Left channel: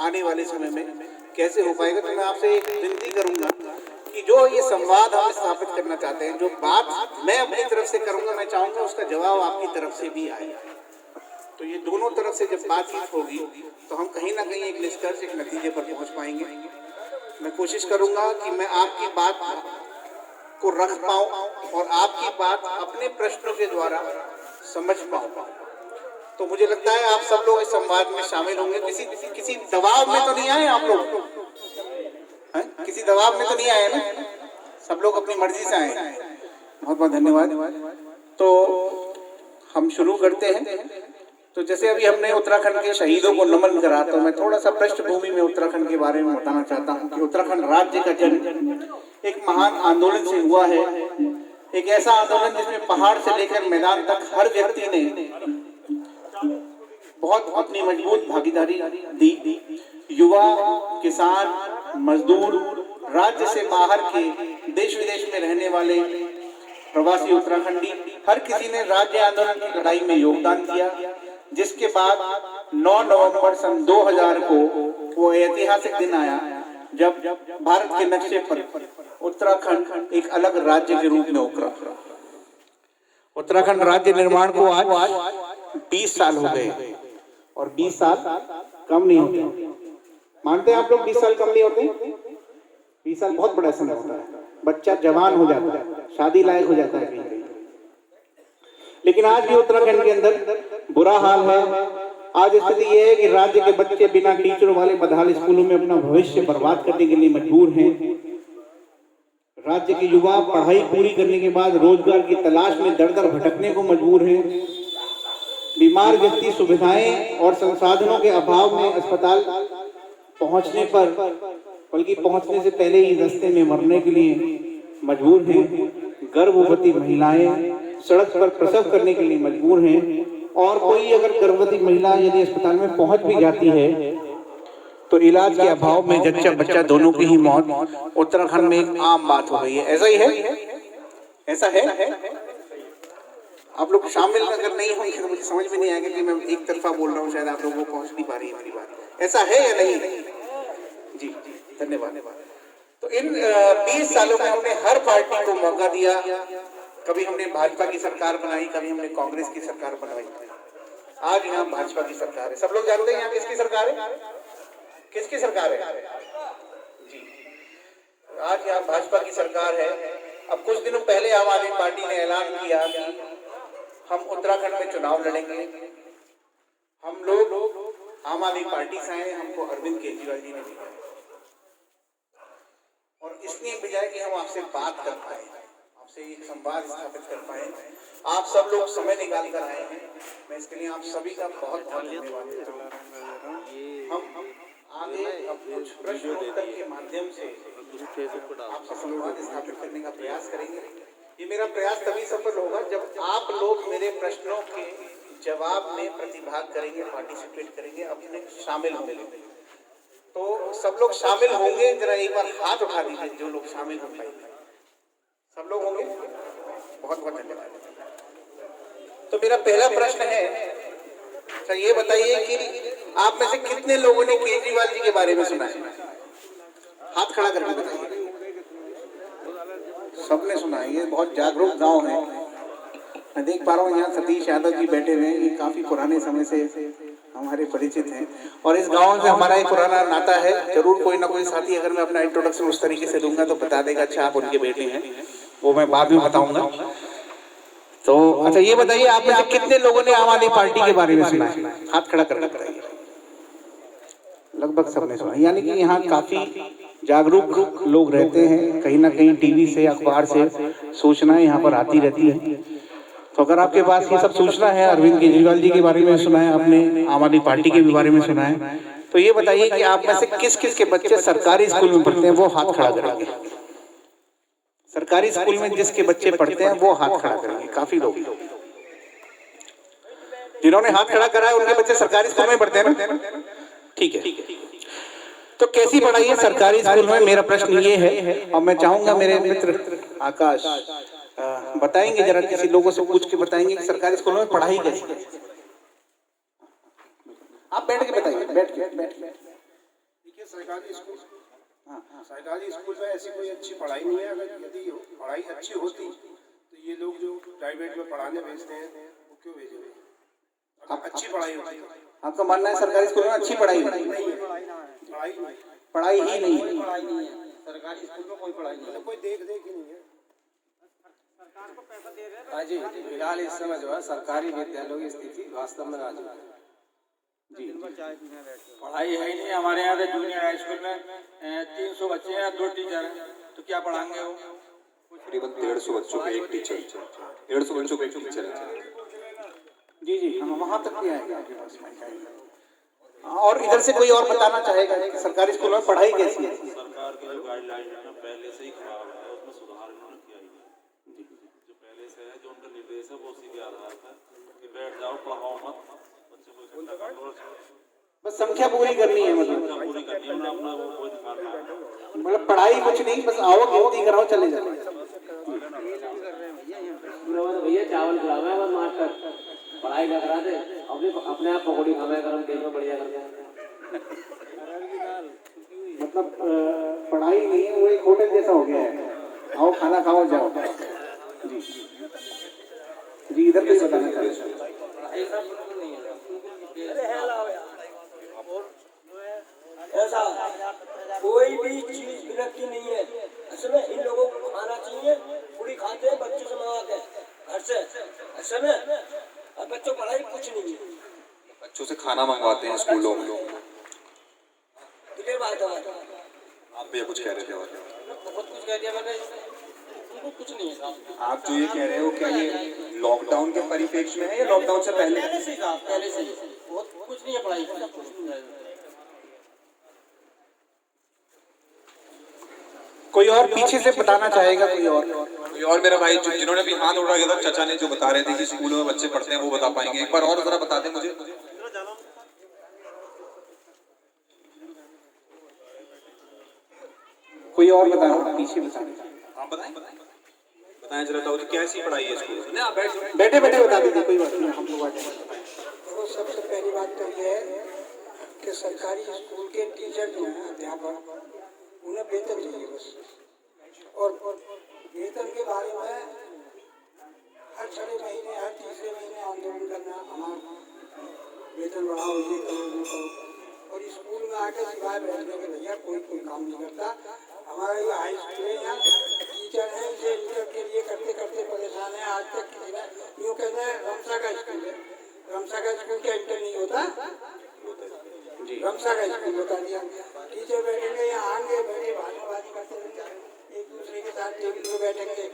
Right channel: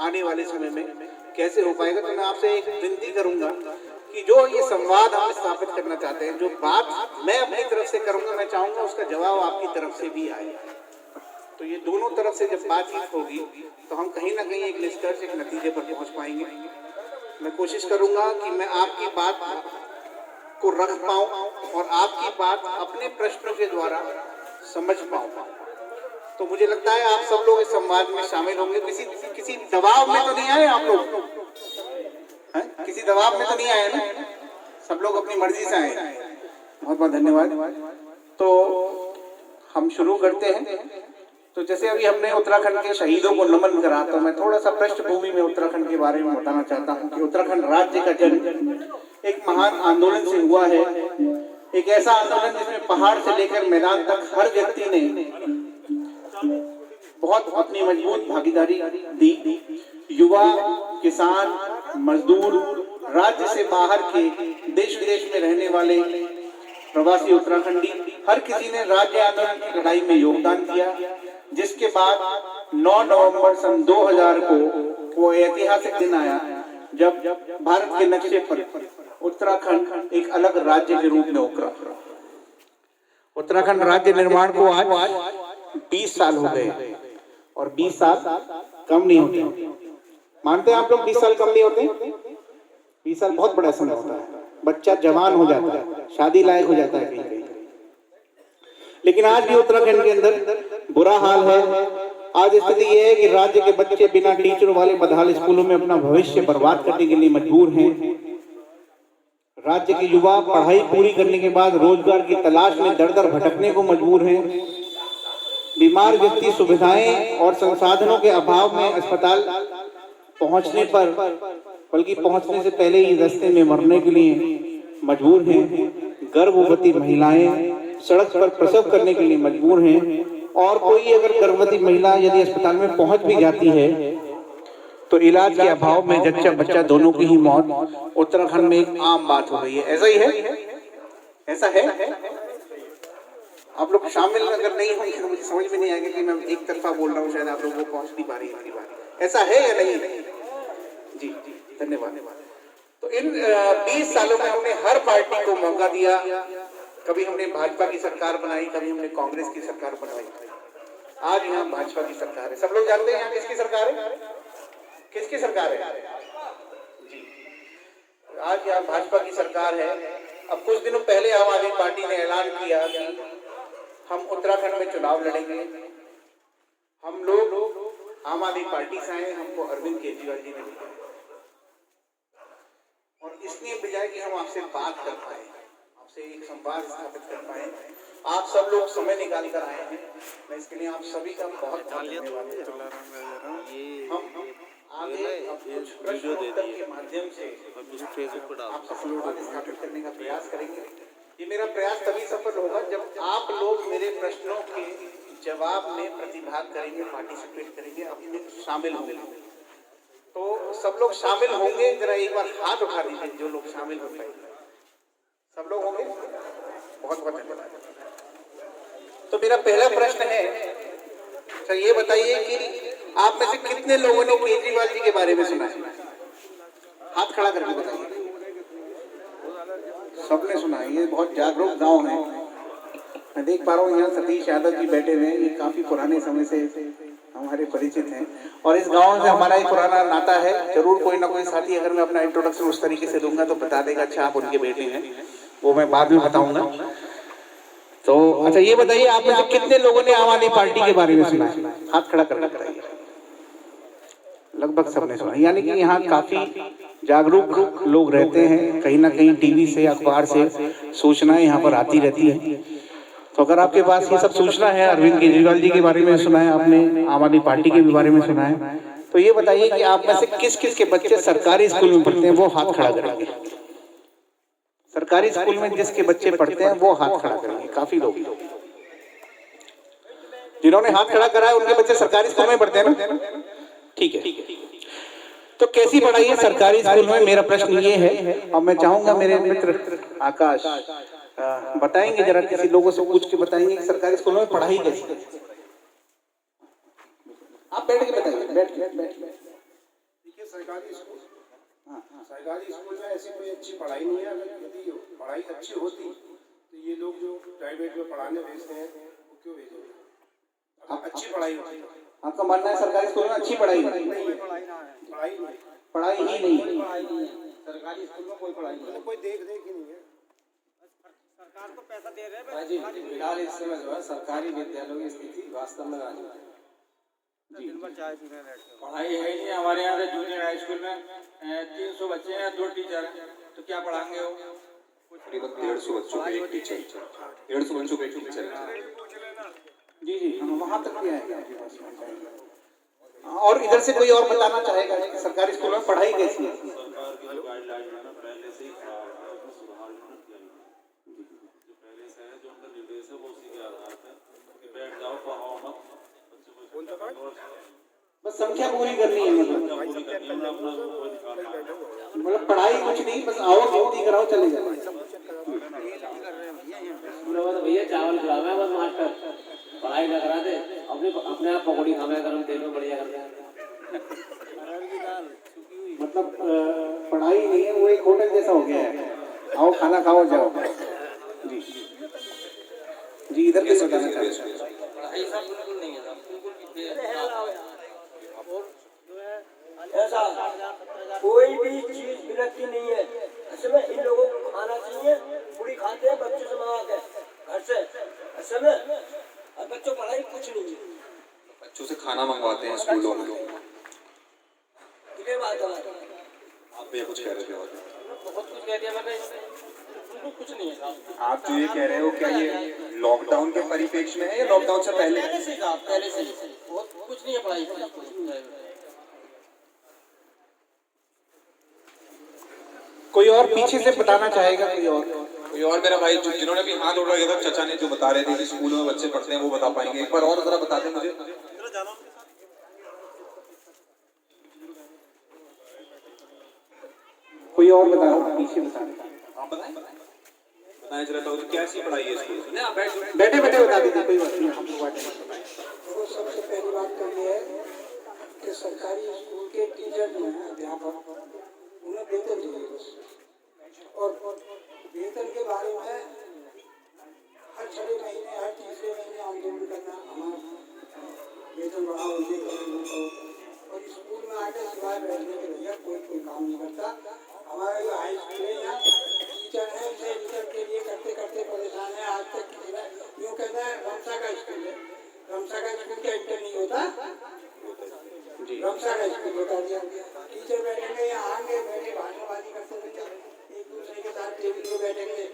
आने वाले समय में कैसे हो पाएगा। तो मैं आपसे एक विनती करूंगा कि जो ये संवाद हम स्थापित करना चाहते हैं, जो बात मैं अपनी तरफ से करूंगा, मैं चाहूंगा उसका जवाब आपकी तरफ से भी आए। तो ये दोनों तरफ से जब बातचीत होगी तो हम कहीं ना कहीं एक निष्कर्ष, एक नतीजे पर पहुंच पाएंगे। मैं कोशिश करूंगा कि मैं आपकी बात को रख पाऊं और आपकी बात अपने प्रश्नों के द्वारा समझ पाऊं। तो मुझे लगता है आप सब लोग इस संवाद में शामिल होंगे। किसी दबाव में तो नहीं आए आप लोग? किसी दबाव में तो नहीं आए ना? सब लोग अपनी मर्जी से आए। बहुत बहुत धन्यवाद। तो हम शुरू करते हैं। तो जैसे अभी हमने उत्तराखंड के शहीदों को नमन करा, तो मैं थोड़ा सा पृष्ठभूमि में उत्तराखंड के बारे में बताना चाहता हूँ कि उत्तराखंड राज्य का जन्म एक महान आंदोलन से हुआ है। एक ऐसा आंदोलन जिसमें पहाड़ से लेकर मैदान तक हर व्यक्ति ने बहुत अपनी मजबूत भागीदारी दी। युवा, किसान, मजदूर, राज्य से बाहर के, देश विदेश में रहने वाले प्रवासी उत्तराखंडी, हर किसी ने राज्य आंदोलन की लड़ाई में योगदान दिया। जिसके बाद 9 नवंबर सन 2000 को वो ऐतिहासिक दिन आया जब भारत के नक्शे पर उत्तराखंड एक अलग राज्य के रूप में उभरा। उत्तराखंड राज्य निर्माण को आज 20 साल हो गए और 20 साल कम नहीं होते। मानते हैं आप लोग 20 साल कम नहीं होते? 20 साल बहुत बड़ा समय होता है। बच्चा जवान हो जाता है, शादी लायक हो जाता है कहीं कहीं। लेकिन आज भी उत्तराखंड के अंदर बुरा हाल है। आज स्थिति यह है कि राज्य के बच्चे बिना टीचर वाले बदहाल स्कूलों में अपना भविष्य बर्बाद करने के लिए मजबूर हैं। राज्य के युवा पढ़ाई पूरी करने के बाद रोजगार की तलाश में दर दर भटकने को मजबूर हैं। बीमार व्यक्ति सुविधाएं और संसाधनों के अभाव में अस्पताल पहुंचने पर, बल्कि पहुंचने से पहले ही रास्ते में मरने के लिए मजबूर हैं। गर्भवती महिलाएं सड़क पर प्रसव करने के लिए मजबूर हैं। और कोई अगर गर्भवती महिला यदि अस्पताल में पहुंच भी जाती है तो इलाज के अभाव में जच्चा बच्चा दोनों की ही मौत उत्तराखंड में एक आम बात हो गई है। ऐसा ही है? ऐसा है? आप लोग शामिल अगर नहीं होंगे तो मुझे समझ में नहीं आएगा कि मैं एक तरफा बोल रहा हूँ, शायद आप लोगों को पहुंच नहीं पा रही है मेरी बात। ऐसा है या नहीं? जी जी, धन्यवाद। तो इन 20 सालों में हमने हर पार्टी को मौका दिया। कभी हमने भाजपा की सरकार बनाई, कभी हमने कांग्रेस की सरकार बनाई। आज यहाँ भाजपा की सरकार है। सब लोग जानते हैं यहाँ किसकी सरकार है? किसकी सरकार है? जी, आज यहाँ भाजपा की सरकार है। अब कुछ दिनों पहले आम आदमी पार्टी ने ऐलान किया कि हम उत्तराखंड में चुनाव लड़ेंगे। हम लोग आम आदमी पार्टी से आए, हमको अरविंद केजरीवाल जी ने भेजा और इसलिए भेजा कि हम आपसे बात कर पाए, आपसे एक संवाद स्थापित कर पाए। आप सब लोग समय निकाल कर आए हैं, मैं इसके लिए आप सभी का बहुत बहुत धन्यवाद देता हूँ। हम आगे अब कुछ प्रश्न उत्तर के माध्यम से आपसे संवाद स्थापित करने का प्रयास करेंगे। ये मेरा प्रयास तभी सफल होगा जब आप लोग मेरे प्रश्नों के जवाब में प्रतिभाग करेंगे, पार्टिसिपेट करेंगे, अपने शामिल होंगे। तो सब लोग शामिल होंगे, जरा एक बार हाथ उठा दीजिए जो लोग शामिल हो पाएंगे। सब लोग होंगे? बहुत बहुत धन्यवाद। तो मेरा पहला प्रश्न है, अच्छा ये बताइए कि आप में से कितने लोगों ने केजरीवाल जी के बारे में सुना है? हाथ खड़ा करके बताइए। सबने सुना है। ये बहुत जागरूक गांव है। मैं देख पा रहा हूँ यहाँ सतीश यादव जी बैठे हुए हैं। ये काफी पुराने समय से हमारे परिचित हैं और इस गांव से हमारा एक पुराना नाता है। जरूर कोई ना कोई साथी, अगर मैं अपना इंट्रोडक्शन उस तरीके से दूंगा तो बता देगा अच्छा आप उनके बेटे हैं, वो मैं बाद में बताऊंगा। तो अच्छा ये बताइए, आप में से कितने लोगों ने आम आदमी पार्टी के बारे में सुना है? हाथ खड़ा करना बताइए। लगभग सबने सुना, यानी कि यहाँ काफी जागरूक लोग रहते हैं। कहीं ना कहीं टीवी से, अखबार से सूचनाएं यहाँ पर आती रहती है। तो अगर आपके पास ये सब सूचना है, अरविंद केजरीवाल जी के बारे में सुना है आपने, आम आदमी पार्टी के बारे में सुना है, तो ये बताइए कि आप में से किस किस के बच्चे सरकारी स्कूल में पढ़ते हैं? वो हाथ खड़ा करेंगे। सरकारी स्कूल में जिसके बच्चे पढ़ते हैं वो हाथ खड़ा करेंगे। काफी लोग जिन्होंने हाथ खड़ा करा है उनके बच्चे सरकारी स्कूल में पढ़ते हैं ना? ठीक है। तो कैसी पढ़ाई है सरकारी स्कूल में? मेरा प्रश्न ये है और मैं चाहूंगा मेरे मित्र आकाश बताएंगे, जरा किसी लोगों से पूछ के बताएंगे कि सरकारी स्कूलों में पढ़ाई कैसी है। आप बैठ के बताइए, बैठ के। देखिए सरकारी स्कूल में ऐसी कोई अच्छी पढ़ाई नहीं है। अगर यदि पढ़ाई अच्छी होती तो ये लोग जो प्राइवेट में पढ़ाने भेजते हैं वो क्यों भेजेंगे? अगर अच्छी पढ़ाई होती है। आपका मानना है सरकारी स्कूल में अच्छी पढ़ाई नहीं है? पढ़ाई ही नहीं है। सरकारी स्कूल में कोई पढ़ाई नहीं, मतलब कोई देख ही नहीं है। हाँ जी, फिलहाल इस समय जो है सरकारी विद्यालयों की स्थिति वास्तव में नाजुक है। पढ़ाई है ही नहीं। हमारे यहाँ पे जूनियर हाई स्कूल में 300 बच्चे हैं, 2 टीचर हैं, तो क्या पढ़ाएंगे वो? करीबन 150 बच्चों का एक टीचर, 150 बच्चों का एक टीचर है। जी जी हाँ, वहाँ तक भी आएगा आपके पास में। और इधर से कोई और बताना चाहेगा कि सरकारी स्कूलों में पढ़ाई कैसी है? सरकार की जो गाइडलाइन है पहले से ही खराब है, उसमें सुधार इन्होंने किया ही नहीं। जो पहले से है, जो उनका निर्देश है वो उसी के आधार पर कि बैठ जाओ, पढ़ाओ मत, बच्चों को इकट्ठा कर लो, बस संख्या पूरी करनी है, संख्या पूरी करनी है, अपना वो कोई दिखाना है। मतलब पढ़ाई कुछ नहीं, बस आओ गिनती कराओ चले जाओ। भैया चावल खिलावे बस मास्टर, पढ़ाई ना करा दे, अपने आप पकौड़ी खावे गरम तेल में बढ़िया करके। मतलब पढ़ाई नहीं है, वो एक होटल जैसा हो गया है, आओ खाना खाओ जाओ। जी जी इधर कैसे बताना चाहिए? पढ़ाई सब बिल्कुल नहीं है, ऐसा कोई भी चीज विलक्षण नहीं है। असल में इन लोगों को खाना चाहिए, पूरी खाते हैं बच्चों से मंगा के घर से। असल में अब बच्चों पढ़ाई कुछ नहीं है, बच्चों से खाना मंगवाते हैं स्कूलों में। ये बात है। आप भैया कुछ कह रहे थे? बहुत कुछ कह दिया मैंने, उनको कुछ नहीं है साहब। आप जो ये कह रहे हो क्या ये लॉकडाउन के परिप्रेक्ष्य में है या लॉकडाउन से पहले? पहले से साहब, पहले से बहुत कुछ नहीं है पढ़ाई। कोई और पीछे से बताना चाहेगा? कोई और मेरा भाई जिन्होंने भी हाथ उठा किया था, चाचा ने जो बता रहे थे कि स्कूलों में बच्चे पढ़ते हैं, वो बता पाएंगे? एक बार और जरा बता दें मुझे। कोई और बताओ, पीछे बताना। आप बताएं जरा, तो कैसी पढ़ाई है स्कूल में? बैठे बैठे बता दीजिए, कोई बात नहीं, हम लोग बताएं। तो सबसे पहली बात तो ये है कि सरकारी स्कूल के टीचर जो हैं, अध्यापक, उन्हें वेतन चाहिए बस। और वेतन के बारे में हर 6 महीने, हर तीसरे महीने आंदोलन करना, हमारा वेतन बढ़ाओ, ये करो, वो करो। और स्कूल में आके सिवाय बैठने के भैया कोई काम नहीं करता। हमारा जो हाई स्कूल है यहाँ टीचर है, इसे रिजल्ट के लिए करते करते परेशान है। आज तक यूँ कहना है रमसा का स्कूल है, रमसा का स्कूल क्या इंटर नहीं होता? रमसा का स्कूल बता दिया। टीचर बैठेंगे यहाँ, आएंगे बैठे भाषणबाजी करते रहेंगे, एक दूसरे के साथ टेबल पे बैठेंगे,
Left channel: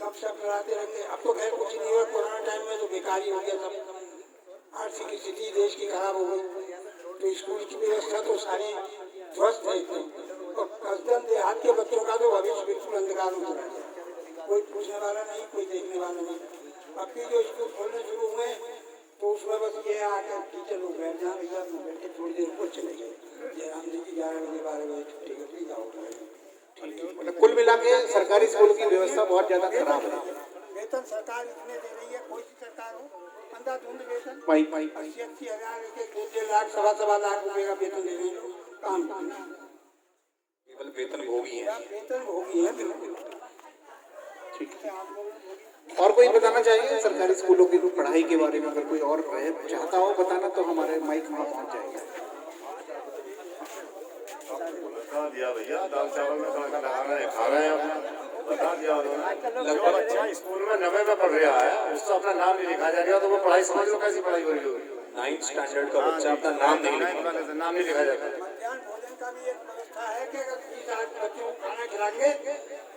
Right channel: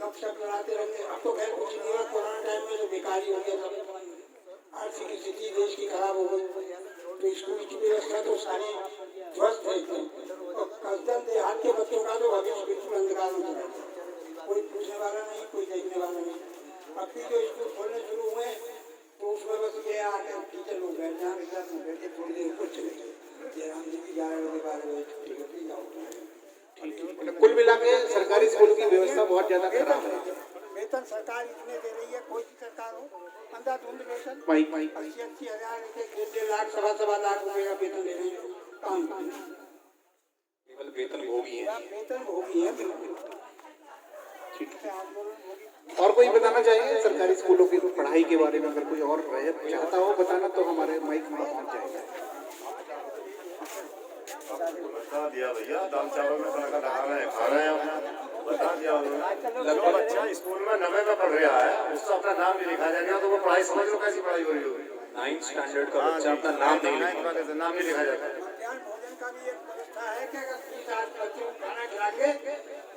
गपशप लड़ाते रहेंगे। अब तो खैर कुछ नहीं है, कोरोना टाइम में तो बेकारी हो गया सब, आर्थिक स्थिति देश की खराब हो गई, तो स्कूल की व्यवस्था तो सारी ध्वस्त है एकदम। और कसदन देहात के बच्चों का तो भविष्य बिल्कुल अंधकार में चला गया, कोई पूछने वाला नहीं, कोई देखने वाला नहीं। अब भी जो स्कूल खोलने शुरू हुए तो उसमें बस ये आकर टीचर लोग बैठ जाए, रिजल्ट में बैठे थोड़ी देर कुछ नहीं, जयराम जी की 11 बजे 12 बजे छुट्टी कर दी, जाओ। मतलब कुल मिला के सरकारी स्कूल की व्यवस्था बहुत ज्यादा खराब है। वेतन सरकार इतने दे रही है, कोई सी सरकार हो, अंधाधुंध वेतन 80-80 हजार, 1-1.5 लाख, 1.25 लाख रुपए का वेतन ले रही है काम करने। केवल वेतन भोगी है, वेतन भोगी है बिल्कुल। और कोई बताना चाहिए सरकारी स्कूलों की पढ़ाई के बारे में? अगर कोई और चाहता हो बताना तो हमारे माइक में पहुंच जाएगा। बता दिया भैया, दाल चावल में तड़का लगा रहे हैं, खा रहे हैं, बता दिया उन्होंने। जो बच्चा स्कूल में 90 में पढ़ रहा है उसका अपना नाम नहीं लिखा जाएगा, तो वो पढ़ाई समझ लो कैसी पढ़ाई हो रही होगी। 9th स्टैंडर्ड का बच्चा अपना नाम वाले से नाम नहीं लिखा जाता। मध्याह्न भोजन का भी एक व्यवस्था है कि अगर 20 आज बच्चों को खाना खिलाएंगे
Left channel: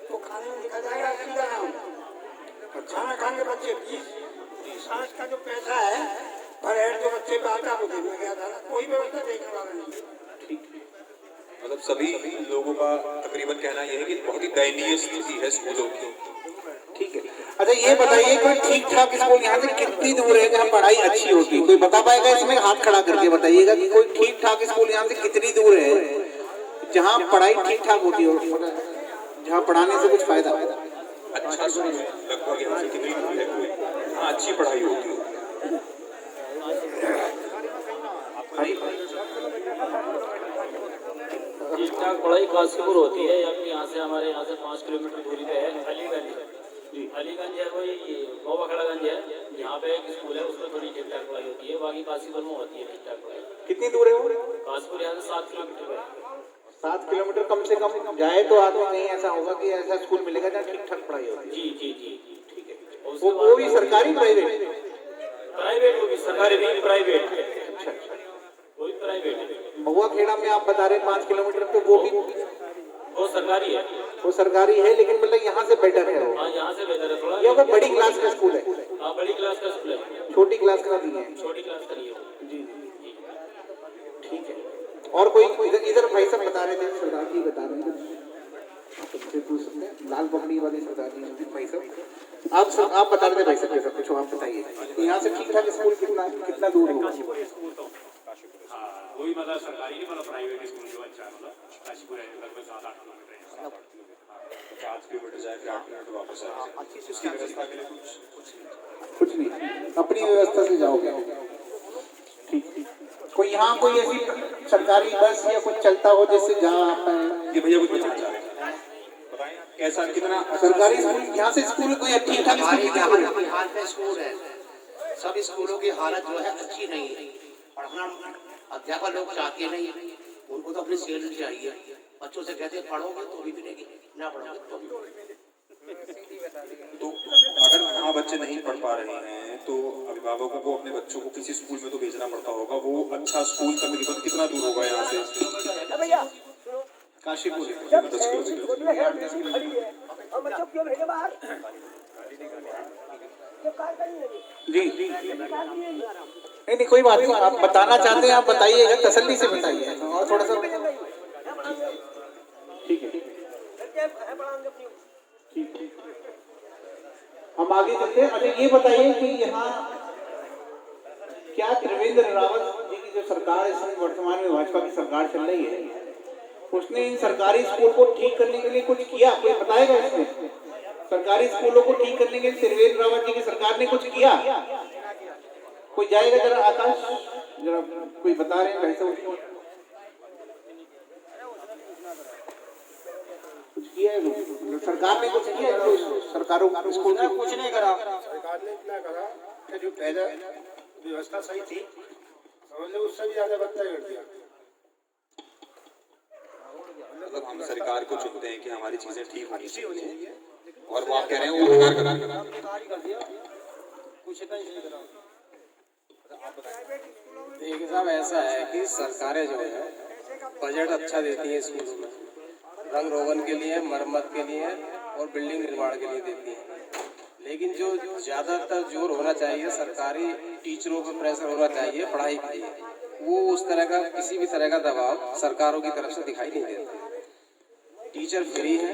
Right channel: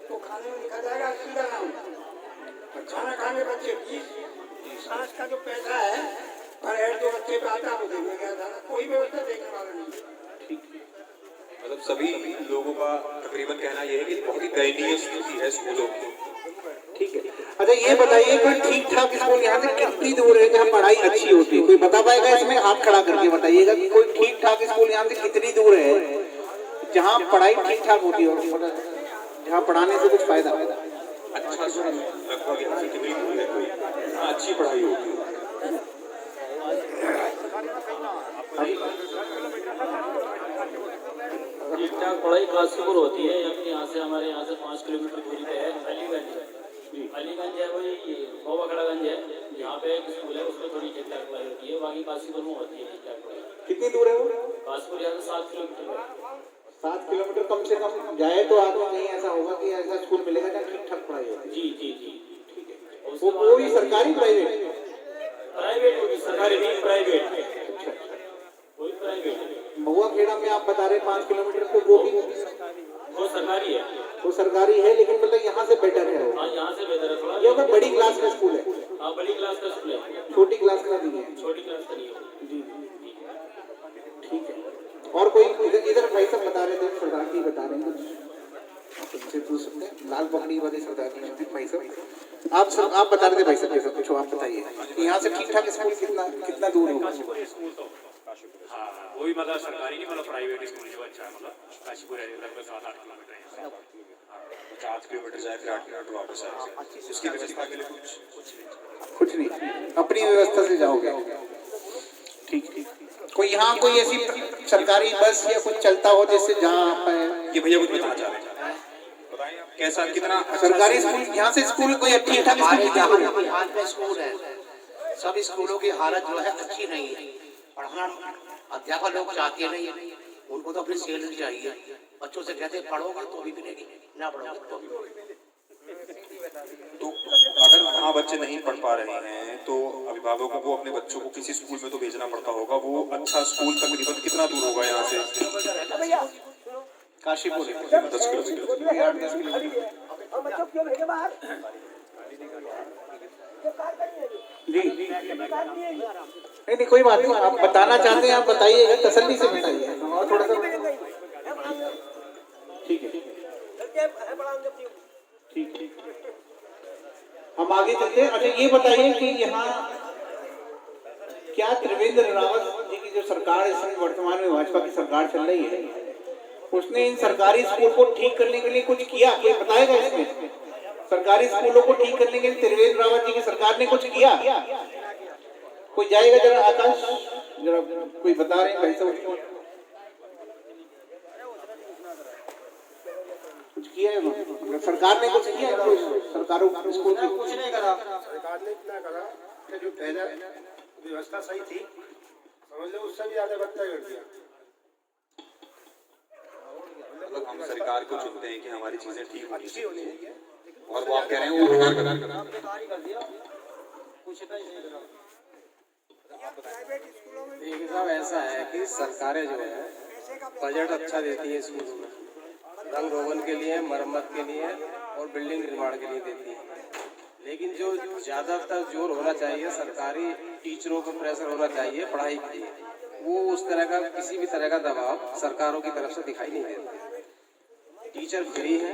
तो खाने में लिखा जाएगा सीधा नाम। खाना खाने बच्चे 20 आज का जो पैसा है पर हेड जो बच्चे का आता है वो देगा, कोई व्यवस्था देखने वाला नहीं। मतलब सभी लोगों का तकरीबन कहना यह है कि बहुत ही दयनीय स्थिति है स्कूलों की। ठीक है, अच्छा ये बताइए कि ठीक ठाक स्कूल यहाँ से कितनी दूर है जहाँ पढ़ाई अच्छी होती है? कोई बता पाएगा इसमें? हाथ खड़ा करके बताइएगा कि कोई ठीक ठाक स्कूल यहाँ से कितनी दूर है जहाँ पढ़ाई ठीक ठाक होती होगी, जहाँ पढ़ाने से कुछ फायदा? अच्छा लगभग यहाँ से कितनी दूर है हाँ अच्छी पढ़ाई होती है? ठीक पढ़ाई काशीपुर होती है। यहाँ से हमारे यहाँ से 5 किलोमीटर दूरी पे है अलीगंज। अलीगंज है वही गोवाखड़ागंज है, यहाँ पे एक स्कूल है, उसमें थोड़ी ठीक ठाक पढ़ाई होती है। बाकी काशीपुर में होती है ठीक ठाक पढ़ाई। कितनी दूर है वो? काशीपुर यहाँ से 7 किलोमीटर है। 7 किलोमीटर कम से कम जाए तो आदमी नहीं ऐसा होगा कि ऐसा स्कूल मिलेगा जहाँ ठीक ठाक पढ़ाई होगी। जी जी जी ठीक है। वो भी सरकारी प्राइवेट? प्राइवेट होगी, सरकारी नहीं प्राइवेट। अच्छा अच्छा। वो भी प्राइवेट। महुआ खेड़ा में आप बता रहे 5 किलोमीटर, तो वो भी वो सरकारी है। वो सरकारी है, लेकिन मतलब यहाँ से बेटर है वो। हाँ यहाँ से बेहतर है थोड़ा। ये कोई बड़ी क्लास का स्कूल है? हाँ बड़ी क्लास का स्कूल है। छोटी क्लास का नहीं है? छोटी क्लास का नहीं है। जी ठीक है। और कोई इधर भाई साहब बता रहे थे, सरदार जी बता रहे हैं कुछ लाल पगड़ी वाले सरदार जी भाई साहब, आप बता रहे थे भाई साहब, कुछ आप बताइए यहाँ से ठीक ठाक स्कूल कितना दूर है? काशीपुर स्कूल तो हाँ वो भी मतलब सरकारी नहीं, मतलब प्राइवेट स्कूल जो अच्छा है, मतलब काशीपुर है लगभग 7-8 किलोमीटर है। 7 किलोमीटर जाए, 8 किलोमीटर वापस आए। उसकी व्यवस्था के लिए कुछ नहीं, अपनी व्यवस्था से जाओगे। ठीक। कोई यहाँ कोई ऐसी सरकारी बस या कुछ चलता हो जिससे जहाँ ये भैया कुछ बताना चाह रहे हैं, बताइए आप कैसा कितना सरकारी स्कूल यहाँ से स्कूल कोई अच्छी बिहार में स्कूल है, सब स्कूलों की हालत जो है अच्छी नहीं है। पढ़ना अध्यापक लोग चाहते नहीं, उनको तो अपनी सैलरी चाहिए। बच्चों से कहते पढ़ोगे तो भी मिलेगी, ना पढ़ोगे तो भी। तो अगर वहाँ बच्चे नहीं पढ़ पा रहे हैं तो अभिभावकों को अपने बच्चों को किसी स्कूल में तो भेजना पड़ता होगा। वो अच्छा स्कूल तकरीबन कितना दूर होगा यहाँ से? काशीपुर 10 किलोमीटर। जी नहीं कोई बात नहीं, आप बताना चाहते हैं आप बताइए, तसल्ली से बताइए और थोड़ा सा। ठीक है ठीक। हम आगे चलते हैं। अच्छा ये बताइए कि यहाँ क्या त्रिवेंद्र रावत जी की जो सरकार इस समय वर्तमान में भाजपा की सरकार चल रही है, उसने इन सरकारी स्कूल को ठीक करने के लिए कुछ किया? कोई बताएगा इसमें? सरकारी स्कूलों को ठीक करने के लिए त्रिवेंद्र रावत जी की सरकार ने कुछ किया? कोई जाएगा जरा, आकाश जरा कोई बता रहे हैं भाई साहब कुछ किया है सरकार ने? कुछ किया सरकारों स्कूल की? कुछ नहीं करा सरकार ने। इतना करा कि जो पहले व्यवस्था सही थी समझ लो उससे भी ज्यादा बदतर कर दिया। मतलब हम सरकार को चुनते हैं कि हमारी चीजें ठीक होनी चाहिए, और वो आप कह रहे हैं वो बेकार कर दिया। देखिए साहब, ऐसा है कि सरकारें जो है बजट अच्छा देती है स्कूलों में, रंग रोगन के लिए, मरम्मत के लिए और बिल्डिंग निर्माण के लिए देती है। लेकिन जो ज़्यादातर जोर होना चाहिए सरकारी टीचरों पर प्रेशर होना चाहिए पढ़ाई के लिए, वो उस तरह का किसी भी तरह का दबाव सरकारों की तरफ से दिखाई नहीं देता। टीचर फ्री है,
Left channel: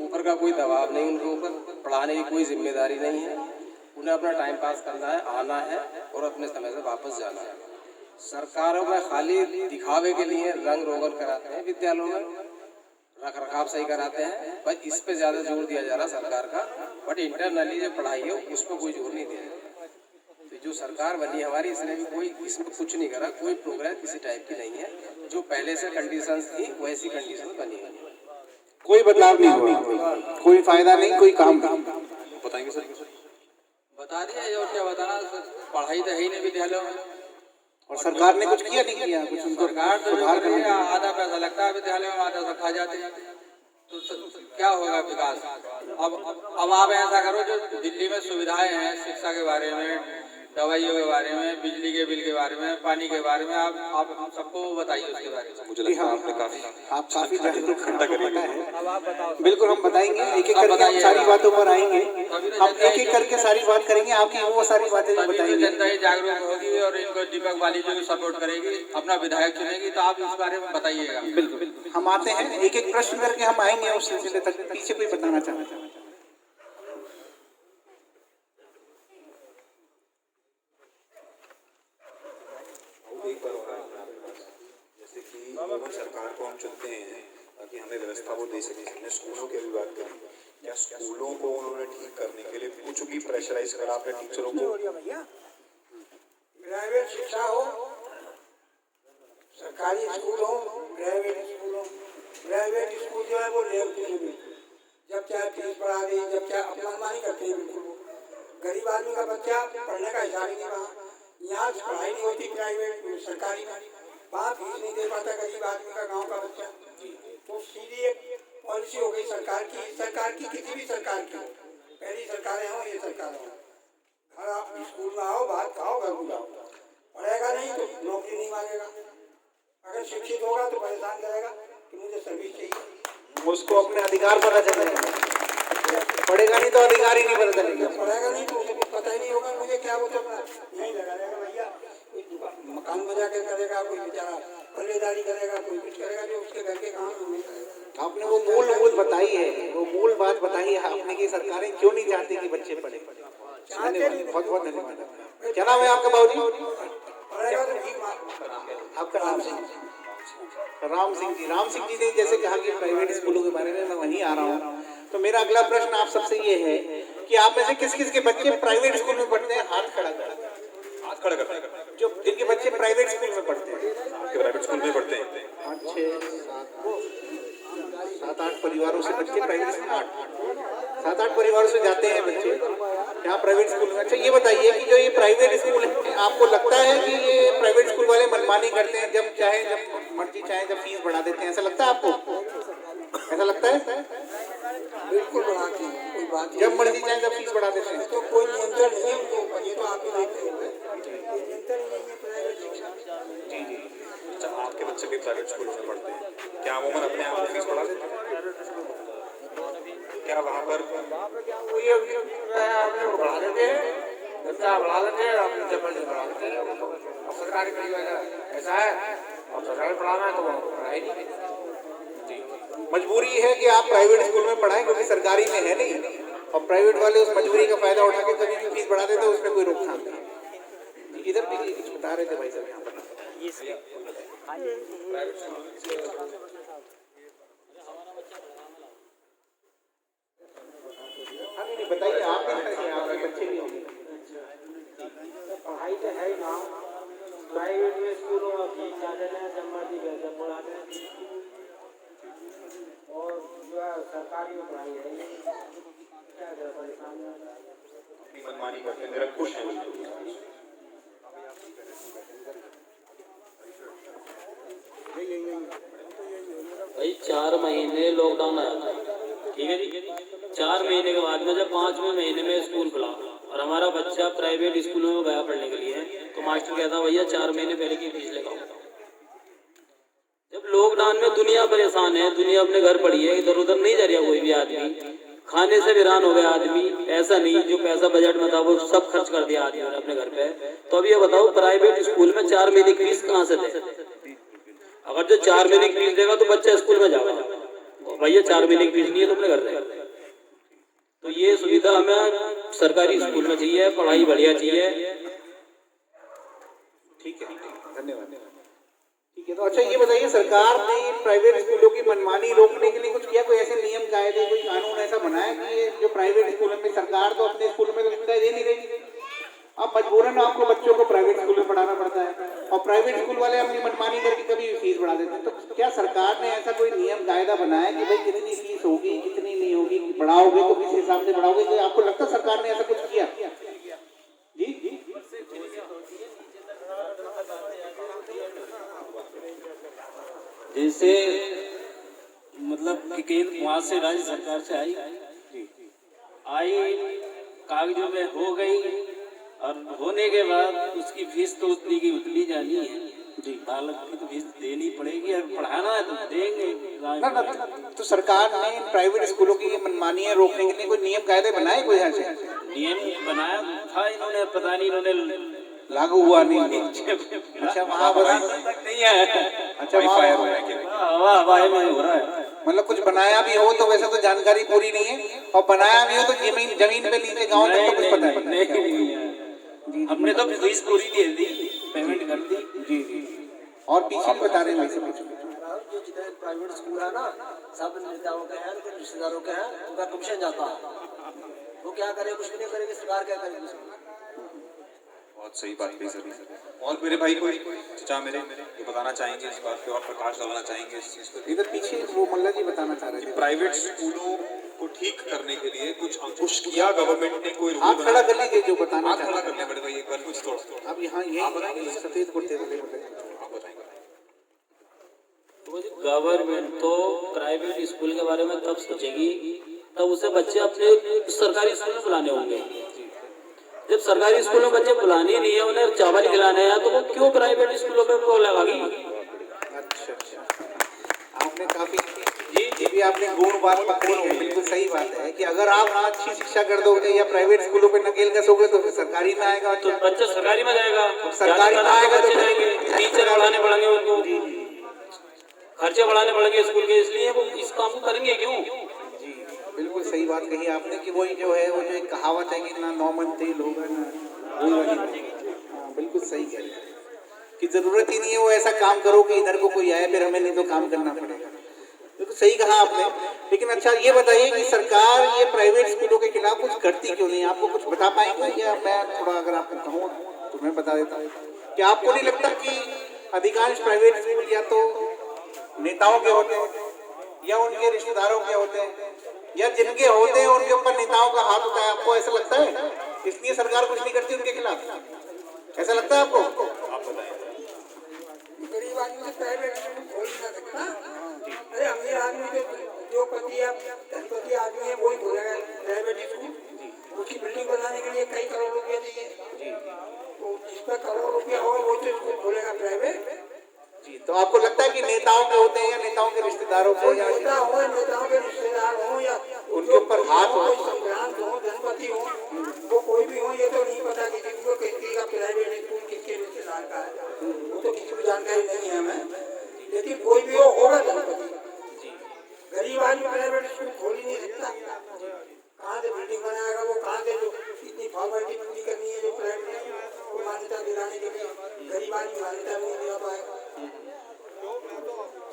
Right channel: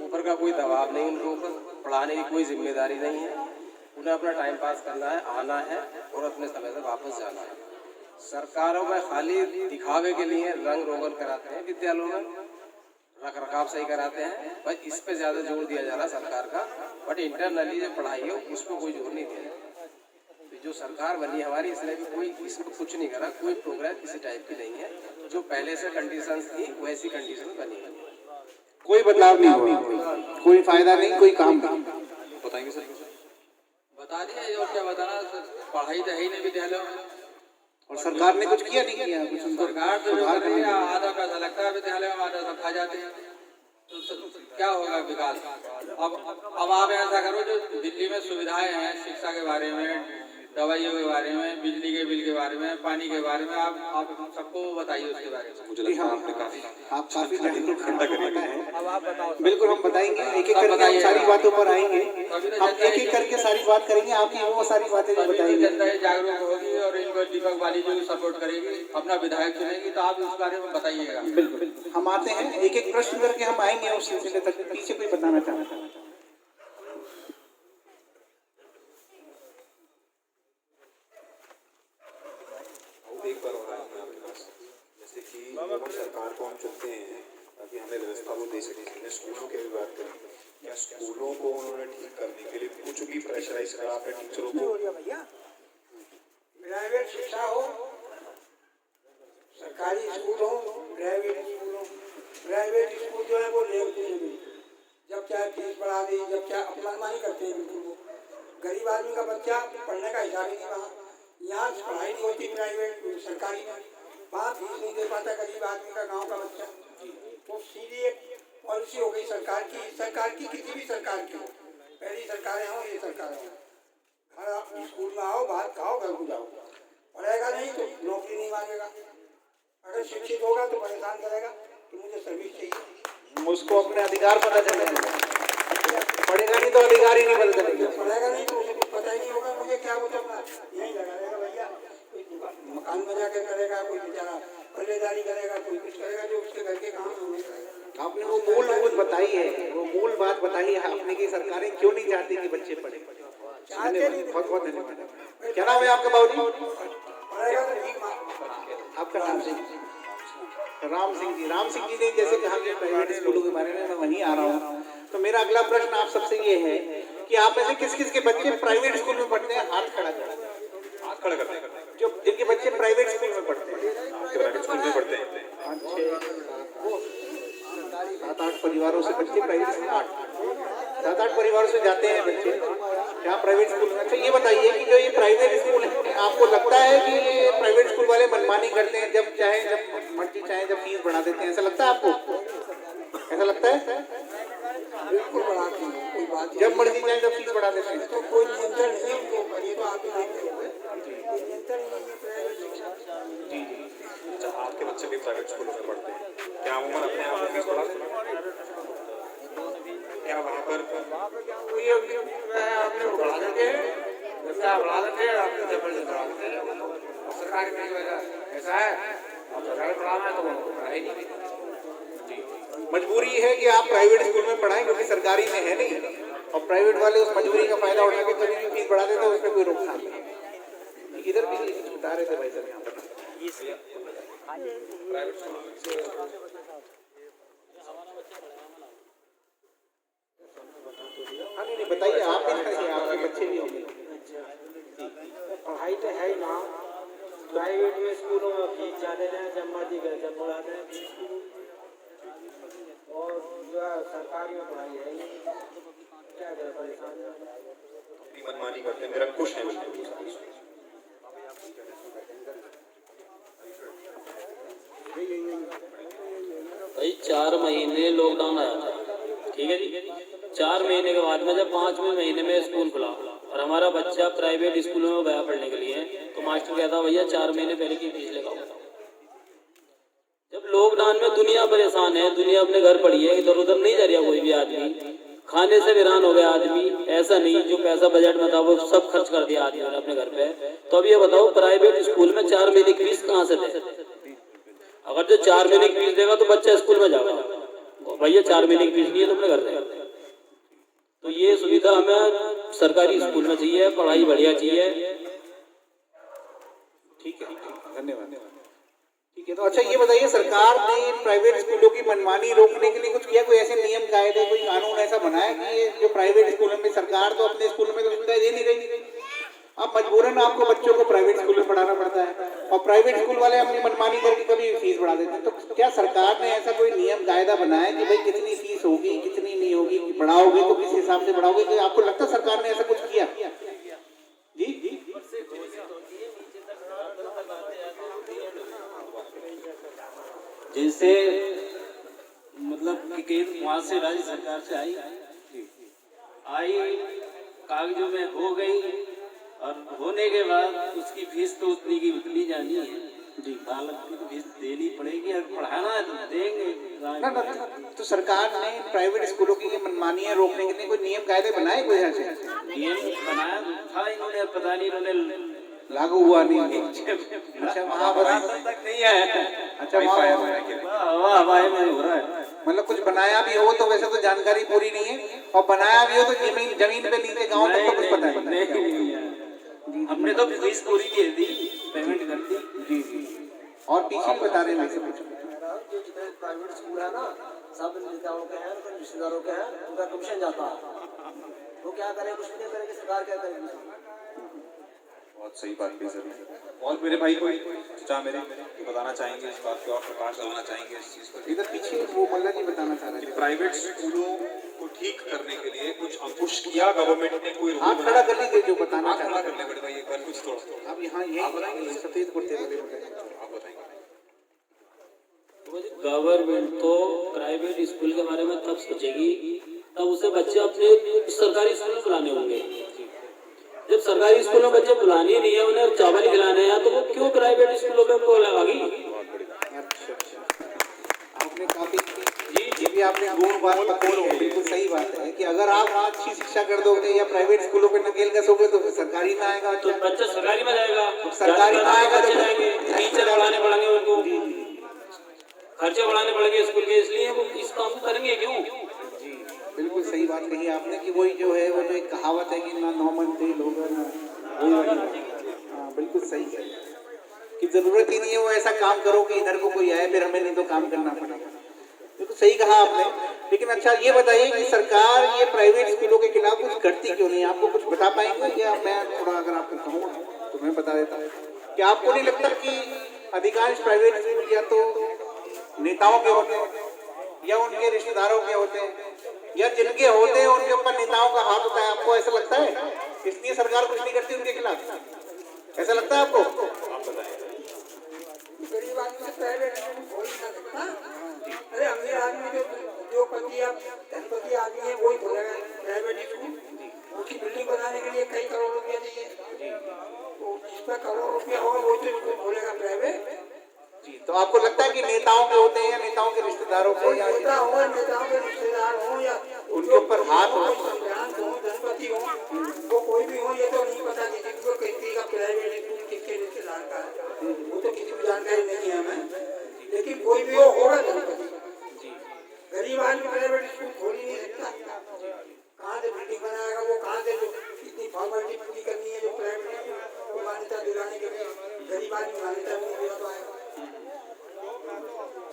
ऊपर का कोई दबाव नहीं उनके ऊपर, पढ़ाने की कोई जिम्मेदारी नहीं है, उन्हें अपना टाइम पास करना है, आना है और अपने समय से वापस जाना है। सरकारों में खाली दिखावे के लिए रंग रोगन कराते हैं, विद्यालयों में रख रखाव सही कराते हैं, बस इस पे ज़्यादा जोर दिया जा रहा सरकार का। बट इंटरनली जो पढ़ाई है उसको कोई जोर नहीं दिया। तो जो सरकार बनी हमारी, इसने भी कोई इसमें कुछ नहीं करा, कोई प्रोग्रेस किसी टाइप की नहीं है। जो पहले से कंडीशंस थी वैसी कंडीशन बनी है, कोई बदलाव नहीं हुआ, कोई फायदा नहीं, कोई काम नहीं। बताएंगे सर? बता दिया और क्या बताना, पढ़ाई तो है ही नहीं विद्यालयों में। और सरकार ने कुछ किया नहीं किया? कुछ उनको सरकार तो जो कर रही है, आधा पैसा लगता है विद्यालयों में, आधा तो खा जाते हैं, तो क्या होगा विकास? अब आप ऐसा करो, जो दिल्ली में सुविधाएं हैं शिक्षा के बारे में, दवाइयों के बारे में, बिजली के बिल के बारे में, पानी के बारे में, आप हम सबको बताइए उसके बारे में। मुझे लगता है आपने आप काफी ठंडा करना अब आप बताओ। बिल्कुल हम बताएंगे, एक एक करके हम सारी बातों पर आएंगे, हम एक एक करके सारी बात करेंगे, आपकी वो सारी बातें भी बताएंगे। जनता ही जागरूक होगी और इनको दीपक वाली जो भी सपोर्ट करेगी, अपना विधायक चुनेगी, तो आप इस बारे में बताइएगा। बिल्कुल हम आते हैं, एक एक प्रश्न करके हम आएंगे उस सिलसिले तक। पीछे कोई बताना चाहता है? एक बार और आएंगे आपके पास, जैसे कि सरकार को हम चुनते हैं ताकि हमें व्यवस्था वो दे सके। हमने स्कूलों की भी बात करी, क्या स्कूलों को उन्होंने ठीक करने के लिए कुछ भी प्रेशराइज करा आपके टीचरों को? प्राइवेट शिक्षा हो, सरकारी स्कूल हो, प्राइवेट स्कूल हो, प्राइवेट स्कूल जो है वो लेम कुछ नहीं, जब चाहे फीस बढ़ा दी, जब चाहे अपनी मनमानी करते हैं बिल्कुल। वो गरीब आदमी का बच्चा पढ़ने का हिसाब ही नहीं रहा। यहाँ पढ़ाई नहीं होती प्राइवेट सरकारी में, वहाँ फीस नहीं दे पाता गरीब आदमी का, गाँव का बच्चा। तो सीधी एक पॉलिसी हो गई सरकार की किसी भी सरकार की हो, पहली सरकारें हों ये सरकारें हों, घर आप स्कूल में आओ, बाहर खाओ, घर को जाओ। पढ़ेगा नहीं तो नौकरी नहीं मांगेगा, अगर शिक्षित होगा तो परेशान करेगा कि मुझे सर्विस चाहिए। उसको अपने अधिकार पता चलेगा, पढ़ेगा नहीं तो अधिकार ही नहीं पता चलेगा। पढ़ेगा नहीं तो मुझे कुछ पता ही नहीं होगा, मुझे क्या वो तो अपना यहीं लगा रहेगा भैया, कोई मकान में जाकर करेगा, कोई बेचारा पल्लेदारी करेगा, कोई कुछ करेगा, जो उसके घर के काम है उन्हें करेगा। आपने वो मूल बताई है, वो मूल बात बताई है आपने कि सरकारें क्यों नहीं चाहती कि बच्चे पढ़े। चाहते नहीं, बहुत बहुत धन्यवाद। क्या नाम है आपका बाबूजी? पढ़ेगा तो ठीक मार। आपका राम सिंह जी। राम सिंह जी ने जैसे कहा कि प्राइवेट स्कूलों के बारे में मैं वहीं आ रहा हूँ, तो मेरा अगला प्रश्न आप सबसे ये है कि आप में से किस किस के बच्चे प्राइवेट स्कूल में पढ़ते हैं? हाथ खड़ा करें। जो जिनके बच्चे प्राइवेट स्कूल में पढ़ते हैं, प्राइवेट स्कूल में पढ़ते हैं। 7-8 परिवारों से बच्चे प्राइवेट स्कूल, 7-8 परिवारों से जाते हैं बच्चे यहाँ प्राइवेट स्कूल में। अच्छा ये बताइए कि जो ये प्राइवेट स्कूल है, आपको लगता है कि ये प्राइवेट स्कूल वाले मनमानी करते हैं, जब चाहे जब मर्जी चाहे जब फीस बढ़ा देते हैं, ऐसा लगता है आपको? ऐसा लगता है? बिल्कुल बढ़ाते हैं, कोई बात जब मर्जी चाहे जब फीस बढ़ा देते हैं, तो कोई नियंत्रण नहीं है उनको ऊपर, ये तो आप ही देखते होंगे, कोई नियंत्रण ही नहीं है प्राइवेट शिक्षा। अच्छा, आपके बच्चे भी प्राइवेट स्कूल में पढ़ते हैं, क्या वो अपने आप फीस बढ़ा देते हैं? क्या वहाँ पर क्या वही हमने बढ़ा देते हैं, बच्चा बढ़ा देते हैं, अपने जबर से बढ़ा देते हैं। अब सरकारी में ऐसा है, अब सरकारी पढ़ाना है तो वो पढ़ाएगी। मजबूरी है कि आप प्राइवेट स्कूल में पढ़ाएं क्योंकि सरकारी में है नहीं, और प्राइवेट वाले उस मजबूरी का फायदा उठा के कभी भी फीस बढ़ा देते हैं, उसमें कोई रोकथाम नहीं। इधर भी उठा रहे थे भाई साहब प्राइवेट स्कूल नहीं बताइए आप आपके बच्चे भी होंगे। पढ़ाई तो है ही ना, प्राइवेट में स्कूलों में फीस ज़्यादा है, जमाती कैसे पढ़ाते हैं, और जो है सरकारी में पढ़ाई है क्या करें, परेशान है, अपनी मनमानी करते हैं, निरंकुश हैं। भाई 4 महीने लॉकडाउन आया था, ठीक है जी। 4 महीने के बाद में जब 5वें महीने में स्कूल खुला और हमारा बच्चा प्राइवेट स्कूल में गया पढ़ने के लिए, तो मास्टर कहता भैया 4 महीने पहले की फीस लगाओ। जब लॉकडाउन में दुनिया परेशान है, दुनिया अपने घर पड़ी है, इधर उधर नहीं जा रहा कोई भी आदमी, खाने से वीरान हो गया आदमी, ऐसा नहीं जो पैसा बजट में था वो सब खर्च कर दिया आदमी ने अपने घर पे। तो अब ये बताओ प्राइवेट स्कूल में 4 महीने की फीस कहाँ से दे? अगर जो 4 महीने की फीस देगा तो बच्चा स्कूल में जाएगा, तो भैया 4 महीने की फीस नहीं है तो अपने घर देगा। तो ये सुविधा हमें सरकारी स्कूल में चाहिए, पढ़ाई बढ़िया चाहिए। ठीक है, धन्यवाद। ठीक है, तो अच्छा ये बताइए सरकार ने प्राइवेट स्कूलों की मनमानी रोकने के लिए कुछ किया? कोई ऐसे नियम कायदे, कोई कानून ऐसा बनाया कि ये जो प्राइवेट स्कूलों में, सरकार तो अपने स्कूल में तो सुविधा दे नहीं रही, अब मजबूरन आपको बच्चों को प्राइवेट स्कूल में पढ़ाना पड़ता है, और प्राइवेट स्कूल वाले अपनी मनमानी करके कभी फीस बढ़ा देते हैं। तो क्या सरकार ने ऐसा कोई नियम कायदा बनाया कि भाई कितनी फीस होगी, कितनी नहीं होगी, बढ़ाओगे तो किस हिसाब से बढ़ाओगे? तो आपको लगता है सरकार ने ऐसा कुछ किया? जी जैसे मतलब कि केंद्र वहाँ से राज्य सरकार से आई कागजों में हो गई, और होने के बाद उसकी फीस तो उतनी की उतनी जानी है जी, हालत की तो फीस देनी पड़ेगी, और पढ़ाना है तो देंगे। तो सरकार ने प्राइवेट स्कूलों की मनमानियां रोकने के लिए कोई नियम कायदे बनाए? कोई ऐसे नियम बनाया था इन्होंने, पता नहीं इन्होंने लागू हुआ नहीं। अच्छा वहाँ तक नहीं है। अच्छा हवाई में हो रहा है, मतलब कुछ बनाया भी हो तो वैसे तो जानकारी पूरी नहीं है, और बनाया भी हो तो जमीन पे नीचे गाँव तक तो कुछ पता नहीं है। हमने तो फीस पूरी दे दी, पेमेंट कर दी। जी जी, और पीछे बता रहे हैं जितने प्राइवेट स्कूल है ना, सब नेताओं के हैं, कुछ रिश्तेदारों के हैं, उनका कमीशन जाता है, वो क्या करे, कुछ भी नहीं करेगी सरकार, क्या करेगी? बहुत सही बात कही सर ने। और मेरे भाई कोई चाचा मेरे ये बताना चाहेंगे इस बात पे और प्रकाश डालना चाहेंगे इस चीज़ पे? इधर पीछे वो मल्ला जी बताना चाह रहे थे। प्राइवेट स्कूलों को ठीक करने के लिए कुछ अंकुश किया गवर्नमेंट ने? कोई आप खड़ा कर लीजिए जो बताना चाह रहे करने बड़े भाई एक बार कुछ थोड़ा आप यहाँ ये सफेद कुर्ते वाले आप बताएंगे। गवर्नमेंट तो प्राइवेट स्कूल के बारे में तब सोचेगी तब उसे बच्चे अपने सरकारी स्कूल में बुलाने होंगे। जब सरकारी स्कूलों में बच्चे बुलाने नहीं है, उन्हें चावल खिलाने हैं, तो वो क्यों प्राइवेट स्कूलों में को लगागी? अच्छा, आपने काफी ये भी आपने गुण बात पकड़ी है। बिल्कुल सही बात है कि अगर आप अच्छी शिक्षा कर दोगे या प्राइवेट स्कूलों पे नकेल कसोगे तो सरकारी में आएगा, तो बच्चा सरकारी में जाएगा, सरकारी में आएगा तो जाएंगे, टीचर बढ़ाने पड़ेंगे, उनको खर्चे बढ़ाने पड़ेंगे स्कूल के, इसलिए वो इस काम को करेंगे क्यों? बिल्कुल सही बात कही आपने कि वही जो है वो जो एक कहावत है कि ना 9 मन थे लोग ना। हाँ बिल्कुल सही है कि जरूरत ही नहीं है वो ऐसा काम करो कि इधर को कोई आए फिर हमें नहीं तो काम करना पड़ेगा। तो सही कहा आपने। लेकिन अच्छा ये बताइए कि सरकार ये प्राइवेट स्कूलों के खिलाफ कुछ करती क्यों नहीं? आपको कुछ बता पाएंगे या मैं थोड़ा अगर आपको कहूँ तो मैं बता देता हूँ। क्या आपको नहीं लगता कि अधिकांश प्राइवेट स्कूल या तो नेताओं के होते हैं या उनके रिश्तेदारों के होते हैं या जिनके होते हैं उनके ऊपर नेताओं का हाथ होता है? आपको ऐसा लगता है इसलिए सरकार कुछ नहीं करती उनके खिलाफ? ऐसा लगता है आपको? गरीब आदमी से प्राइवेट स्कूल खोल नहीं सकता। अरे अमीर आदमी जो उद्योगपति या धनपति आदमी है वही खोलेगा प्राइवेट स्कूल। उसकी बिल्डिंग बनाने के लिए कई करोड़ रुपया चाहिए, तो जिस पर करोड़ रुपया हो वो तो स्कूल खोलेगा प्राइवेट। जी, तो आपको लगता है कि नेताओं के होते हैं या नेताओं के रिश्तेदारों को? नेता हो, नेताओं के रिश्तेदार हो या उनके ऊपर हाथ हो, संक्रांत हो, धनपति हो, वो कोई भी हो, ये तो नहीं पता कि किसको किसी का प्राइवेट स्कूल किसके रिश्तेदार का है, वो तो किसी को जानकारी नहीं है हमें। लेकिन कोई भी हो होगा धनपति। गरीब आदमी प्राइवेट स्कूल खोल ही नहीं सकता। कहाँ से बिल्डिंग बनाएगा वो? कहाँ से जो इतनी फॉर्मेलिटी पूरी करनी है जो प्राइवेट स्कूल को मान्यता दिलाने के लिए गरीब आदमी मान्यता नहीं दिला पाएगा।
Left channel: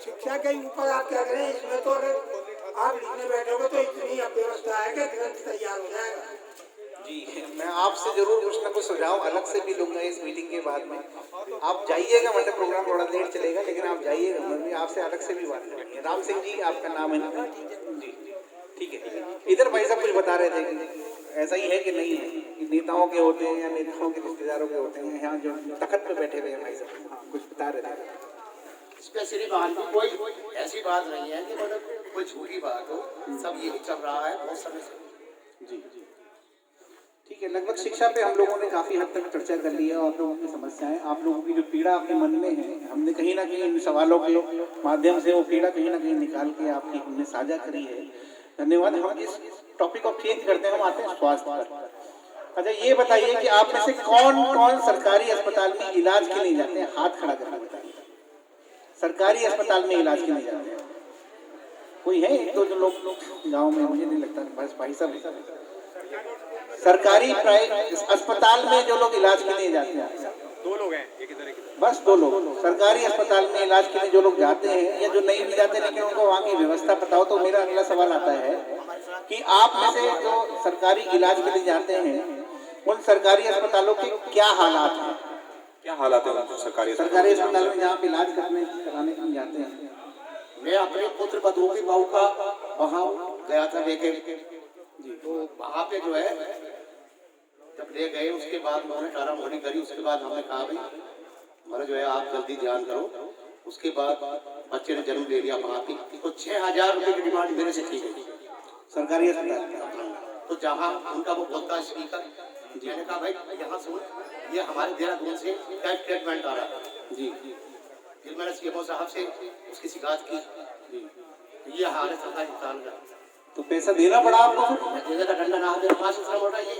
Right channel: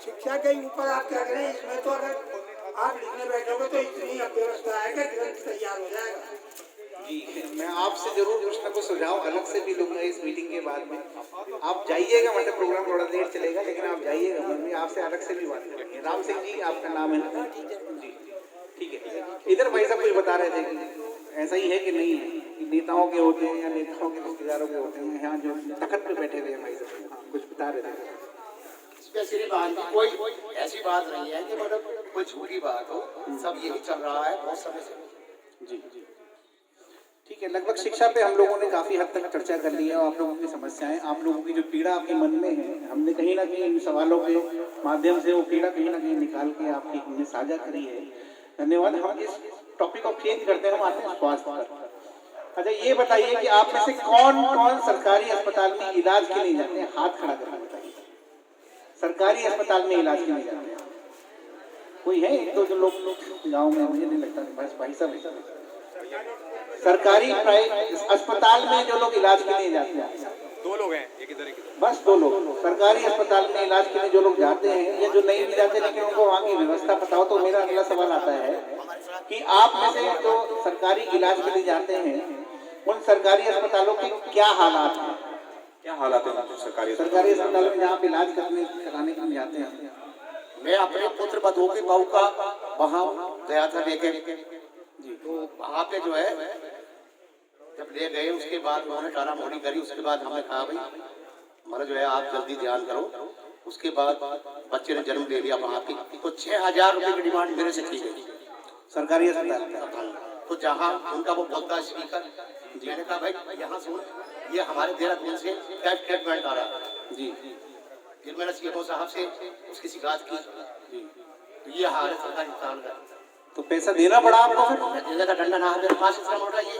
शिक्षा के ऊपर आप क्या करें, इसमें तो अगर आप लिखने बैठोगे तो इतनी अव्यवस्था है कि ग्रंथ तैयार हो जाएगा। जी, मैं आपसे जरूर कुछ ना कुछ सुझाव अलग से भी लूंगा इस मीटिंग के बाद में। आप जाइएगा, मतलब प्रोग्राम थोड़ा देर चलेगा लेकिन आप जाइएगा, मैं आपसे अलग से भी बात करेंगे। राम सिंह जी आपका नाम है ना? जी ठीक है। इधर भाई साहब कुछ बता रहे थे कि ऐसा ही है कि नहीं है कि नेताओं के होते हैं या नेताओं के रिश्तेदारों के होते हैं? यहाँ जो तखत पे बैठे हुए हैं भाई साहब कुछ बता रहे थे। स्पेशली बात कोई ऐसी बात नहीं है कि मतलब कोई झूठी बात हो, सब यही चल रहा है बहुत समय से। जी ठीक है। लगभग शिक्षा पे हम लोगों ने काफ़ी हद तक चर्चा कर ली है। आप लोगों की समस्याएं, आप लोगों की जो पीड़ा आपके मन में है, हमने कहीं ना कहीं इन सवालों के माध्यम से वो पीड़ा कहीं ना कहीं निकाल के आपकी हमने साझा करी है। धन्यवाद। हम इस टॉपिक ऑफ चेंज करते हैं, हम आते हैं स्वास्थ्य पर। अच्छा ये बताइए कि आप में से कौन कौन सरकारी अस्पताल में इलाज के लिए जाते हैं? हाथ खड़ा करके बताइए। सरकारी अस्पताल में इलाज के लिए जाते हैं कोई है? तो जो लोग गाँव में, मुझे नहीं लगता, बस भाई साहब सरकारी अस्पताल में जो लोग इलाज के लिए जाते हैं, 2 लोग हैं, एक इधर एक इधर। बस 2 लोग सरकारी अस्पताल में इलाज के लिए जो लोग जाते हैं या जो नहीं भी जाते लेकिन उनको वहाँ की व्यवस्था पता हो। तो मेरा अगला सवाल आता है कि आप में से जो सरकारी इलाज के लिए जाते हैं उन सरकारी अस्पतालों के क्या हालात हैं? क्या हालात है सरकारी अस्पतालों में जहाँ आप इलाज कराने के लिए जाते हैं? मैं अपने पुत्र बधू की बहू का वहाँ गया था लेके जी, तो वहाँ पे जो है जब ले गए उसके बाद उन्होंने टारा मोड़ी करी। उसके बाद हमने कहा भाई मतलब जो है आप जल्दी ध्यान करो। उसके बाद बच्चे ने जन्म ले लिया वहाँ पे, तो 6000 रुपये की डिमांड मेरे से की गई सरकारी अस्पताल। तो जहाँ उनका वो बोलता स्पीकर, मैंने कहा भाई यहाँ सुन, ये हमारे देहरादून से कैब ट्रीटमेंट आ रहा है जी। फिर मैंने सीएमओ साहब से उसकी शिकायत की जी, तो ये हमारे सरकारी अस्पताल का। तो पैसा देना पड़ा आपको? देने का डंडा ना मेरे पास इतना मोटा ये।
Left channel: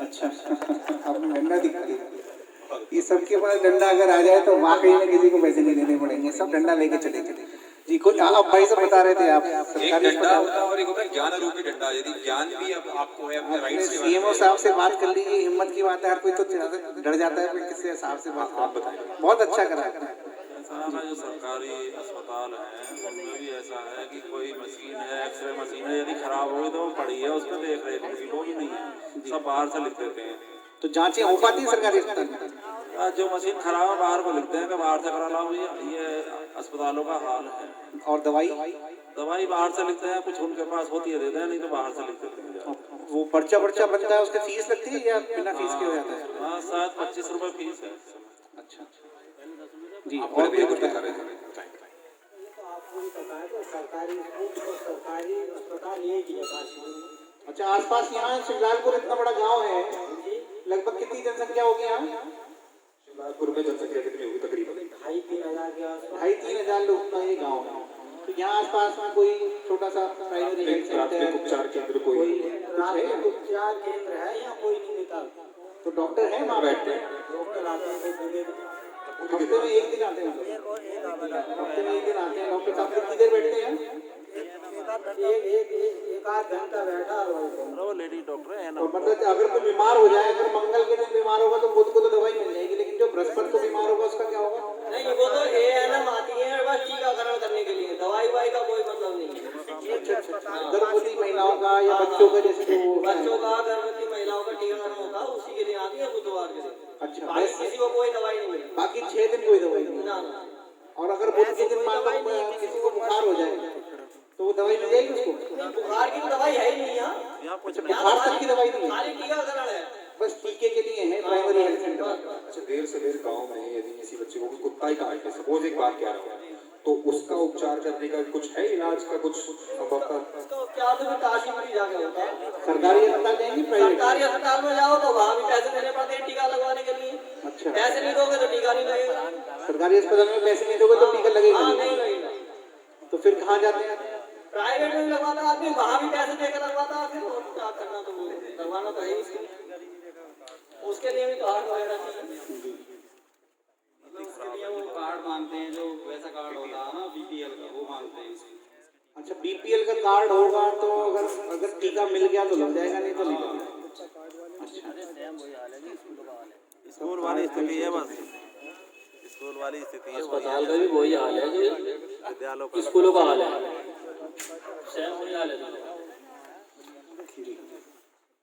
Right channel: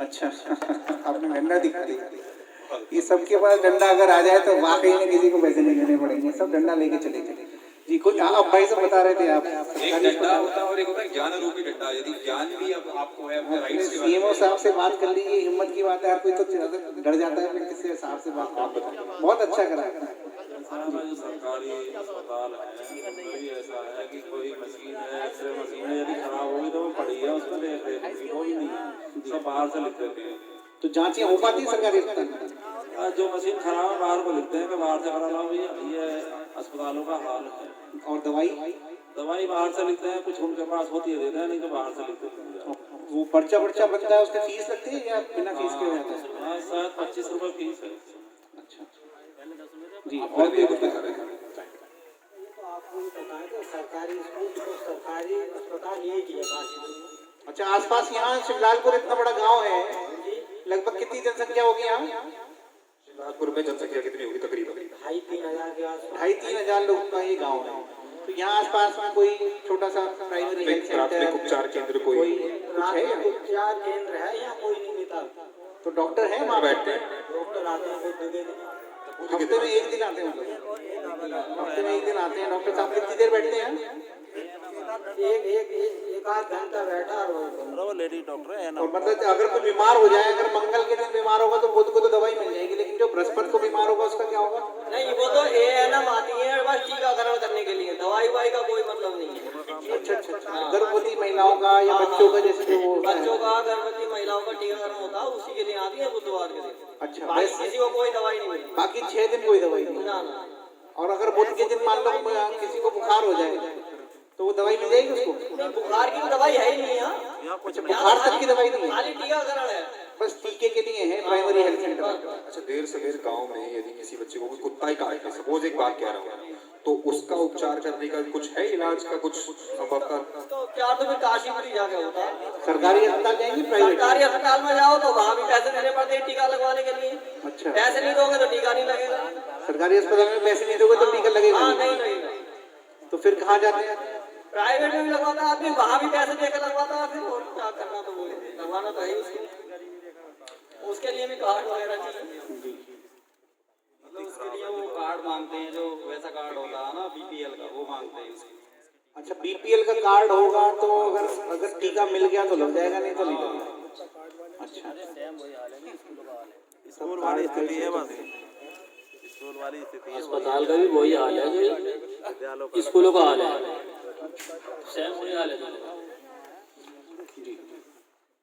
अच्छा आपने डंडा दिखा दिया। ये सबके पास डंडा अगर आ जाए तो वाकई में किसी को पैसे नहीं देने पड़ेंगे, सब डंडा लेके चलेंगे जी। कुछ आप भाई से बता रहे थे आप सरकारी डंडा होता है और एक होता है ज्ञान रूपी डंडा। यदि ज्ञान भी अब आपको है अपने राइट्स के बारे में, सीएमओ साहब से बात कर लीजिए, हिम्मत की बात है। हर कोई तो डर जाता है, फिर किससे साहब से बात आप बताएं। बहुत अच्छा करा जो सरकारी अस्पताल है उनमें भी ऐसा है कि कोई मशीन है, एक्सरे मशीन है, यदि खराब होगी तो वो पड़ी है, उसमें देख रेख की लोग नहीं है, सब बाहर से लिख देते हैं। तो जांचें हो पाती है सरकारी अस्पताल में? जो मशीन खराब है बाहर को लिखते हैं कि बाहर से करा लाओ भैया, ये अस्पतालों का हाल है। और दवाई दवाई बाहर से लिखते हैं, कुछ उनके पास होती है देते हैं, नहीं तो बाहर से लिख देते हैं। वो पर्चा बनता है, उसका फीस लगती है या बिना फीस के हो जाता है? हाँ, शायद 25 रुपये फीस है। अच्छा जी, और भी कुछ बता रहे हैं? तो आपको भी पता है कि सरकारी स्कूल तो सरकारी अस्पताल यही किया काशी। अच्छा, आसपास यहाँ शिवलालपुर इतना बड़ा गांव है, लगभग कितनी जनसंख्या होगी यहाँ? शिवलालपुर में जनसंख्या कितनी होगी तकरीबन? 2,500-3,000 के आसपास। 2,500-3,000 लोग का ये गाँव है। तो यहाँ आसपास में कोई छोटा सा प्राइमरी हेल्थ प्राथमिक सेंटर, उपचार केंद्र कोई प्राथमिक उपचार केंद्र है या कोई नहीं देता? तो डॉक्टर है वहाँ बैठते हैं? डॉक्टर आते हैं तो दे देते हैं। हफ्ते में एक दिन आते हैं? हफ्ते में एक दिन आते हैं डॉक्टर साहब? कितनी देर बैठते हैं? एक आध घंटा बैठा और लेडी डॉक्टर है ना। और मतलब अगर कोई बीमार हो जाए, अगर मंगल के दिन बीमार होगा तो बुध को तो दवाई मिल जाएगी, लेकिन जो बृहस्पति को बीमार होगा उसका क्या होगा? नहीं, वो तो ANM आती है बस टीकाकरण करने के लिए, दवाई वाई का कोई मतलब नहीं है। गर्भवती महिलाओं का या बच्चों का, जैसे जो बच्चों का, गर्भवती महिलाओं का टीकाकरण होता है, उसी के लिए आती है बुधवार के दिन। अच्छा, बाकी किसी को कोई दवाई नहीं मिलती। बाकी 6 दिन कोई दवाई नहीं? ना ना। और अगर बुध के दिन मान लो किसी को बुखार हो जाए तो वो दवाई मिल जाएगी उसको? नहीं, बुखार की तो दवाई है ही नहीं यहाँ। बुखार तक की दवाई नहीं है, खाली टीकाकरण है। बस टीके के लिए है प्राइमरी हेल्थ सेंटर। अच्छा, देर से देर गांव में यदि किसी बच्चे को कुत्ता ही काट ले, सपोज एक बात कह रहा हूँ, तो उसका उपचार करने का कुछ है, इलाज का कुछ संभवतः? उसका उपचार तो फिर काशीपुरी जाके होता है। सरकारी अस्पताल जाएंगे प्राइवेट? सरकारी अस्पताल में जाओ तो वहाँ भी पैसे देने पड़ते हैं टीका लगवाने के लिए। अच्छा, पैसे नहीं दोगे तो टीका नहीं लगेगा। सरकारी अस्पताल में पैसे नहीं दोगे तो टीका लगेगा? हाँ, नहीं लगेगा। तो फिर कहाँ जाते हैं? प्राइवेट में भी लगवाता है आदमी, वहाँ भी पैसे देकर लगवाता है। फिर और क्या करना, तो लगवाना तो है ही उसके लिए भी कार्ड वगैरह चाहिए। उसके लिए वो कार्ड मांगते हैं, जो वैसा कार्ड होता है ना BPL का, वो मांगते हैं उसके। अच्छा, BPL का कार्ड होगा तो अगर टीका मिल गया तो लग जाएगा, नहीं तो नहीं लगेगा। अच्छा, स्कूल वाली स्थिति है बस, स्कूल वाली स्थिति है। अस्पताल का भी वही हाल है जो स्कूलों का हाल है, सेम वही हाल है।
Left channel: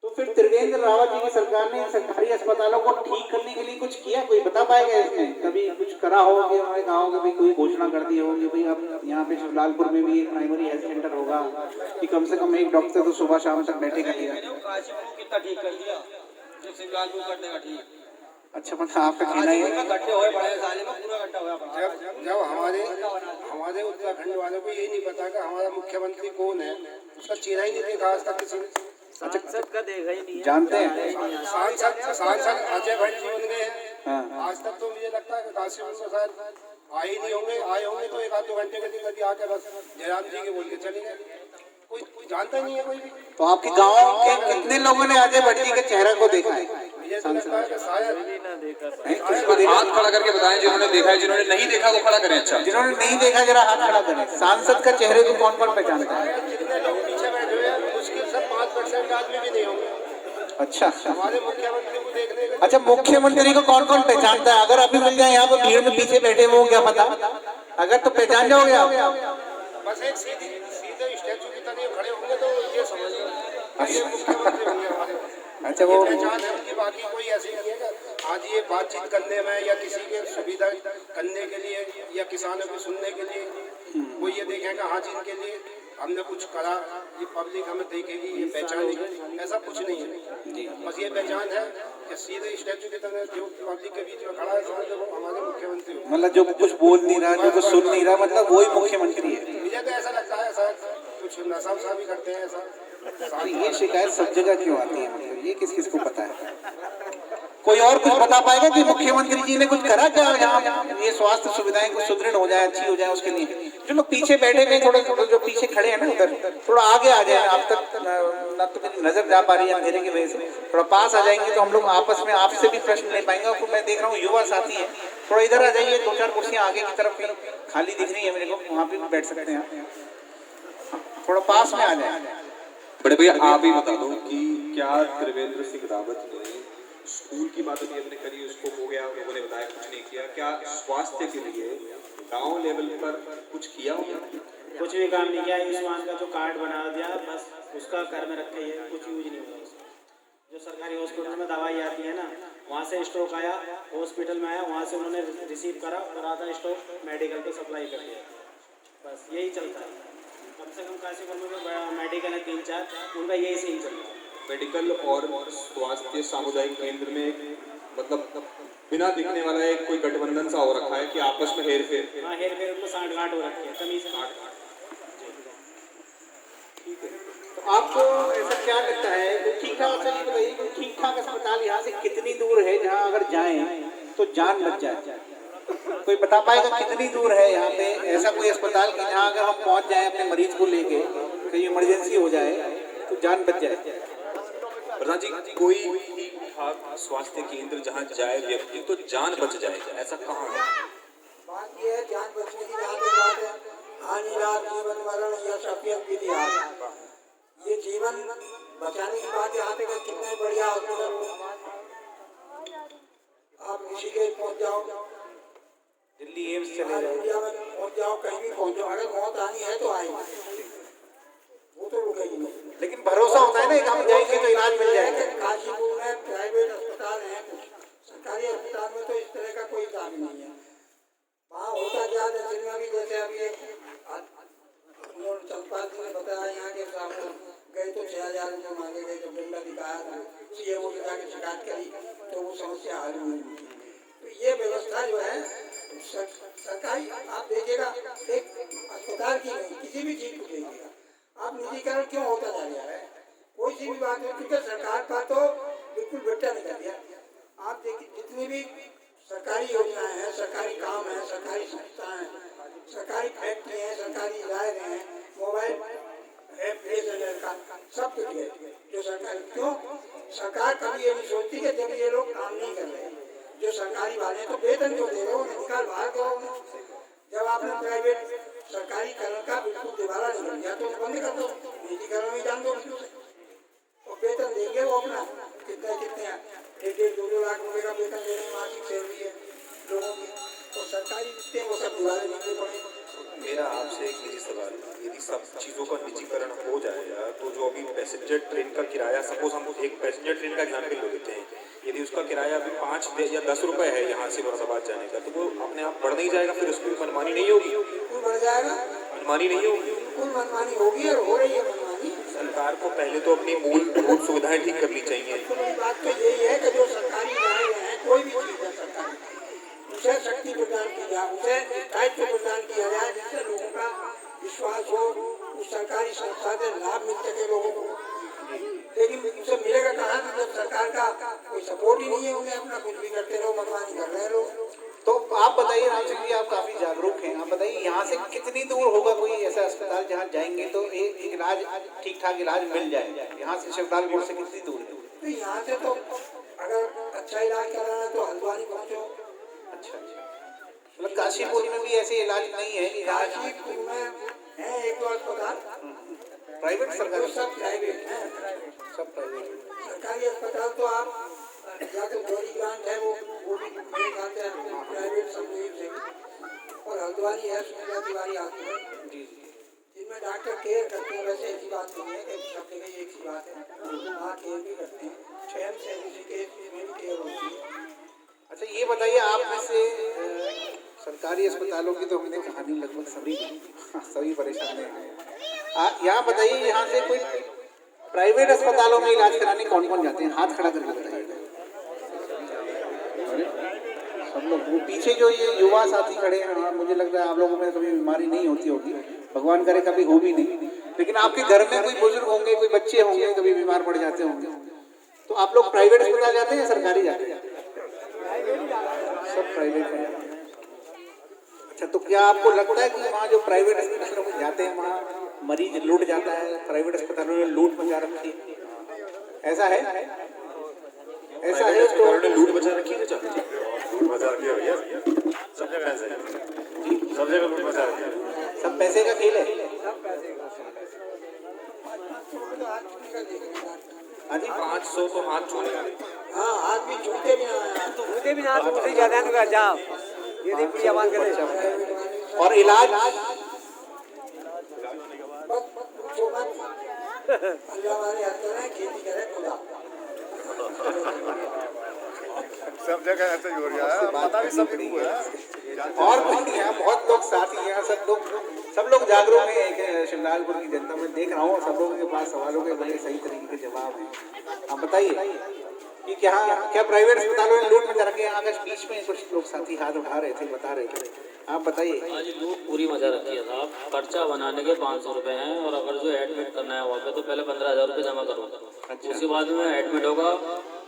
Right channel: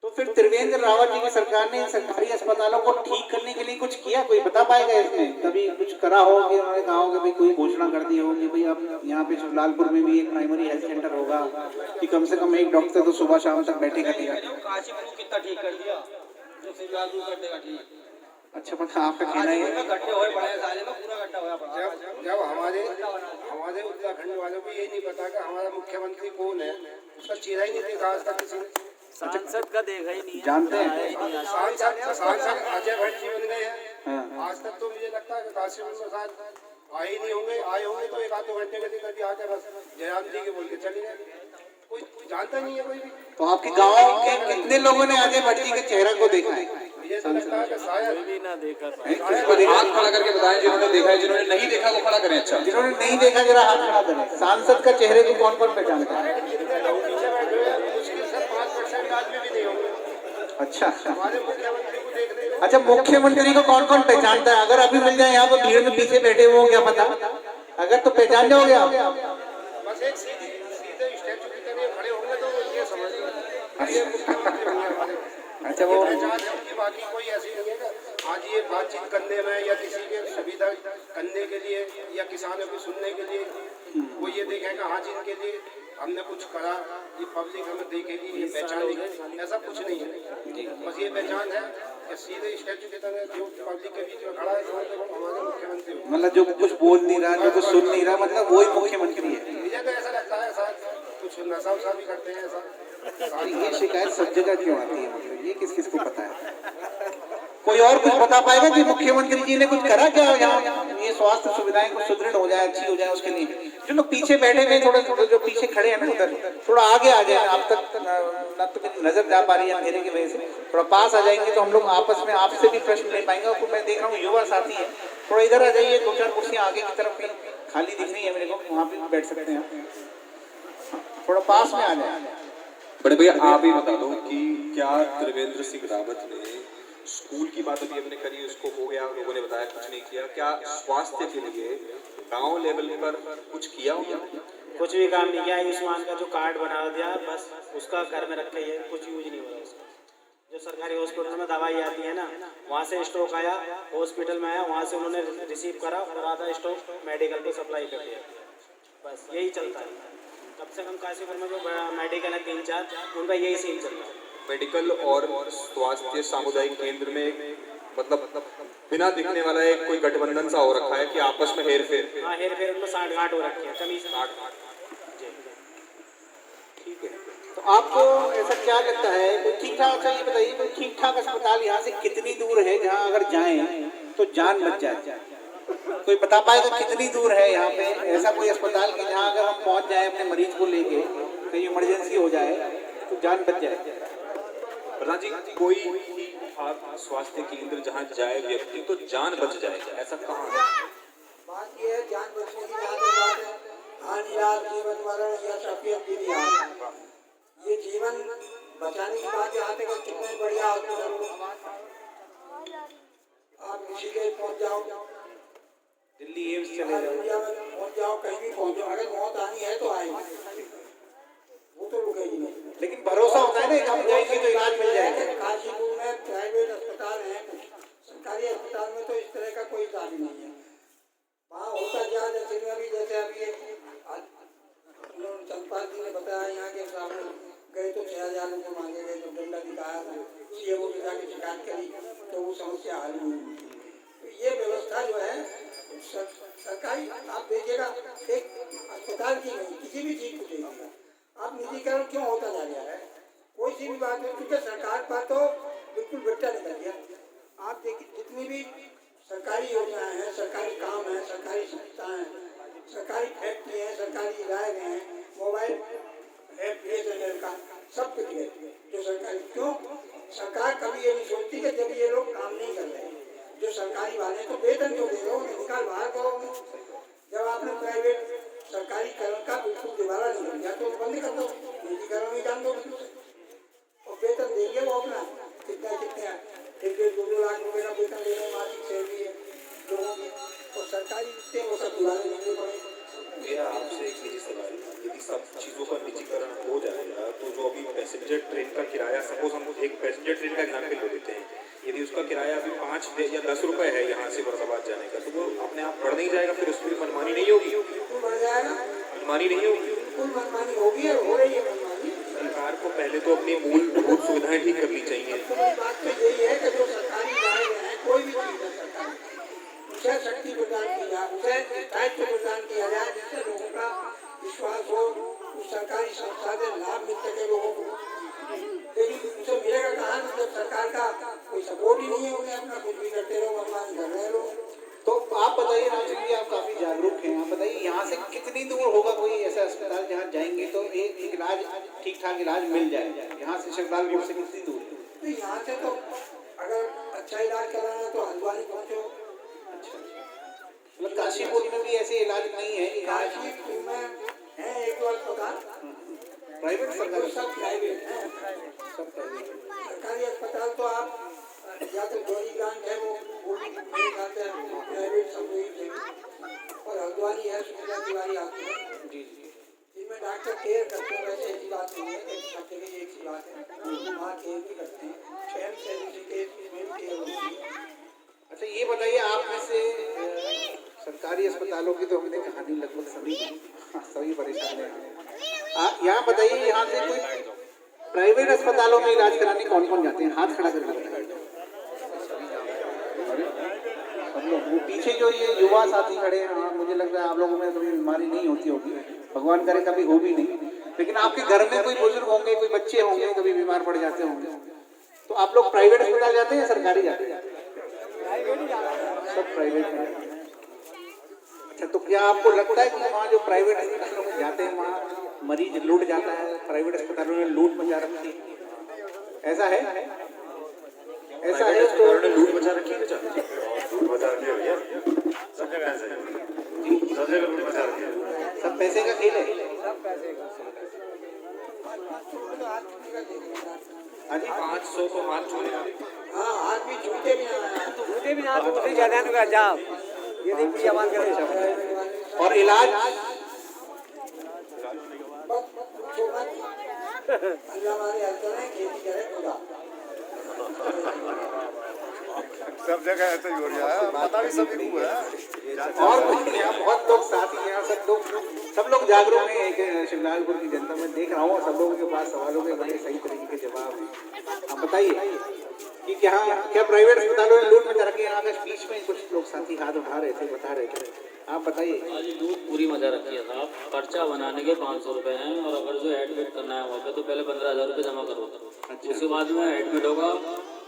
तो फिर त्रिवेंद्र रावत जी की सरकार ने सरकारी अस्पतालों को ठीक करने के लिए कुछ किया? कोई बता पाएगा इसमें? कभी कुछ करा हो कि उन्होंने कहा हो कि भाई कोई घोषणा कर दी हो कि भाई अब यहाँ पे शिवलालपुर में भी एक प्राइमरी हेल्थ सेंटर होगा कि कम से कम एक डॉक्टर तो सुबह शाम तक बैठेगा? काशीपुर को कितना ठीक कर दिया, जो शिवलालपुर कर देगा ठीक। अच्छा, मतलब आपका कहना है गड्ढे हुए बड़े साले में, पूरा गड्ढा हुआ पड़ा। जब हमारे उत्तराखंड वालों को यही नहीं पता कि हमारा मुख्यमंत्री कौन है, उसका चेहरा ही नहीं देखा आज तक किसी ने। सांसद का देखा ही नहीं है। जानते हैं? सांसद अजय भट्ट जी बन गए हैं, हाँ। आज तक तो मुझे लगता है कि काशीपुर में शायद आए ही नहीं होंगे। आए होंगे तो 1-2 घंटे के लिए कभी आकर बस जयराम जी के बोल के चले गए, कोई जानता ही नहीं है कोई भी। तो आपके गाँव के कितने लोगों ने अजय भट्ट जी के चेहरा को देखा है? मुझे तो लगता है कि शायद हाथ खड़ा करके बताएं, जिन्होंने देखा है, जिन्होंने नहीं देखा वो खड़ा करें। अच्छा, जिन्होंने नहीं देखा जरा हाथ खड़ा करें। सांसद का चेहरे को कौन कौन पहचानता है? जितने लोग पीछे बैठे हुए हैं मुश्किल से 5% आदमी भी नहीं होंगे अच्छा, हमारे मुख्यमंत्री को देखने के। अच्छा, मुख्यमंत्री को कौन कौन पहचानता है? अगर अभी मिल जाए यहाँ पे भीड़ में पीछे बैठे हुए, क्या पता, अगर तो पहचान जाओगे आप। बस एक सीधे स्टैचू की तरह खड़े होंगे तो ये समझिए ये मुख्यमंत्री होंगे हमारे। अच्छा, वो पहचान है उनकी, बाकी कोई ऐसी नहीं है कि आज ये बातचीत करने में या किसी के सुविधा करने के लिए या किसानों को सुनने के लिए वो ये देखेगा हाँ जी इनके लिए हमने कुछ करा, ये पब्लिक हमें देखेगी, ये पहचानेगी, ऐसा कुछ नहीं है। बस ये पहचान है कि सीधे स्टैचू की तरह जो पब्लिक के बीच में खड़ा है समझ लो हमारे मुख्यमंत्री हो। मतलब जो कुछ बोल नहीं रहा, जो कुछ सुन नहीं रहा, मतलब वही मुख्यमंत्री है। मुझे तो ऐसा लगता है ऐसा कुछ नशा वशा भी करते हैं ऐसा। ये शिकायत सब जगह क्यों आती है? मतलब ये किस किस को पता है? कोई और कुछ बता पाएगा कि मुख्यमंत्री जी ने कुछ करा क्या यहाँ ये स्वास्थ्य सुविधाएं कुछ सुदृढ़ हो जाए, अच्छी हो जाए उसके लिए? जो लोग पीछे बैठे हुए थोड़ा जो पीछे खड़े हैं ना उधर, थोड़ा आगे आ जाए। आप तक ना तो मेरी नजर जा पा रही है अंधेरे की वजह से, थोड़ा पास आ जाएंगे तो हम लोग आपस में आपसे भी प्रश्न ले पाएंगे। और मैं देख रहा हूँ युवा साथी है, थोड़ा इधर आ जाइए, 2-4 कुर्सियाँ आगे की तरफ खाली दिख रही है मेरे को, वहाँ पे बैठ सकते हैं आप, थोड़ा पास में आ जाए। बड़े भैया आप ही बता दो कि क्या त्रिवेंद्र सिंह रावत ने स्कूल की बात अभी हमने करी, उसको हो गया, लोगों ने बताया कुछ नहीं किया, क्या स्वास्थ्य के लिए गांव लेवल पर कुछ किया हो? कुछ भी काम नहीं किया। आयुष्मान का जो कार्ड बना दिया बस उसका घर में रखे है, कुछ यूज नहीं हो रहा है। जो सरकारी हॉस्पिटल में दवाई आती है ना, वहाँ से स्टॉक आया, हॉस्पिटल में आया, वहाँ से उन्होंने रिसीव करा और आधा स्टॉक मेडिकल पे सप्लाई कर दिया। बस यही चलता है। कम से कम काशीपुर में जो मेडिकल है 3-4, उनका यही सीन चल रहा है। मेडिकल और स्वास्थ्य सामुदायिक केंद्र में मतलब बिना दिखने वाला एक कोई गठबंधन सा हो रखा है कि आपस में हेर फेर। हाँ, हेर फेर में साठ-गांठ हो रखी है, कमी से ठीक है, तो आपको ऐसा क्या लगता है ठीक ठाक, ये बताइए ठीक ठाक अस्पताल यहाँ से कितनी दूर है जहाँ अगर जाएं तो जान बच जाए? कोई बता पाएगा कितनी दूर है यहाँ पे ऐसा कोई अस्पताल कि जहाँ अगर हम पहुँच जाएं अपने मरीज को लेके, कहीं इमरजेंसी हो जाए तो जान बच जाए? प्रधान जी, कोई ठीक ठाक स्वास्थ्य केंद्र जहाँ जाए व्यक्ति तो जान बच जाएगा, ऐसा कहाँ है? बात ये है, जान बचने की जहाँ तक बात है, हानिरात जीवन मरण या सफियत विधि, ये जीवन बचाने की बात यहाँ तक कितना ही बढ़िया हॉस्पिटल हो, आप ऋषिकेश पहुँच जाओ, दिल्ली एम्स चले जाओ, इंडिया में पहुँच जाओ, कहीं भी पहुँचो, अगर मौत आनी है तो आएगी, वो तो रुकेगी नहीं। लेकिन भरोसा होता है ना कि हम जाएंगे तो इलाज मिल जाएगा। काशीपुर में प्राइवेट अस्पताल हैं, सरकारी अस्पताल में तो इस तरह का कोई इलाज नहीं है। वहाँ होता क्या है, दिल्ली में जैसे अभी चंपाल जी ने बताया, यहाँ के सामने गए तो 6,000 रुपये मांगे गए, जब डंडा दिखाया CMO से जाके शिकायत करी तो वो समस्या हल हुई। तो ये व्यवस्था जो है सरकारी, आप देखिएगा एक अस्पताल की नहीं, किसी भी चीज़ को देखिएगा आप, निजीकरण क्यों होता जा रहा है? कोई सी भी बात है, क्योंकि सरकार का तो बिल्कुल बेटा निकल गया। आप देखिए जितनी भी सरकारी योजनाएं हैं, सरकारी काम है, सरकारी संस्थाएं हैं, सरकारी फैक्ट्री हैं, सरकारी इदारे हैं, मोबाइल है BSNL का, सब कुछ है जो सरकारी। क्यों सरकार कभी ये नहीं सोचती कि जब ये लोग काम नहीं कर रहे, जो सरकारी वाले तो वेतन जो दे रहे हो उन्हें निकाल बाहर करो। जब आपने प्राइवेट सरकारी करण का बिल्कुल दिवाला निकल गया तो बंद कर दो, निजीकरण में जान दो और वेतन देंगे वो अपना कितने 1-2 लाख रुपए का वेतन दे रहे हैं, मासिक सैलरी है लोगों की, और सरकारी जितने वो सब दिवाले देने पड़े। मेरा आपसे एक ही सवाल, यदि सब चीज़ों का निजीकरण हो जाएगा तो जो अभी पैसेंजर ट्रेन का किराया, सपोज हम एक पैसेंजर ट्रेन का एग्जाम्पल ले लेते हैं, यदि उसका किराया अभी 5 या 10 रुपए है यहाँ से मुरादाबाद जाने का, तो वो अपने आप बढ़ नहीं जाएगा? फिर उसकी मनमानी नहीं होगी? बिल्कुल बढ़ जाएगा, मनमानी नहीं होगी, बिल्कुल मनमानी होगी और हो रही है मनमानी। सरकार को पहले तो अपनी मूलभूत सुविधाएं ठीक करनी चाहिए। सबसे बड़ी बात तो यही है कि जो सरकारी इदारे हैं, कोई भी चीज़ है सरकारी, उसे शक्ति प्रदान की जाए, उसे दायित्व प्रदान किया जाए, जिससे लोगों का विश्वास हो, उस सरकारी संस्था से लाभ मिल सके लोगों को। लेकिन उसे मिलेगा कहाँ जब सरकार का कोई सपोर्ट ही नहीं है, उन्हें अपना कुछ भी करते रहो, मनमानी कर रहे लोग। तो आप बताइए, रामचंद्र जी आप काफी जागरूक हैं, आप बताइए यहाँ से कितनी दूर होगा कोई ऐसा अस्पताल जहाँ जाएंगे तो एक इलाज ठीक ठाक इलाज मिल जाए? यहाँ से श्रद्धालुपुर से कितनी दूर है? तो यहाँ से तो अगर अच्छा इलाज कराना है तो हल्द्वानी पहुँचो। अच्छा, मतलब काशीपुर में भी ऐसे इलाज नहीं है? काशीपुर में है 1-2 अस्पताल प्राइवेट, सरकारी सब प्राइवेट है, सब प्राइवेट। सरकारी अस्पताल तो आप या तो गौरी ग्रांट है, वो भी मेरे ख्याल से प्राइवेट समझ है, और हल्द्वानी है सुनीता तिवारी हॉस्पिटल, जिनमें डॉक्टर केयर करते हैं। वैसे ऐसी बात नहीं है कि सब जगह एक ही बात है, वहाँ केयर भी करते हैं, शहर से उसमें भी केयर होती है। अच्छा ये बताइए, आप में से सरकारी अस्पतालों की तो हमने कहानी लगभग सभी परेशान हैं। यहाँ बताइए, यहाँ से कोई प्राइवेट अस्पतालों में इलाज कराने कौन कौन जाते हैं? हाथ खड़ा करके बताइए। वो पीछे जो ये युवा साथी खड़े हैं, हाँ मुझे लग रहा है आप लोगों में कभी बीमारी नहीं होती होगी, भगवान करे कभी हो भी नहीं, लेकिन आपके घर में कोई बुजुर्ग होंगे, कोई बच्चे होंगे, कभी बीमार पड़ जाते होंगे, तो आप लोग प्राइवेट अस्पताल जाते हैं या सरकारी जाते हैं? सब प्राइवेट। अच्छा, तो क्या आपको लगता है कि वहाँ जो प्राइवेट अस्पतालों में जाते हैं वहाँ मरीज लूट जाता है? प्राइवेट अस्पतालों में लूट मचा रखी है, ऐसा है? ऐसा है तो लूट मचा रखी है, सब जगह ऐसे सब जगह लूट मचा रखी है। सब पैसे का खेल है, सब पैसे का। 500 तो हाथ छूटे, हाँ हाथ भी छूटे भी ना, दूसरी जगह का जाओ, ये नहीं पूरी आवाज करे। और इलाज पूछो मत, अल्लाह हमारे हर तरह खेती करे खुदा। सब जगह ऐसे ही हो रहा है, पता भी सभी को है। और यहाँ बहुत लोग साथी हैं, सब लोग जागरूक हैं। एक शिवलालपुर की जनता में देख रहा हूँ, सब लोगों के पास सवालों के बड़े सही तरीके के जवाब हैं। आप बताइए कि क्या प्राइवेट अस्पतालों में लूट मचा रखी है? यहाँ के बीच में कुछ लोग साथी हाथ उठा रहे थे, बता रहे थे, आप बताइए। आज लूट पूरी मजा रखी है साहब। पर्चा बनाने के 500 रुपए हैं, और अगर जो एडमिट करना है वहाँ पे तो पहले 15,000 रुपये जमा करो। उसके बाद में एडमिट होगा,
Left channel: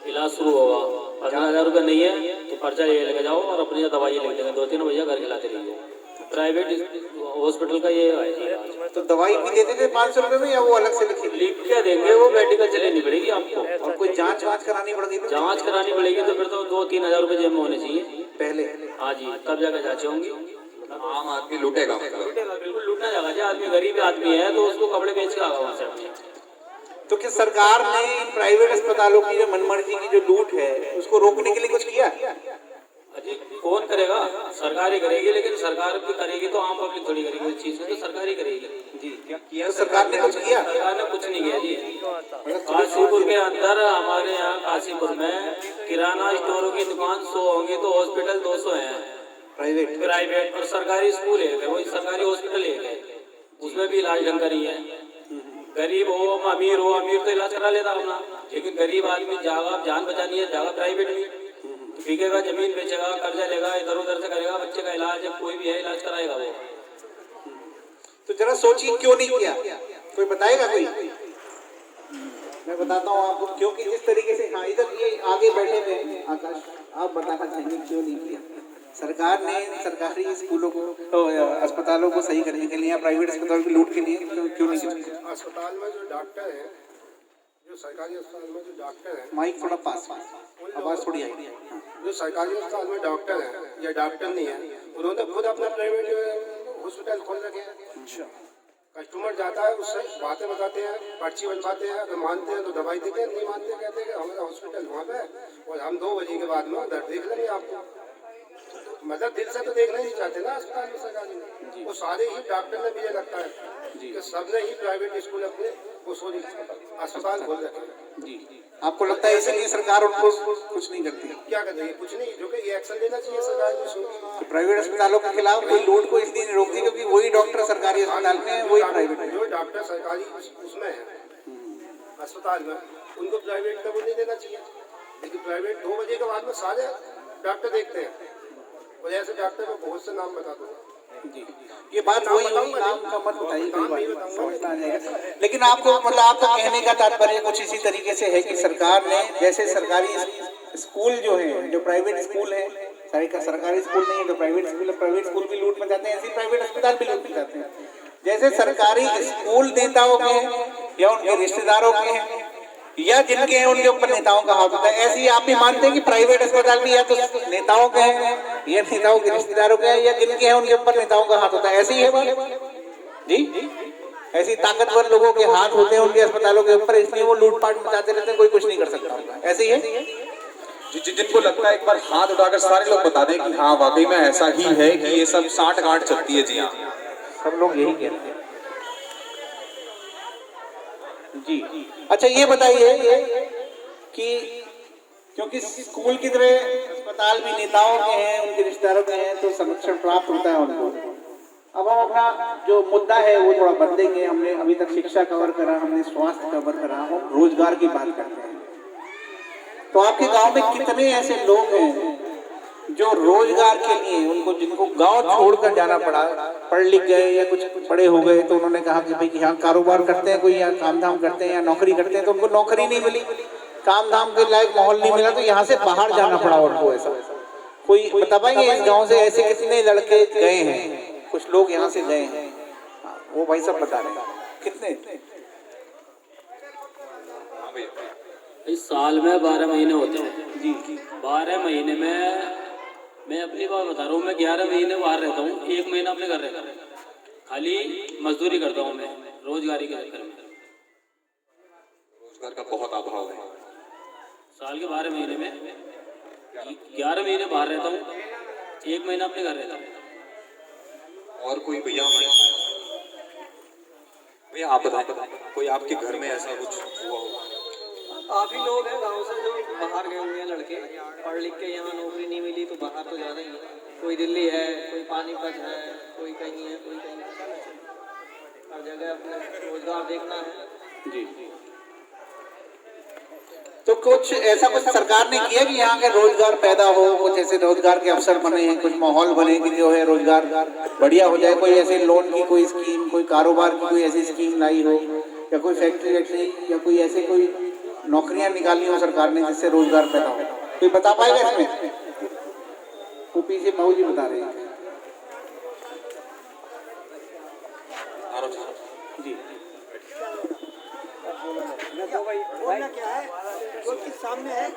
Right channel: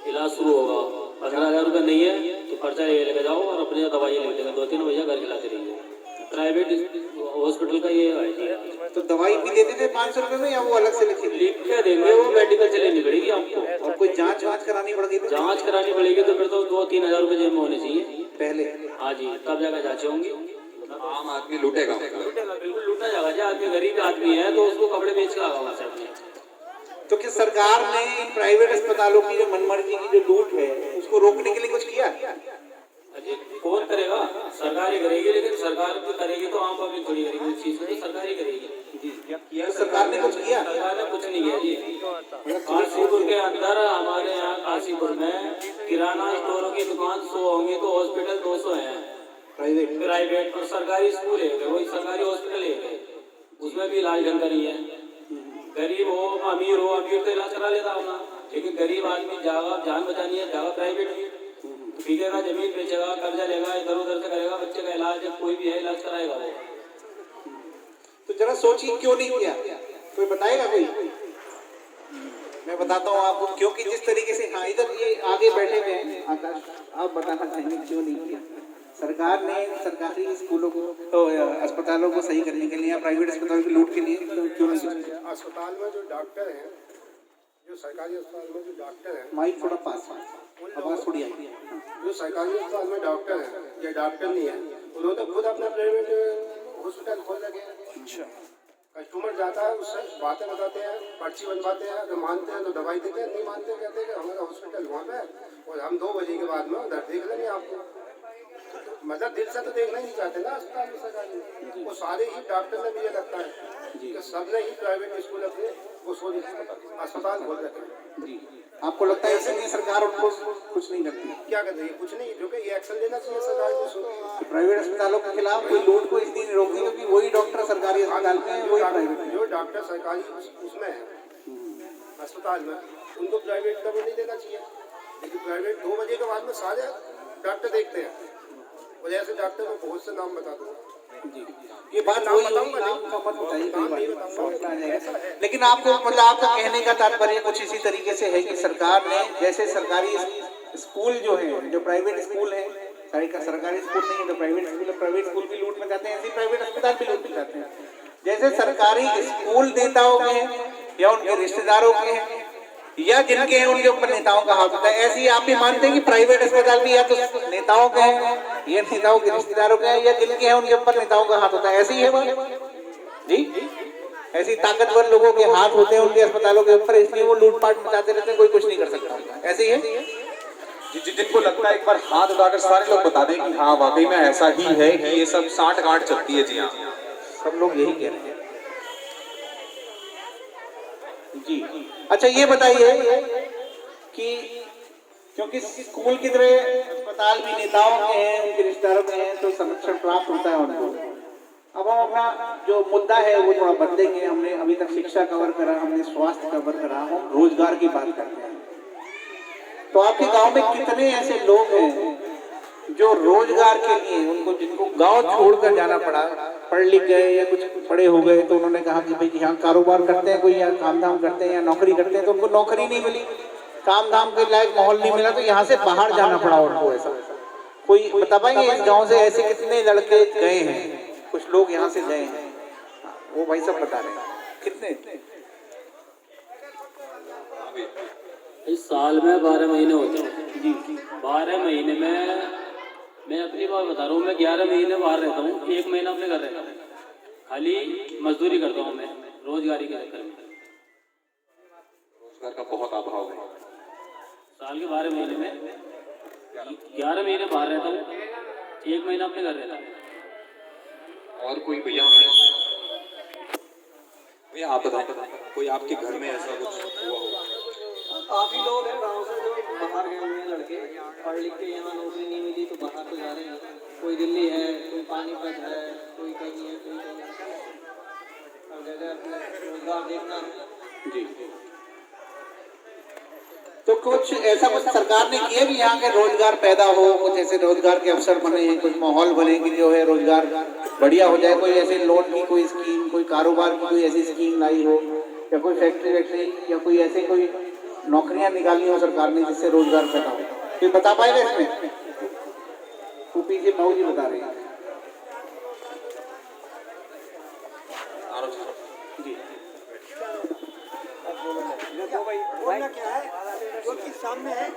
इलाज शुरू होगा। 15,000 रुपये नहीं है तो पर्चा ये लेके जाओ और अपनी दवाई लेके जाओ। 2-3 भैया घर खिलाते रहिए। प्राइवेट हॉस्पिटल का ये है। तो दवाई भी देते थे 500 रुपये में, या वो अलग से लिख के देंगे? वो मेडिकल से लेनी पड़ेगी आपको। और कोई जांच करानी पड़ेगी? जांच करानी पड़ेगी तो फिर तो 2-3 हज़ार रुपये जेब में होने चाहिए पहले। हाँ जी, तब जाकर जांच होंगी। आम आदमी लूटेगा, बिल्कुल लूटना जाएगा। जो आदमी गरीब आदमी है तो उसको कपड़े बेच के आगा वहाँ से अपने। तो क्या सरकार ने इन प्राइवेट अस्पतालों की जो मनमर्जी की जो लूट है उसको रोकने के लिए कुछ किया? अरे कौन करेगा? सरकार ही करेगी, लेकिन सरकार भी करेगी तो आम पब्लिक थोड़ी करेगी। उस चीज को तो सरकार ही करेगी जी। तो सरकार ने कुछ किया? सरकार ने कुछ नहीं किया जी। काशीपुर के अंदर, हमारे यहाँ काशीपुर में किराना स्टोरों की दुकान 100 होंगे तो हॉस्पिटल 200 है प्राइवेट। और सरकारी स्कूल है, वही सरकारी हॉस्पिटल है, उसमें भी इलाज ढंग का नहीं है। गरीब हो अमीर तो इलाज करा लेता अपना, लेकिन गरीब आदमी जान बचानी है, जागा प्राइवेट भी बिकेगा, जमीन बेचेगा, कर्जा लेगा, इधर उधर से करेगा, बच्चे का इलाज कोई भी है इलाज कराएगा वो। तो जरा सोचिए क्यों नहीं किया? कोई बताएगा? कोई मैं बताता हूँ आपको, क्योंकि जिस तरीके से, हाँ इधर ये आगे बैठे हुए हैं आकाश, आप बताना चाहेंगे क्यों नहीं किया? सरकार ने सरकारी स्कूलों को तो अस्पतालों को सही करने के लिए या प्राइवेट अस्पतालों की लूट के लिए क्यों नहीं किया? अस्पताल में जो डॉक्टर हैं, जो सरकारी अस्पताल में जो डॉक्टर हैं, माइक थोड़ा पास, आवाज थोड़ी आई। जो सरकारी अस्पताल में डॉक्टर हैं या डॉक्टर नहीं है, उन्होंने तो खुद अपना प्राइवेट हॉस्पिटल खोल रखे हैं। कस्टमर जाता है, उससे बातें बताते हैं, पर्ची बनवाते हैं, अगर मानते हैं तो दवाई देते हैं, नहीं मानते कहते हैं कि हमारा हॉस्पिटल वहाँ पे और हम 2 बजे के बाद में उधर देख लेंगे आपको। मतलब दिल से तो देखना नहीं चाहते ना अस्पताल में सरकारी में। वो सारे ही डॉक्टर ने, मुझे लगता है कि सबने ही प्राइवेट स्कूल अपने वो सॉरी अस्पताल खोल रखे हैं। आपको लगता है इसलिए सरकार उनको कुछ नहीं करती? क्या कर रही है? कुछ नहीं, जो कि ये एक्शन लेना चाहिए सरकार को। तो प्राइवेट अस्पतालों के खिलाफ कोई लूट को इसलिए नहीं रोकती क्योंकि वही डॉक्टर सरकारी अस्पताल में है, वही प्राइवेट। जो डॉक्टर सरकारी उसमें है अस्पताल में, उनको प्राइवेट का वो नहीं देना चाहिए। लेकिन प्राइवेट 2 बजे के बाद में सारे डॉक्टर देखते हैं, और ऐसे डॉक्टर में बहुत से नाम बता दूंगा। ये बात नाम बताऊंगा, नाम का मत बताइए, लेकिन आपको मतलब आपका कहने का तात्पर्य कुछ इसी तरीके से है कि सरकार ने, जैसे सरकारी स्कूल जो है, जो प्राइवेट स्कूल है, सरकारी स्कूल नहीं है तो प्राइवेट स्कूल भी लूट मचाते हैं, ऐसे प्राइवेट अस्पताल भी लूट मचाते हैं। जैसे सरकारी स्कूल नेताओं के या उनके रिश्तेदारों के हैं या जिनके हैं उनके ऊपर नेताओं का हाथ होता है, ऐसे ही आप भी मानते हैं कि प्राइवेट अस्पताल भी या तो नेताओं के हैं या नेताओं के रिश्तेदारों के हैं या जिनके हैं उनके ऊपर नेताओं का हाथ होता है? ऐसे ही है बात जी। ऐसी ताकतवर लोगों के हाथ होते हैं उनके अस्पतालों के ऊपर, इसलिए वो लूटपाट मचाते रहते हैं, कोई कुछ नहीं कर सकता। ऐसे ही है जिनको लगता है एक बार हाथ उठाकर सारे लोग बता दें कि हाँ वाकई में ऐसा ही है कि ये सब 60 गांठ चलती है जी। हाँ, सब लोग यही कहते हैं जी। अच्छा ये बताइए कि क्योंकि स्कूल की तरह अस्पताल भी नेताओं के हैं, उनके रिश्तेदारों के हैं, तो संरक्षण प्राप्त होता है उनको। अब हम अपना जो मुद्दा है वो थोड़ा बदलेंगे। हमने अभी तक शिक्षा कवर करा, हमने स्वास्थ्य कवर करा, हम रोजगार की बात करते हैं। तो आपके गांव में कितने ऐसे लोग हैं जो रोजगार के लिए, उनको जिनको गांव छोड़कर जाना पड़ा, पढ़ लिख गए या कुछ बड़े हो गए तो उन्होंने कहा कि भाई यहाँ कारोबार करते हैं, कोई यहाँ काम धाम करते हैं या नौकरी करते हैं, तो उनको नौकरी नहीं मिली, काम धाम के लायक माहौल नहीं मिला, तो यहाँ से बाहर जाना पड़ा उनको। ऐसा कोई बता पाएंगे इस गाँव से ऐसे कितने लड़के गए हैं? कुछ लोग यहाँ से गए हैं, वो भाई सब बता रहे हैं कितने? इस साल में 12 महीने होते हैं जी। 12 महीने में मैं अपनी बात बता रहा हूँ, मैं 11 महीने बाहर रहता हूँ, 1 महीना अपने घर रहता हूँ, खाली मजदूरी करता हूँ मैं रोजगारी के चक्कर में। रोजगार का बहुत अभाव है। साल के 12 महीने में 11 महीने बाहर रहता हूँ, 1 महीना अपने घर रहता हूँ। और कोई भैया आप बताएं, कोई आपके घर में ऐसा कुछ हुआ हो? काफी लोग हैं गांव से जो बाहर गए हुए हैं लड़के, पढ़ लिख के यहाँ नौकरी नहीं मिली तो बाहर तो जा रहे हैं। कोई दिल्ली है, कोई पानीपत है, कोई कहीं है, कोई कहीं है। हर जगह अपना रोजगार देखना है। जी। तो कुछ ऐसा कुछ सरकार ने किया कि यहाँ का रोजगार पैदा हो, कुछ ऐसे रोजगार के अवसर बने हैं, कुछ माहौल बने कि जो है रोजगार बढ़िया हो जाए? कोई ऐसे लोन की कोई स्कीम, कोई कारोबार की कोई ऐसी स्कीम लाई हो, या कोई फैक्ट्री वैक्ट्री, या कोई ऐसे कोई नौकरियां निकाली हो सरकार ने जिससे रोजगार पैदा हो? कोई बता पाएगा इसमें? तो पीछे मऊ जी बता रहे हैं। जी बोलना क्या है जो कि सामने है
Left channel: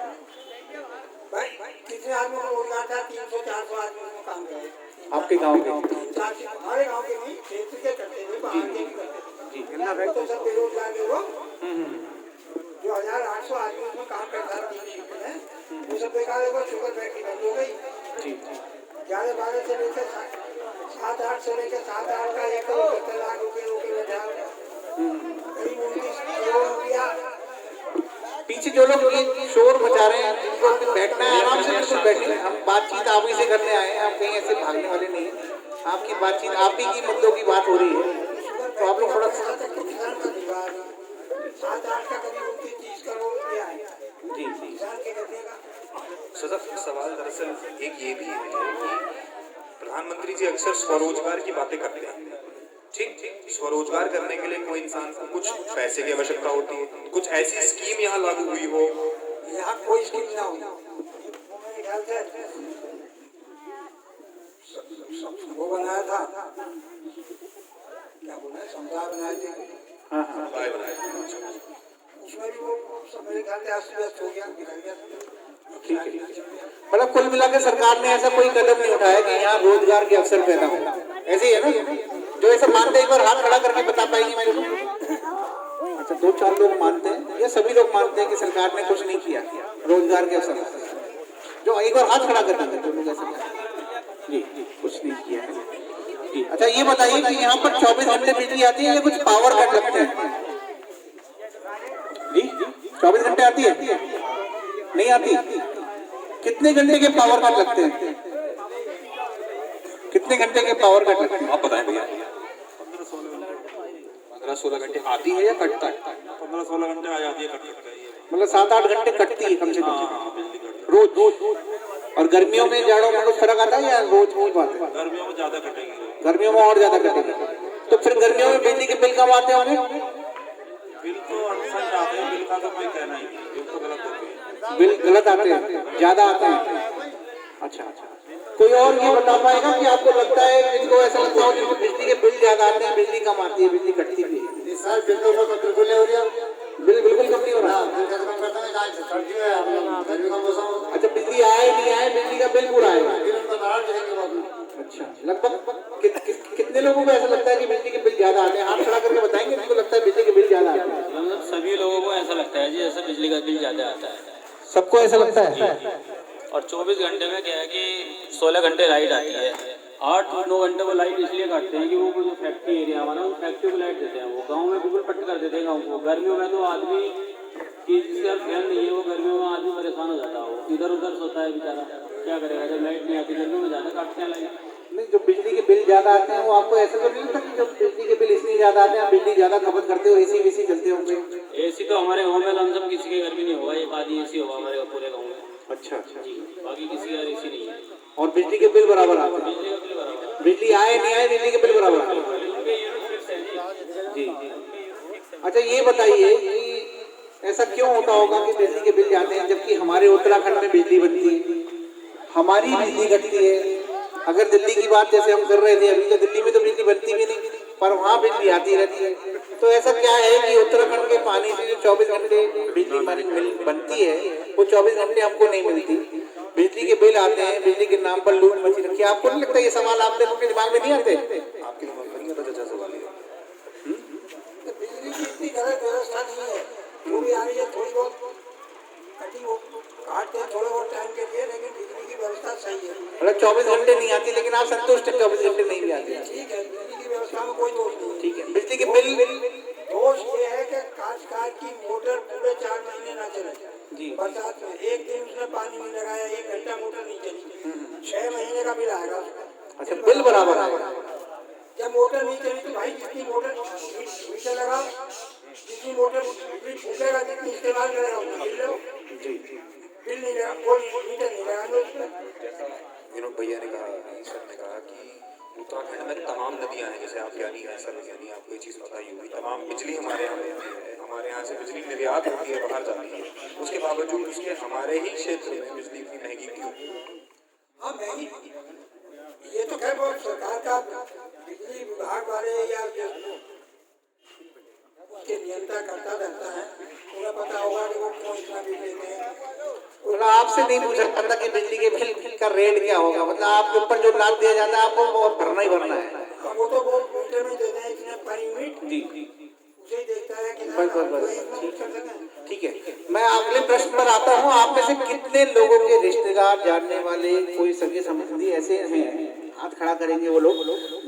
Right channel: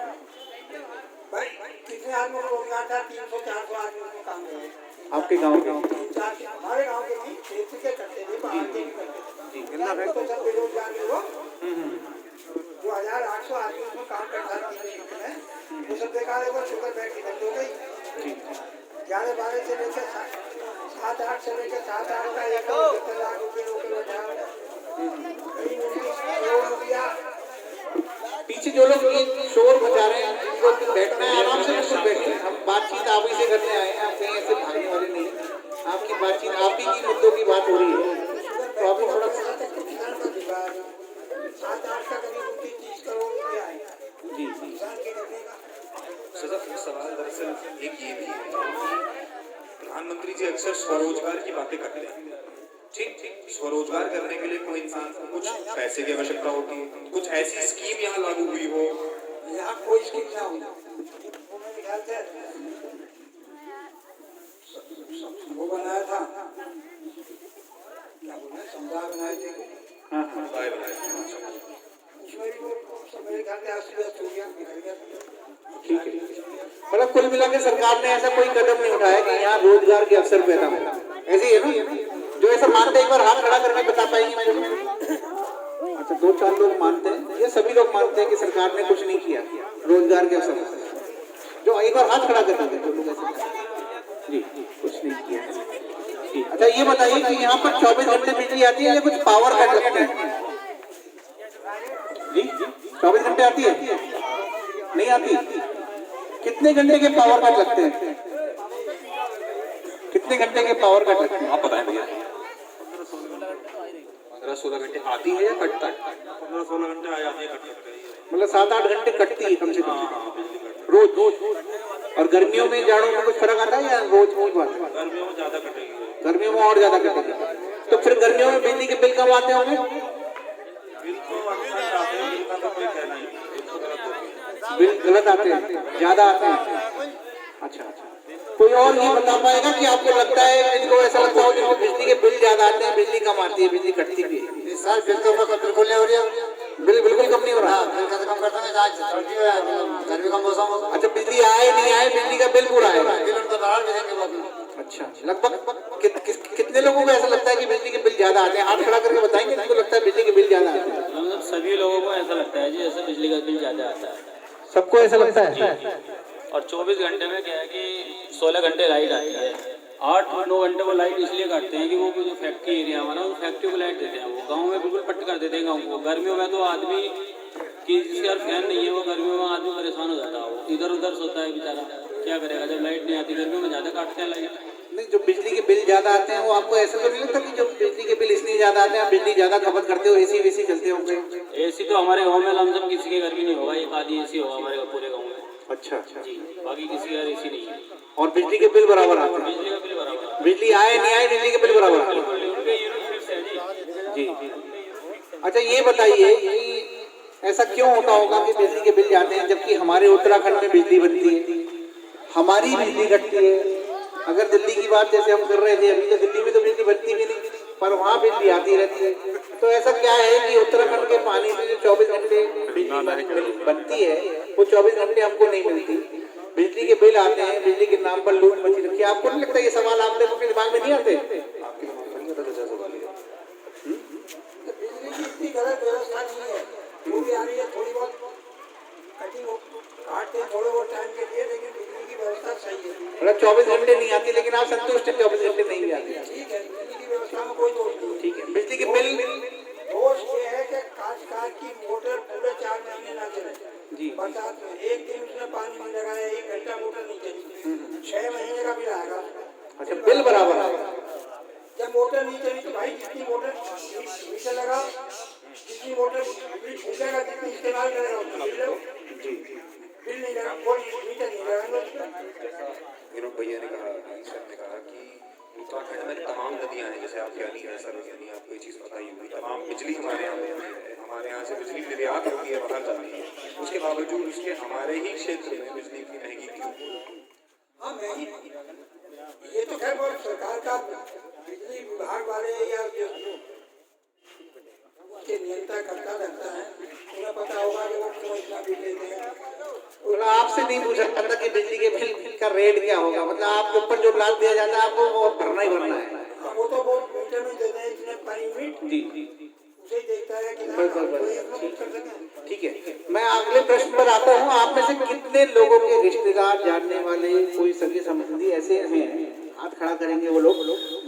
भाई। कितने आदमियों को रोजगार था? 300-400 आदमी उसमें काम गए। आपके गांव के? हमारे गांव के नहीं, क्षेत्र के करते थे, बाहर के नहीं करते थे। तो सब बेरोजगार थे वो। जो 1800 आदमी उसमें काम करता था 3 शिफ्ट में, वो सब बेकार हो गए। शुगर फैक्ट्री बंद हो गई। 11-12 से लेकर 7-8 से लेकर 7-8 का 1 लाख रुपये रोके बैठा। करीब 19 करोड़ रुपया। पीछे जो लोग शोर मचा रहे हैं जिनको बैठना है आराम से बिल्कुल बैठिए। हम बातचीत आप ही से करने आए हैं, हम कहीं ऐसे भागने वाले नहीं। आपकी बातचीत आप ही की मुद्दों की बात हो रही है, तो आप लोग थोड़ा सा। किसान का दीवार 7-8 का करीब 30 करोड़ रुपया है जी किसान के करने का। सवाल दरअसल एक ये भी है कि प्रधानमंत्री जी अक्सर स्वरोजगार की बातें करते हैं। ठीक, स्वरोजगार करने के लिए कोई इंसान को कुछ पैसे की आवश्यकता होती है, कुछ ऐसी स्कीम यहाँ लागू हुई हो? यहाँ कोई स्कीम ना हुई। वो मेरे ख्याल से वो बनाया था, क्या बोले, समुदाय बनाए थे। उसमें भी वो सब मेरे ख्याल से अस्त-व्यस्त हो गया, निकल गया। मतलब कुल मिलाकर सरकार ने ऐसा कोई कदम नहीं उठाया कि यहाँ रोजगार के अवसर पैदा हो। ऐसे ही है ना? जो ऐसा मानते हैं एक बार हाथ खड़ा करके बता पाएंगे मेरे? अच्छा, 2-4 लोग मानते हैं, ये सभी लोग मानते हैं कि सरकार ने कुछ नहीं किया रोजगार के अवसर? जो एक बार हाथ खड़ा कर देंगे जी, कुछ नहीं किया जी। अच्छा, ये बताइए कि यहाँ पर 24 घंटे बिजली आती है या कुछ पावर कट लगता है? जी 24 घंटे आती है? नहीं आती। कितने घंटे के पावर कट लगते हैं? कितने घंटे के पावर कट लगते हैं आप बताएं भैया? 15-16 घंटे आती है या कटता है? 15-16 घंटे आ जाती है, कट सकता है। मतलब 7-8 घंटे कटती है कम से कम रोज। और गर्मियों में, जाड़ों में कुछ फर्क आता है या रोज बात है? गर्मियों में ज्यादा कटेगी। गर्मियों में और ज्यादा कटेगी। तो फिर गर्मियों में बिजली के बिल कम आते होंगे? बिल तो अक्सर आते हैं, बिल का तो कोई कहना ही नहीं, बिल तो गलत होते हैं। बिल गलत आते हैं, ज्यादा आते हैं। अच्छा, कोई और ये बता पाएगा कि आपको लगता है, इनको ऐसा लगता हो कि बिजली के बिल ज्यादा आते हैं, बिजली कम आती है, बिजली कटती भी है? सर बिल तो बिल्कुल नहीं हो रही है। बिल बिल्कुल कम नहीं हो रहा। बिल कैसे कम करता है? सर्दी में, गर्मी का मौसम हो। अच्छा, बिजली आए नहीं आए, बिजली का बिल पूरा आएगा। बिल तो बढ़ा भी देंगे बाबू। अच्छा, लगभग कितने लोगों को ऐसा लगता है कि बिजली के बिल ज्यादा आते हैं? हाथ खड़ा करके बताएंगे जिनको लगता है बिजली के बिल ज्यादा आते हैं। सभी लोगों को ऐसा लगता है जी, ऐसे बिजली का बिल ज्यादा आता है। सबको ऐसा लगता है? और 24 घंटे में क्या है कि 16 घंटे लाइट आती है। 8-9 घंटे वो लाइट इसलिए काटते हैं कि वो जो फैक्ट्री एरिया वाला उन फैक्ट्री को लाइट देते हैं। वो गांव में बिल्कुल कट कर देते हैं गांव को। गर्मियों में तो आदमी की जिसके यार फैन नहीं है, वो गर्मियों में आदमी परेशान हो जाता है। वो इधर उधर सोता है बेचारा, क्या करेगा जब लाइट नहीं आती। गर्मियों में ज़्यादा काटते हैं लाइट। नहीं, जो बिजली के बिल ज्यादा आते हैं वो आपको ऐसा तो नहीं लगता कि जब बिजली के बिल इसलिए ज्यादा आते हैं, बिजली ज्यादा खपत करते हो, एसी वेसी चलते होंगे? एसी तो हमारे गाँव में लमसम किसी के घर भी नहीं होगा, एक आधी एसी होगा हमारे पूरे गाँव में। अच्छा जी, बाकी किसी का एसी नहीं है। और बिजली के बिल बराबर आते हैं? बिजली का बिल बराबर, बिजली आए नहीं आए, बिजली के बिल बराबर आते हैं? उनके यूनिट फिक्स है जी। अच्छा, ये बताइए कि ऐसा क्यों होता होगा कि बिजली के बिल जाते हैं जबकि हमारे उत्तराखंड में बिजली बनती है, हमारी बिजली घटती है? अगर दिल्ली की बात जैसे हम कर रहे थे, अभी तो दिल्ली में तो बिजली बनती भी नहीं, पर वहाँ बिजली आती रहती है। तो ऐसा क्या है कि उत्तराखंड के पानी से जो 24 घंटे बिजली बनती है वो 24 घंटे हमको नहीं मिलती? बिजली के बिल आते हैं, बिजली के नाम पर लूट मची रखी है। आपको नहीं लगता ये सवाल आपके दिमाग में नहीं आते? बिजली की इतनी गलत व्यवस्था नहीं है, जो भी आ रही है थोड़ी बहुत कटिंग काटते हैं थोड़े बहुत टाइम के लिए, लेकिन बिजली की व्यवस्था सही है। मतलब 24 घंटे नहीं आती, लेकिन आप संतुष्ट हैं 24 घंटे नहीं भी आती? ठीक है, बिजली की व्यवस्था में कोई दोष नहीं है। ठीक है। बिजली के बिल दोष ये है कि काशकार की मोटर पूरे 4 महीने ना चले। बिल बराबर आएगा। जब मोटर नहीं चली तो भाई जितनी मोटर मीटर लगाओ, जितनी मोटर बिजली फूकेगा, जितनी इस्तेमाल करेगा उतना बिल लो। बिल नहीं लगा, वो मीटर नहीं लगाएंगे उस पर। विनोद भैया ने कहा, सर ने कहा कि उत्तराखंड में तमाम नदियाँ हैं, जैसे आप यानी है सर, यानी आपको ये चीज़ पता ही होगी, तमाम बिजली हमारे यहाँ होती है, हमारे यहाँ से बिजली निर्यात होती है, बाहर जाती है, उसके बावजूद उसके हमारे ही क्षेत्र में बिजली की महंगी क्यों? हाँ महंगी, ये तो खैर वो सरकार का बिजली विभाग वाले या जो के नियंत्रण करता रहता है, उन्हें पता होगा कि वो क्यों इतना बिल लेते हैं। मतलब आपसे नहीं पूछा पता कि बिजली के बिल का रेट क्या होगा, मतलब आपके ऊपर जो लाभ दिया जाता है आपको वो भरना ही भरना है। हाँ, वो तो वो मीटर में देते हैं इतने पर यूनिट, जी उसे ही देखता है कि ठीक है। मैं अगले प्रश्न पर आता हूँ। आप में से कितने लोगों के रिश्तेदार, जानने वाले, कोई सगे संबंधी ऐसे हैं, हाथ खड़ा करेंगे वो लोग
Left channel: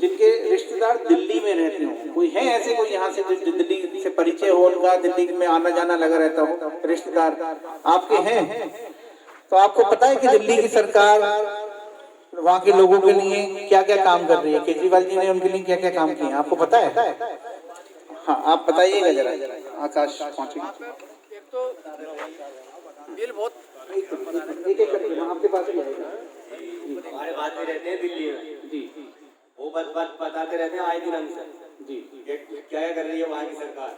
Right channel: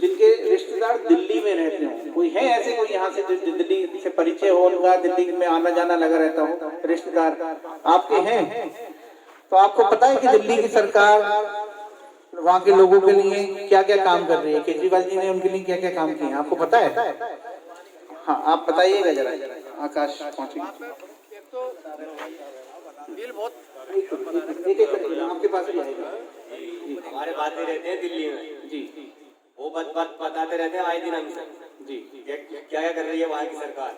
जिनके रिश्तेदार दिल्ली में रहते हो? कोई है ऐसे, कोई यहाँ से जो दिल्ली से परिचय हो उनका, दिल्ली में आना जाना लगा रहता हो, रिश्तेदार आपके हैं? तो आपको पता है कि दिल्ली की सरकार वहाँ के लोगों के लिए क्या क्या काम कर रही है? केजरीवाल जी ने उनके लिए क्या क्या काम किए हैं, आपको पता है? हाँ, आप बताइएगा जरा, आकाश पहुँचे। बिल बहुत एक एक करके आपके पास ही आएगा। हमारे बात नहीं रहते हैं दिल्ली में जी, वो बात बताते रहते हैं आए दिन हमसे जी, क्या क्या कर रही है वहाँ की सरकार।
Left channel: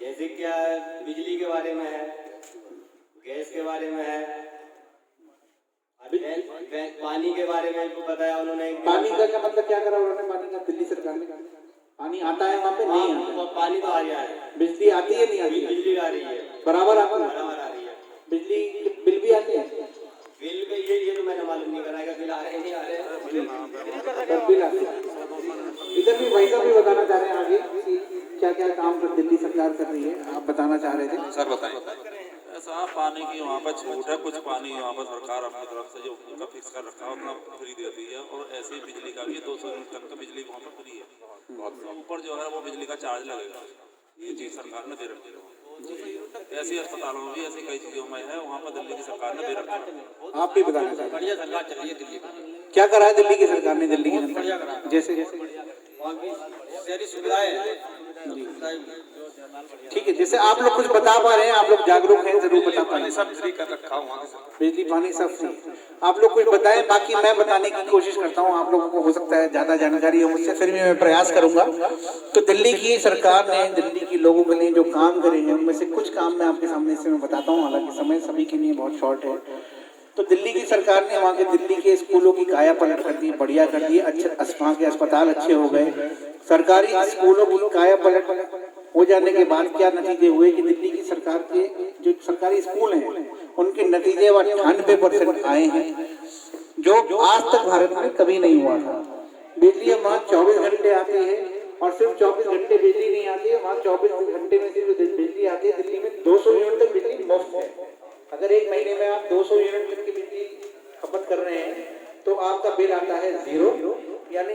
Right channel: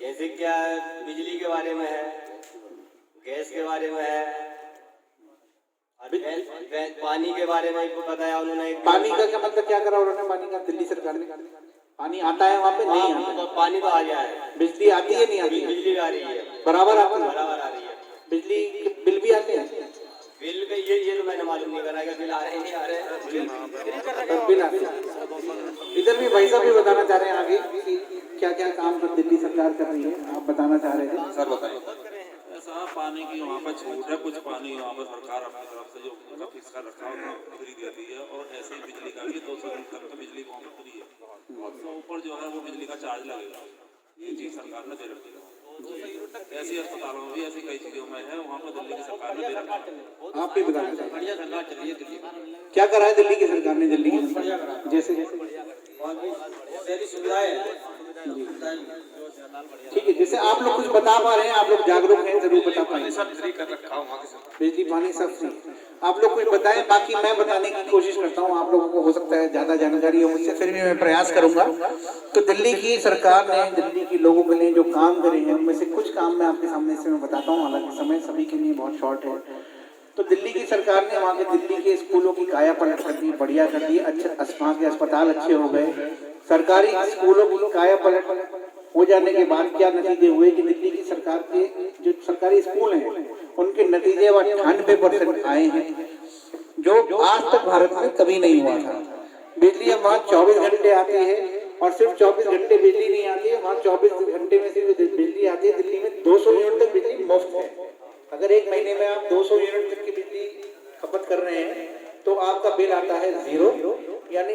जैसे क्या बिजली के बारे में है, गैस के बारे में है, अभी पानी के बारे में बताया उन्होंने। पानी का क्या मतलब, क्या करा उन्होंने पानी का? दिल्ली सरकार ने पानी आता है वहाँ पे? नहीं आता। पानी तो आ गया है। बिजली आती है नहीं आती? बिजली आ रही है, बराबर आती है? बराबर आ रही है। बिजली के बिल भी आते हैं? बिल का ये तो मैंने मालूम नहीं करा बिल आ रहे हैं नहीं आ रहे हैं। बिल आते हैं। इधर भी वैसा भी बताना चाह रहे हैं आगे कि क्या क्या काम कर दिल्ली सरकार कर रही है, आप बताना चाह रहे थे सर, बताएं। ऐसा पानी की वहाँ पर छूट है, कुछ पानी वहाँ पर सरकार अपनी तरफ से जो मतलब फिक्स कर रखा है उतना फ्री देती है, और ऐसे ही बिजली का भी 200 यूनिट तक का बिजली वहाँ पर फ्री है, तो ऊपर जो है वो बिजली का चार्ज लगेगा, ये चीज़ सरकार ने दे रखी है। ऐसी अस्पतालों में भी ऐसी कई चीज़ों में है, वहाँ पर दिल्ली की सरकार ने दे रखा है। आप भी बताना चाहिए, बढ़िया सरकार चल रही है दिल्ली में। क्या करा है दिल्ली की सरकार ने? दिल्ली की बढ़िया करा, जैसे वहाँ की शहरी सुविधाएं। ठीक है, जैसे आप लोग कुछ बता पा रहे हैं, आप लोग जागरूक हैं, जरूर बता पा रहे हैं। सब फ्री कर रखा हूँ, बिजली पानी सब फ्री। आप लोग कुछ बताएं, बाकी मैं बताने की कोशिश करता हूँ। आप लोगों को हो सकता है ज्यादा जानकारी हो मुझसे, फिर भी मैं प्रयास करूंगा। तो दिल्ली की सरकार ने दिल्ली के लोगों के लिए जो काम करे हैं उनमें से कुछ काम मैं आपके सामने से मैं बताता हूँ, हालांकि समय सभी के लिए बहुत शॉर्ट है। तो दिल्ली की सरकार ने वहाँ के दिल्ली के स्कूलों की काया पलट कर दी, बढ़िया कर दी, वहाँ के अस्पताल अच्छे हो गए। सरकारी स्कूलों की काया पलट हो जाने के बाद क्या नतीजे हुए कि दिल्ली की सरकार के जो सरकारी स्कूल हैं उनके नतीजे 98% आए हैं, जो आज तक भारत में कभी नहीं हुआ था। बिजली वहाँ 24 घंटे आती है, और सिर्फ 24 घंटे बिजली नहीं आती है, वहाँ 24 घंटे में से जो बिजली आती है दिल्ली में 200 यूनिट तक बिजली मुफ्त है। अगर एक महीने में आप 200 यूनिट तक की बिजली खपत कर रहे हैं तो आपका बिल आता है 0, यानी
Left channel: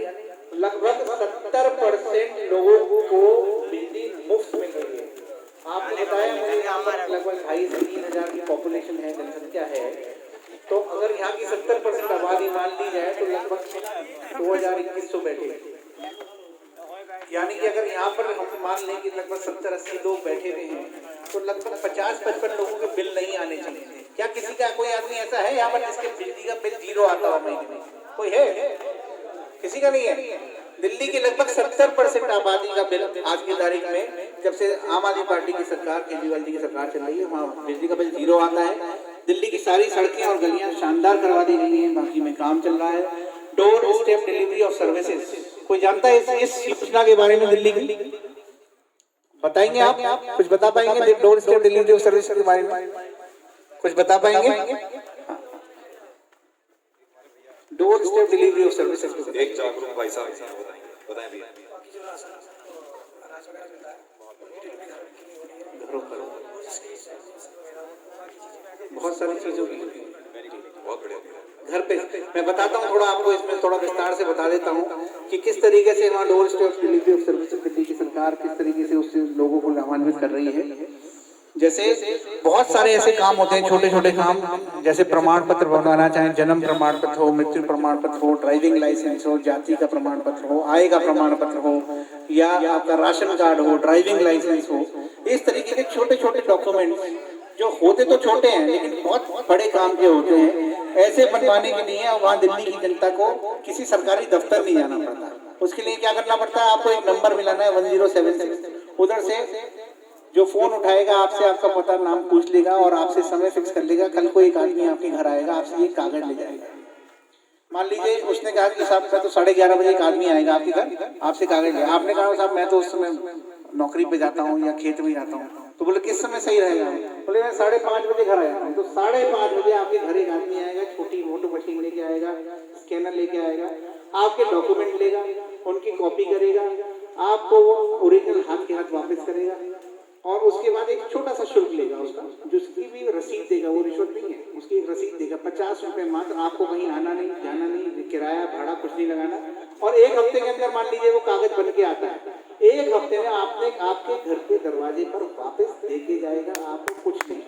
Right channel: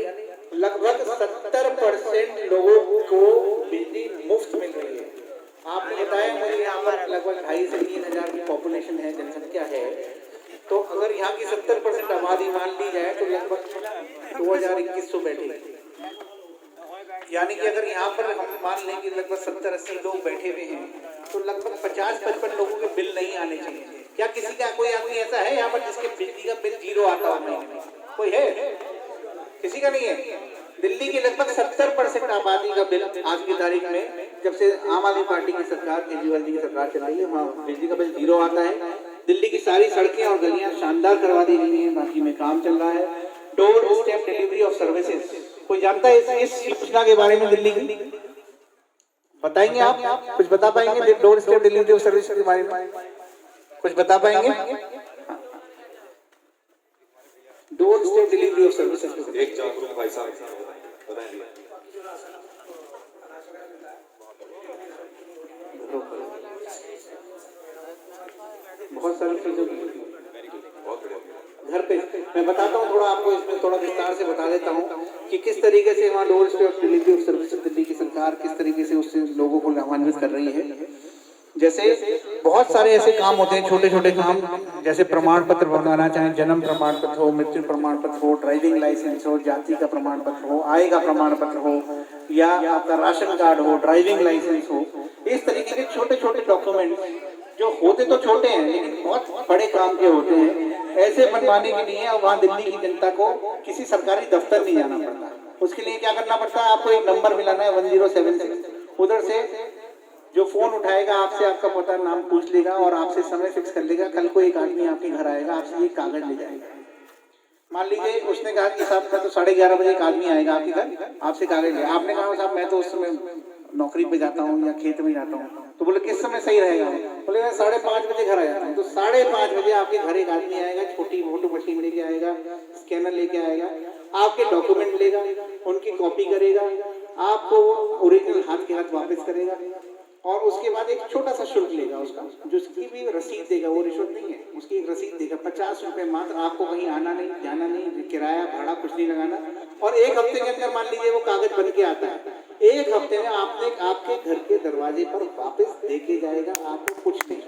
लगभग 70% लोगों को बिजली मुफ्त मिल रही है। आपने बताया मेरे यहाँ पर लगभग 2,500 से 3,000 की पॉपुलेशन है, जनसंख्या है, तो अगर यहाँ की 70% आबादी मान ली जाए तो लगभग 2,2100 बैठे, यानी कि अगर यहाँ पर हम मान लें कि लगभग 70-80 लोग बैठे हुए हैं तो लगभग 50-55 लोगों के बिल नहीं आने चाहिए। क्या किसी का कोई आदमी ऐसा है यहाँ पर जिसके बिजली का बिल 0 आता हो महीने में? कोई है? किसी का नहीं है। दिल्ली की लगभग 70% आबादी का बिल आज की तारीख में, जब से आम आदमी पार्टी की सरकार, केजरीवाल जी की सरकार चल रही है, वहाँ बिजली का बिल 0 आता है। दिल्ली की सारी सड़कें और गलियां शानदार करवा दी गई हैं, बाकी में काम चल रहा है। Door step delivery of services, कोई जानता है इस योजना के बारे में? दिल्ली की बताएंगे आप? कुछ बता पाएंगे door step delivery of service के बारे में? कुछ बता पाएंगे? Door step delivery of services एक जागरूक भाई साहब बताएंगे। बहुत सारी चीजों की बहुत बढ़िया। घर पे मैं बताता हूँ, थोड़ा आपको इसमें थोड़ा विस्तार से बता देता हूँ कि किस तरीके से वहाँ door step delivery of service Delhi की सरकार किस तरीके से उससे लोगों को लाभान्वित कर रही है। जैसे बहुत सारे ऐसे काम होते हैं, छोटे छोटे काम, जैसे प्रमाण पत्र बनवाना चाहें, जन्म प्रमाण पत्र हो, मृत्यु प्रमाण पत्र हो, ड्राइविंग लाइसेंस हो, जाति का प्रमाण पत्र हो, आय का प्रमाण पत्र हो, या आपका राशन कार्ड हो, ड्राइविंग लाइसेंस हो, इस तरीके के छोटे छोटे डॉक्यूमेंट्स जो होते तो छोटे हैं लेकिन बहुत बड़े काम के होते हैं, ऐसे बनवाने के लिए वहाँ दिल्ली की जनता को किसी सरकारी दफ्तर नहीं जाना पड़ता। उसके लिए क्या करना पड़ता है, आपको एक नंबर मिलाना है 1076, उधर से जो फोन उठाएगा आपसे आपका पता नाम पूछ लेगा और आपसे समय फिक्स कर लेगा। कल को एक आदमी आपके घर आएगा, आपसे ये कागज ले जाएगा। मान लीजिए उसने कहा कि साहब तो 11:30 बजे एक आदमी आएगा आपके घर, आपसे कागज ले, आपने कहा साहब मैं तो उस समय नौकरी पे जाता हूँ या खेत में जाता हूँ, तो बोले किस समय सही रहेगा, बोले मैं 5:30 बजे घर आ जाता हूँ। तो 5:30 बजे आपके घर एक आदमी आएगा, छोटी फोटो मशीन लेके आएगा, स्कैनर लेके आएगा, आपके डॉक्यूमेंट लेगा, उनकी कॉपी करेगा, आपको ओरिजिनल हाथ के हाथ वापस करेगा और उसके बाद एक छोटा सा शुल्क लेगा उसका, जिसकी भी रसीद देगा, वो रिश्वत नहीं है, उसकी एक रसीद देगा 50 रुपए मात्र। आपको कहीं आना नहीं, जाना नहीं, किराया भाड़ा कुछ नहीं लगाना। और एक हफ्ते के अंदर मान लीजिए वो कागज बन के आता है, एक हफ्ते में आपने आपके घर के दरवाजे पर वापस देके जाएगा, आपको कुछ नहीं।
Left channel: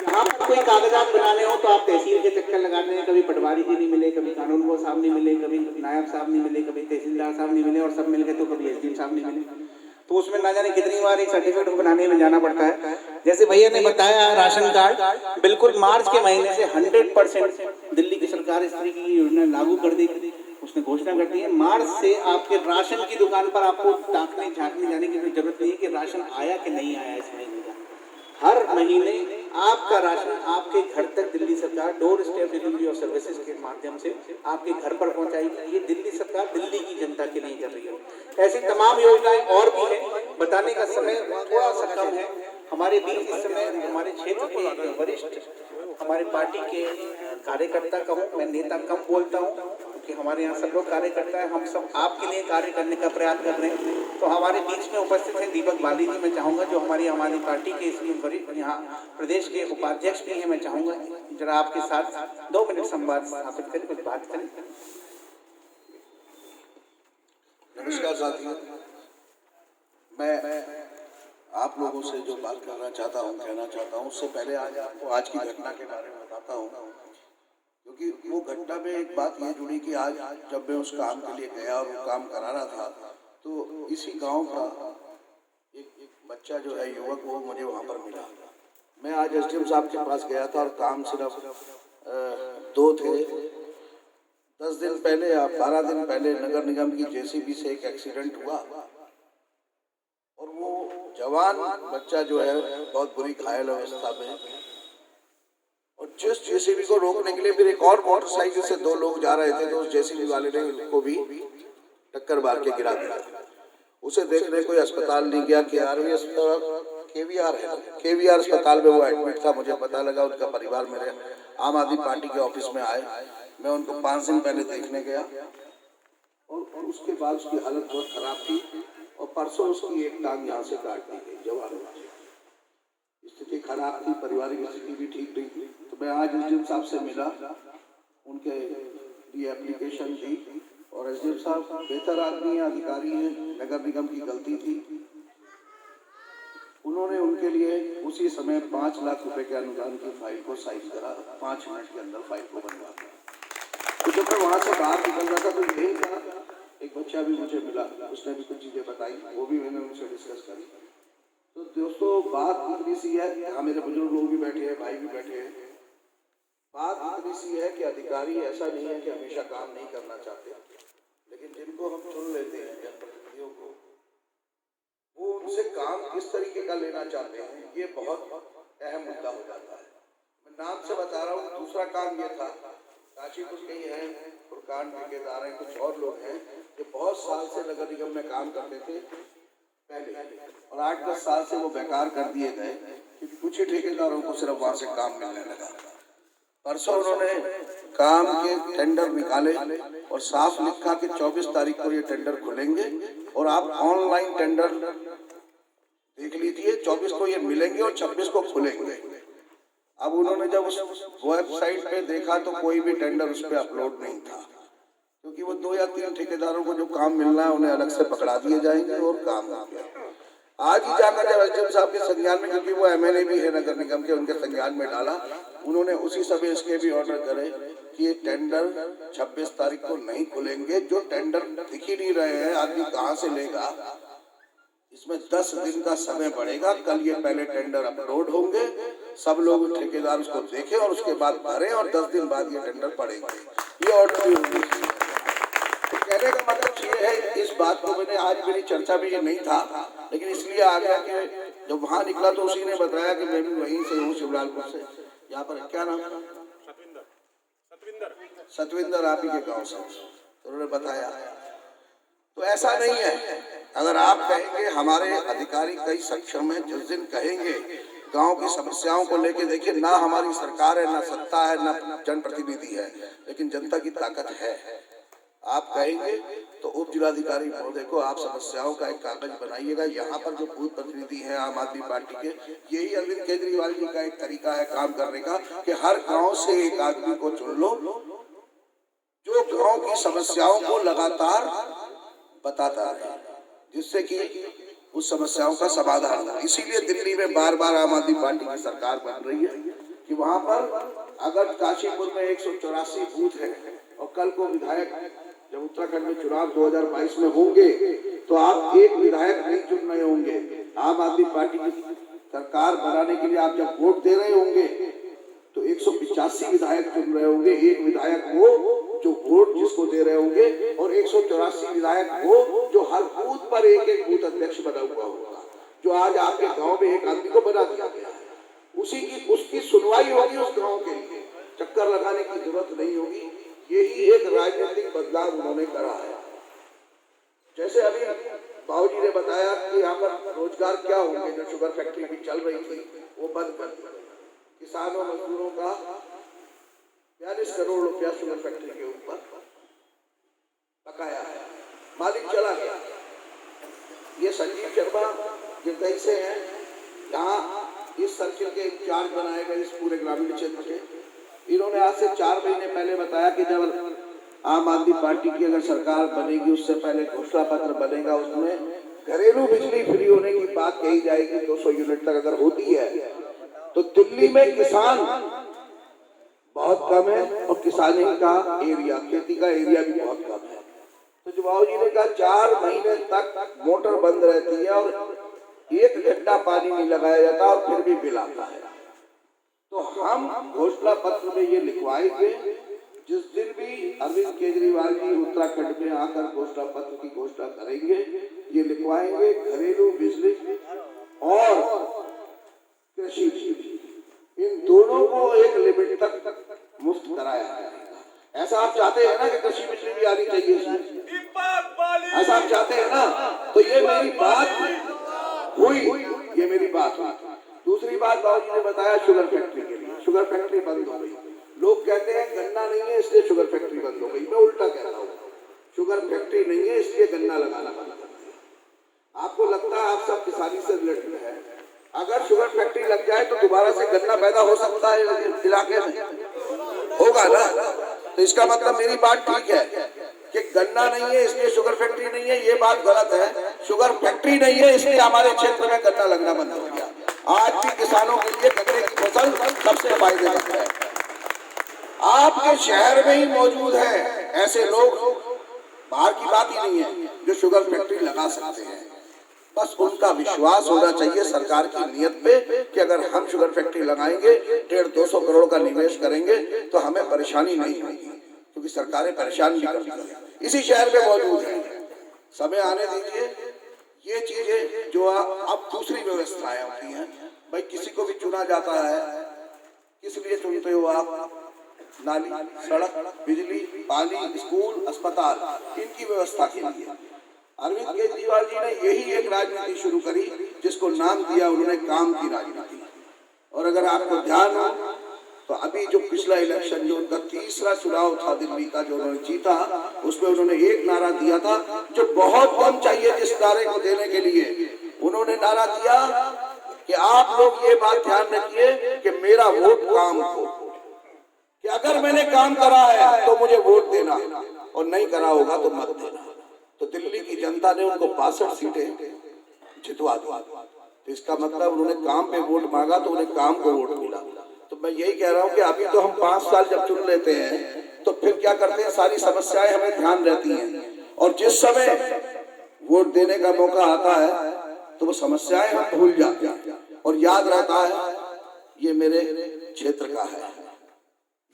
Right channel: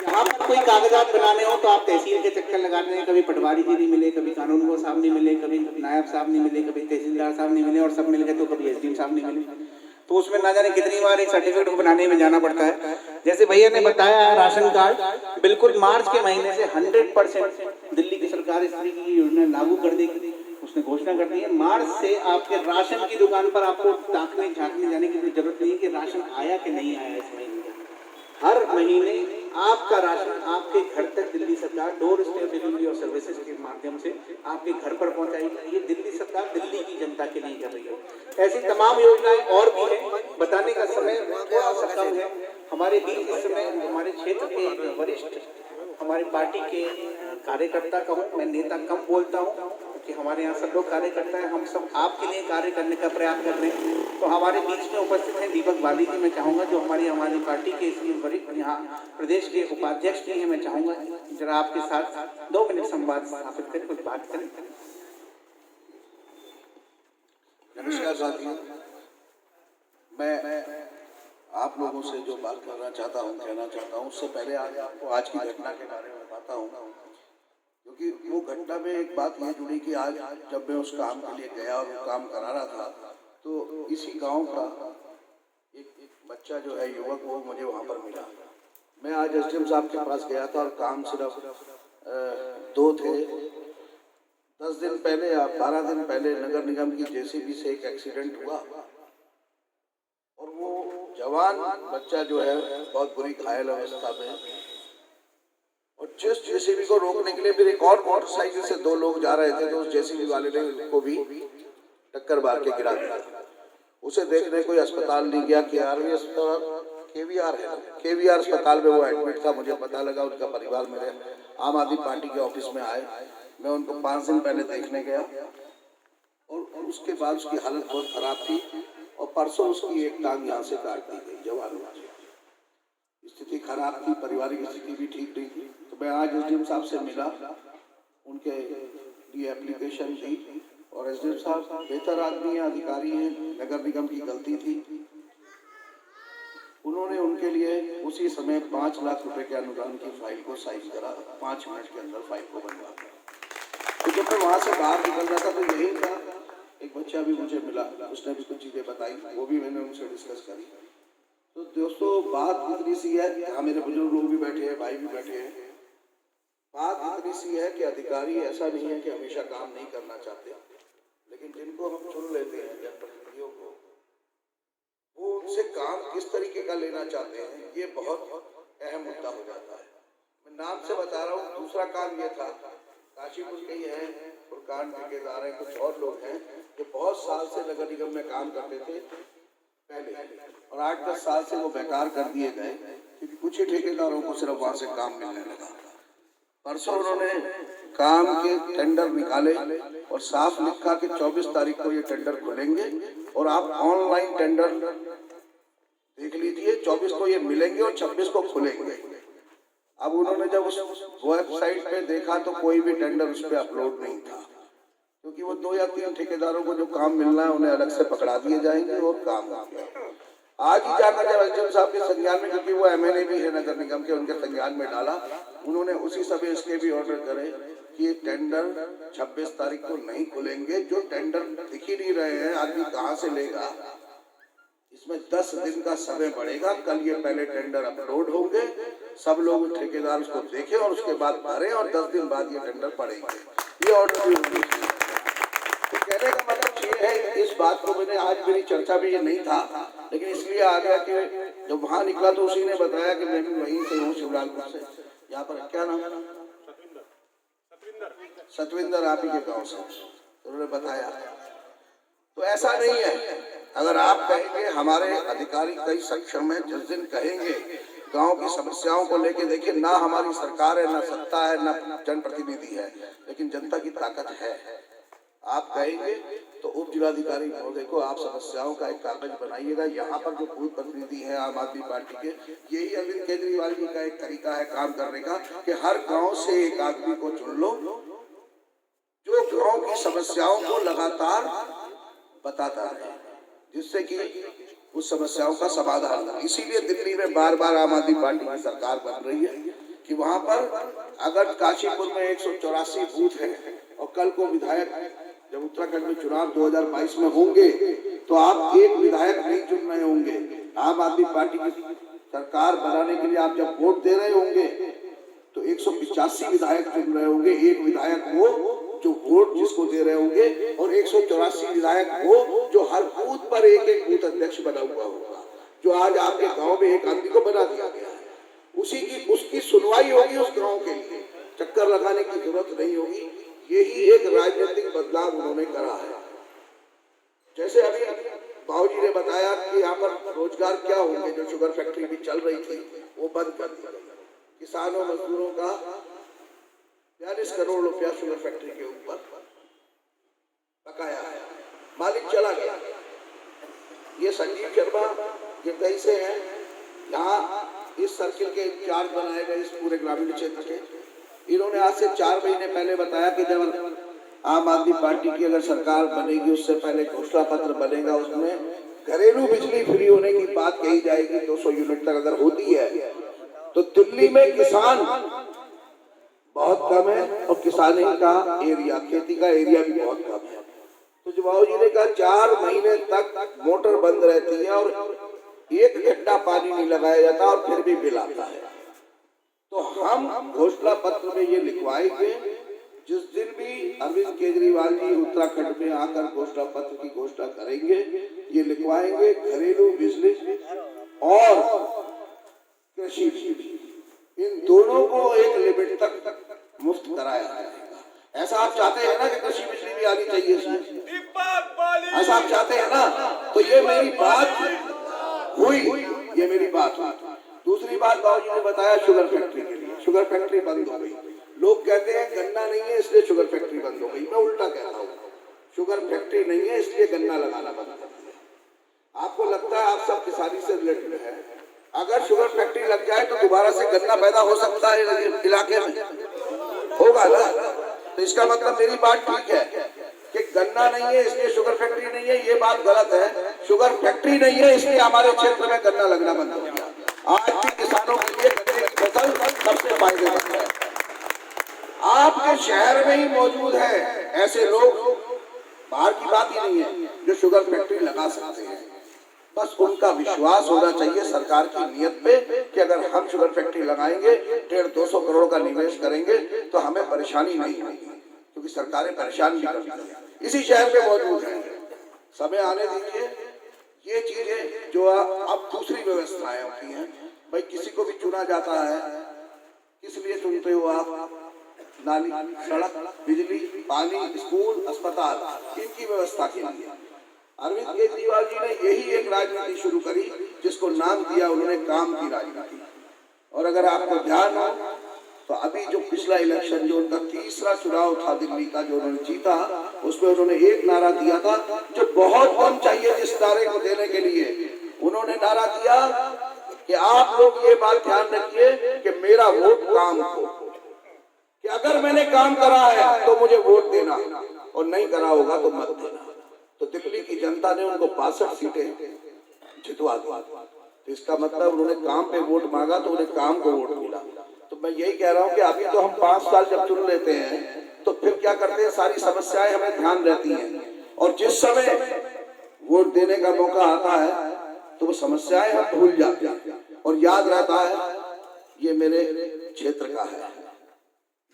जहाँ पर कोई कागजात बनाने हो तो आप तहसील के चक्कर लगाते हैं, कभी पटवारी जी नहीं मिले, कभी कानून वो साहब नहीं मिले, कभी नायब साहब नहीं मिले, कभी तहसीलदार साहब नहीं मिले, और सब मिल गए तो कभी एसडीएम साहब नहीं मिले, तो उसमें ना जाने कितनी बार एक सर्टिफिकेट बनाने में जाना पड़ता है। जैसे भैया ने बताया राशन कार्ड, बिल्कुल मार्च के महीने से 100% दिल्ली की सरकार इस तरीके की योजना लागू कर देगी, उसने घोषणा कर दी है। मार्च से आपके राशन की दुकान पर आपको ताकने झांकने जाने की कोई जरूरत नहीं है कि राशन आया कि नहीं आया इस महीने का। हर महीने आपका राशन आपके घर तक दिल्ली सरकार डोर स्टेप डिलीवरी और सर्विसेज के माध्यम से आपके घर पर पहुंचाएगी। ये दिल्ली सरकार दिल्ली की जनता के लिए कर रही है। ऐसी तमाम योजनाएं और भी हैं, बताने का समय थोड़ा सा कम है। हमारे बीच इस समय हमारे क्षेत्र के वरिष्ठ, हमारे पार्टी के कार्यकर्ता कहूँ, मैं नेता कम बोलता हूँ क्योंकि हमारे यहाँ सब लोग कार्यकर्ता हैं, हम सब आपके लिए कार्य करने का प्रयास कर रहे हैं। तो हमारे बीच में उपस्थित हैं दीपक बाली जी, मैं चाहूँगा जो हमारी पार्टी के इसमें वरिष्ठ यहाँ प्रदेश के उपाध्यक्ष भी हैं, मैं चाहूँगा जरा आपके साथ 2 मिनट संवाद स्थापित करें, कुछ बात करें। नमस्कार साथियों, मैं आप लोगों से जो बात कहना चाहता हूँ उससे पहले आज आपको आज की घटना के बारे में बताता हूँ, क्योंकि वो घटना में एक बात ये जुड़ी कि आज जब मैं उस काम के लिए गया और वो काम करा रहा था, तो इसी गांव का एक बच्चा जो है युवक, वो मुझे वहाँ पर मिला। मैं आज एसडीएम साहब के पास गया था और काम सिर्फ 2 थे। 10 दिन पहले या 12 दिन पहले नगर निगम की जेसीबी से एक एक्सीडेंट हुआ और वो जवान बच्चा जो है बहुत बुरी घायल अवस्था में, और जिस जेसीबी को रोकने के लिए फिर एक और मोटरसाइकिल से 2 लोग जा रहे थे, तो उस जेसीबी वाले ने उनको भी टक्कर मार के गिरा दिया। उसे देखने कोई अस्पताल नहीं गया, केवीआर अस्पताल में वो एडमिट था। मुझे पता लगा, उनका परिवार मेरे आम आदमी पार्टी के ऑफिस में आए, मैं उनको 5 दिन पहले देखने गया और उसके बाद उसकी हालत बहुत खराब थी और परसों उसकी एक टांग यहाँ से काट दी गई जवानों से। स्थिति खराब थी, पारिवारिक स्थिति भी ठीक नहीं थी। तो मैं आज एसडीएम साहब से मिला, उनके लिए एप्लीकेशन दी और एसडीएम साहब बेहतर आदमी हैं, अधिकारी हैं, नगर निगम की गलती थी, उन्होंने उनके लिए उसी समय 5 लाख रुपए के अनुदान की फाइल को साइन करा, 5 मिनट के अंदर फाइल को बनवा दिया। तो जब मैं वहाँ से बाहर निकल रहा था तो यही था, एक बच्चा भी मुझे मिला, उसने भी कुछ चीज़ें बताई, वो भी मैंने उनसे डिस्कस करी। तो दोस्तों बात इतनी सी है, यहाँ मेरे बुजुर्ग लोग भी बैठे हैं, भाई भी बैठे हैं, बात इतनी सी है कि अधिकारी ऐसा नहीं है कि हमेशा काम नहीं करना चाहते, लेकिन जिनको हम चुन लेते हैं जनप्रतिनिधियों को, वो उनसे काम किस तरीके का लेना चाहते हैं, ये बहुत अहम मुद्दा हो जाता है। मैं नाम से बता रहा हूँ। दूसरा काम ये था, काशीपुर के ही हैं, फुरकान ठेकेदार हैं, कुछ और लोग हैं जो बहुत साल से नगर निगम में काम करते थे पहले, और 8-10 साल से वो बेकार कर दिए गए क्योंकि कुछ ही ठेकेदारों को सिर्फ वहाँ से काम मिलने लगा। परसों उन्होंने काम के टेंडर निकाले और साफ लिखा कि 24 तारीख को ये टेंडर खुलेंगे और आप ऑनलाइन टेंडर देख लीजिए, 24 को ये मिलेंगे और 26 को खुलेंगे। अब उन्होंने जब उस वेबसाइट पे देखा तो कोई भी टेंडर उस पर अपलोड नहीं था, क्योंकि वो 2 या 3 ठेकेदारों को जो काम मिलना है उन्हें अलग से पकड़ा दिए जाएंगे और काम हो गया। आज ही जाकर जब एसडीएम साहब के संज्ञान में, क्योंकि वो एमएलए भी है नगर निगम के, उनके संज्ञान में डाला, उन्होंने उसी समय इसके भी ऑर्डर करे कि ये टेंडर 26 तारीख को नहीं खुलेंगे। जो टेंडर दिख ही नहीं रहे हैं, आदमी कहाँ से लेगा? इसमें 10 दिन का समय बढ़ेगा। कल ये पहले टेंडर अपलोड होंगे, सब लोग ठेकेदार उसको देखें और उसके बाद भरें, और 10 दिन बाद ये टेंडर पड़ेंगे। ये ऑर्डर भी होंगे। तो कहने का मतलब ये है, इस बात को मैंने, आज मेरी चर्चा में ये नहीं था, लेकिन इसलिए आ गया कि जब वहाँ निकला तो उसी ने बताया कि मैं भी वहीं से हूँ, शिवलालपुर से। यहाँ पर क्या नाम है? सतविंदर, आप ही के गाँव से। तो उन्होंने बताया। तो ऐसा नहीं है, अगर आप कहेंगे हमारे अधिकारी कई सक्षम हैं, जिस दिन कहेंगे गांव की समस्याओं को लेके, देखिए ना हमारी सरकार है, ना सत्ता है, ना जनप्रतिनिधि है, लेकिन जनता की ताकत है। आप कहेंगे तो उप जिलाधिकारी महोदय को आप समस्याओं का एक कागज बनाइएगा। यहाँ पर जो बूथ प्रतिनिधि हैं आम आदमी पार्टी के, यही अरविंद केजरीवाल जी का एक तरीका है काम करने का कि हर गांव से एक आदमी को चुन लो जो गांव की समस्याओं को लगातार बताता है, जिससे कि उस समस्याओं का समाधान हो। इसीलिए दिल्ली में बार बार आम आदमी पार्टी की सरकार बन रही है कि वहां पर अगर काशीपुर में 184 बूथ है और कल को विधायक जब उत्तराखंड में चुनाव 2022 में होंगे तो आप एक विधायक नहीं चुन रहे होंगे। आम आदमी पार्टी की सरकार बनाने के लिए आप जब वोट दे रहे होंगे तो 185 विधायक चुन रहे होंगे। एक विधायक वो जो वोट जिसको दे रहे होंगे, और 184 विधायक वो जो हर बूथ पर एक एक बूथ अध्यक्ष बना हुआ होगा, जो आज आपके गांव में एक आदमी को बना दिया गया है। उसकी सुनवाई होगी उस गांव के लिए, चक्कर लगाने की जरूरत नहीं होगी। यही एक राजनीतिक बदलाव उन्होंने करा है। जैसे अभी बाबूजी ने बताया कि यहाँ पर रोजगार क्या होंगे, जो शुगर फैक्ट्री भी चल रही थी वो बंद कर दी। किसानों मजदूरों का 42 करोड़ रुपया शुगर फैक्ट्री के ऊपर बकाया है, मालिक चला गया। ये संजीव शर्मा जो कैसे हैं, यहाँ इस सर्किल के इंचार्ज बनाए गए इस पूरे ग्रामीण क्षेत्र के, इन्होंने आज से 4 महीने पहले बताया कि जब आम आदमी पार्टी की अगर सरकार बनेगी उससे पहले घोषणा पत्र बनेगा, उसमें घरेलू बिजली फ्री होने की बात कही जाएगी। 200 यूनिट तक अगर होती है तो दिल्ली में किसान बहुत कम है और किसानी का एरिया, खेती का एरिया भी बहुत कम है। तो जो बाबू जी ने कहा 4 महीने तक मोटर बंद रहती है और 1 घंटा पानी नहीं लगाया जाता और फिर भी बिल आता है। तो हम घोषणा पत्र में ये लिखवाएंगे, जिस दिन भी अरविंद केजरीवाल जी उत्तराखंड में आकर घोषणा पत्र की घोषणा करेंगे, ये लिखवाएंगे घरेलू बिजली और कृषि बिजली, इन दोनों को एक लिमिट तक मुफ्त कराया जाएगा। ऐसा आप चाहते हैं ना कि कृषि बिजली भी आनी चाहिए, ऐसा आप चाहते हैं ना? तो ये मेरी बात हुई, ये मेरी बात हुई। दूसरी बात बाबूजी ने बताया शुगर फैक्ट्री के लिए, शुगर फैक्ट्री बंद हो गई। लोग कहते हैं गन्ना नहीं है इसलिए शुगर फैक्ट्री बंद हो गई। मैं उल्टा कहता हूँ, शुगर फैक्ट्री नहीं है इसलिए गन्ना लगाना बंद कर दिया। आपको लगता है आप सब किसानी से रिलेटेड है, अगर शुगर फैक्ट्री लग जाए तो दोबारा से गन्ना पैदा हो सकता है इलाके में, होगा ना? तो इसका मतलब मेरी बात ठीक है कि गन्ना नहीं है इसलिए शुगर फैक्ट्री नहीं है, ये बात गलत है। शुगर फैक्ट्री नहीं है इसलिए हमारे क्षेत्र में गन्ना लगना बंद हो गया। आज भी किसानों के लिए गन्ने की फसल सबसे फायदेमंद है। आपके शहर में ही मौजूद है ऐसे लोग, बाहर की बात ही नहीं है, जो शुगर फैक्ट्री लगा सकते हैं। बस उनका विश्वास होना चाहिए सरकार की नीयत पे कि अगर हम शुगर फैक्ट्री लगाएंगे, 150-200 करोड़ का निवेश करेंगे तो हमें परेशानी नहीं होगी, क्योंकि सरकारें परेशान भी करती हैं। इसी शहर में मौजूद है, समय आने दीजिए। ये चीजें जो अब दूसरी व्यवस्थाएं होती हैं, भाई किसी को भी चुना जाता है, किस लिए चुनते हो आप? नाली, सड़क, बिजली, पानी, स्कूल, अस्पताल, इनकी व्यवस्था के लिए। अरविंद केजरीवाल जी ने यही एक राजनीति शुरू करी जिसको नाम दिया उन्होंने काम की राजनीति। और अगर आपको ध्यान हो तो अभी जो पिछला इलेक्शन, जो उनका तीसरा चुनाव था दिल्ली का, जो उन्होंने जीता, उसमें उन्होंने एक नारा दिया था जो बहुत कम चाहिए जिस नारे को देने के लिए। उन्होंने नारा दिया कि आप लोग ये बात ध्यान रखिए कि मेरा वोट काम को, कि अगर मैंने काम करा है तो मुझे वोट देना और नहीं करा होगा तो मत देना। तो दिल्ली की जनता ने उनको 62 सीटें जितवा दिया। तो इसका मतलब उन्होंने काम पे वोट मांगा तो उन्हें काम को वोट मिला। तो मैं यही कह रहा हूँ कि अभी तो हम 5 साल जब चुन लेते हैं तो फिर क्या करते हैं, सारी समस्याएं हमें ध्यान रहती हैं और जिस समय वोट देने का मौका आता है तो वो समस्याएं हम भूल जाते हैं और याद रहता है ये मेरे क्षेत्र का है,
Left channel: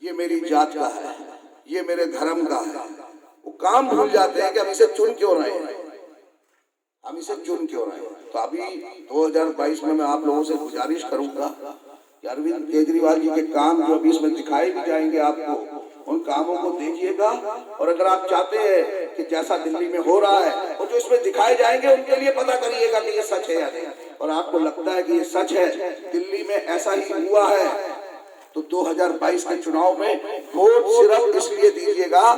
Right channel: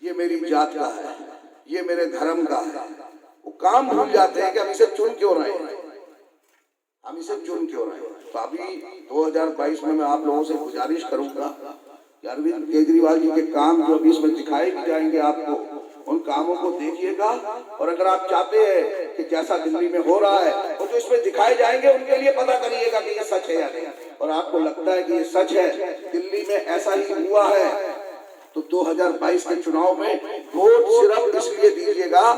ये मेरी जात का है, ये मेरे धर्म का है। वो काम भूल जाते हैं कि हम इसे चुन क्यों रहे हैं, हम इसे चुन क्यों रहे हैं। तो अभी 2022 में मैं आप लोगों से गुजारिश करूंगा कि अरविंद केजरीवाल जी के काम जो अभी इसमें दिखाए भी जाएंगे आपको, उन कामों को देखिएगा और अगर आप चाहते हैं कि जैसा दिल्ली में हो रहा है और जो इसमें दिखाए जाएंगे उनके लिए पता करिएगा कि ये सच है या नहीं। और आपको लगता है कि ये सच है, दिल्ली में ऐसा ही हुआ है, तो 2022 के चुनाव में वोट सिर्फ इसलिए दीजिएगा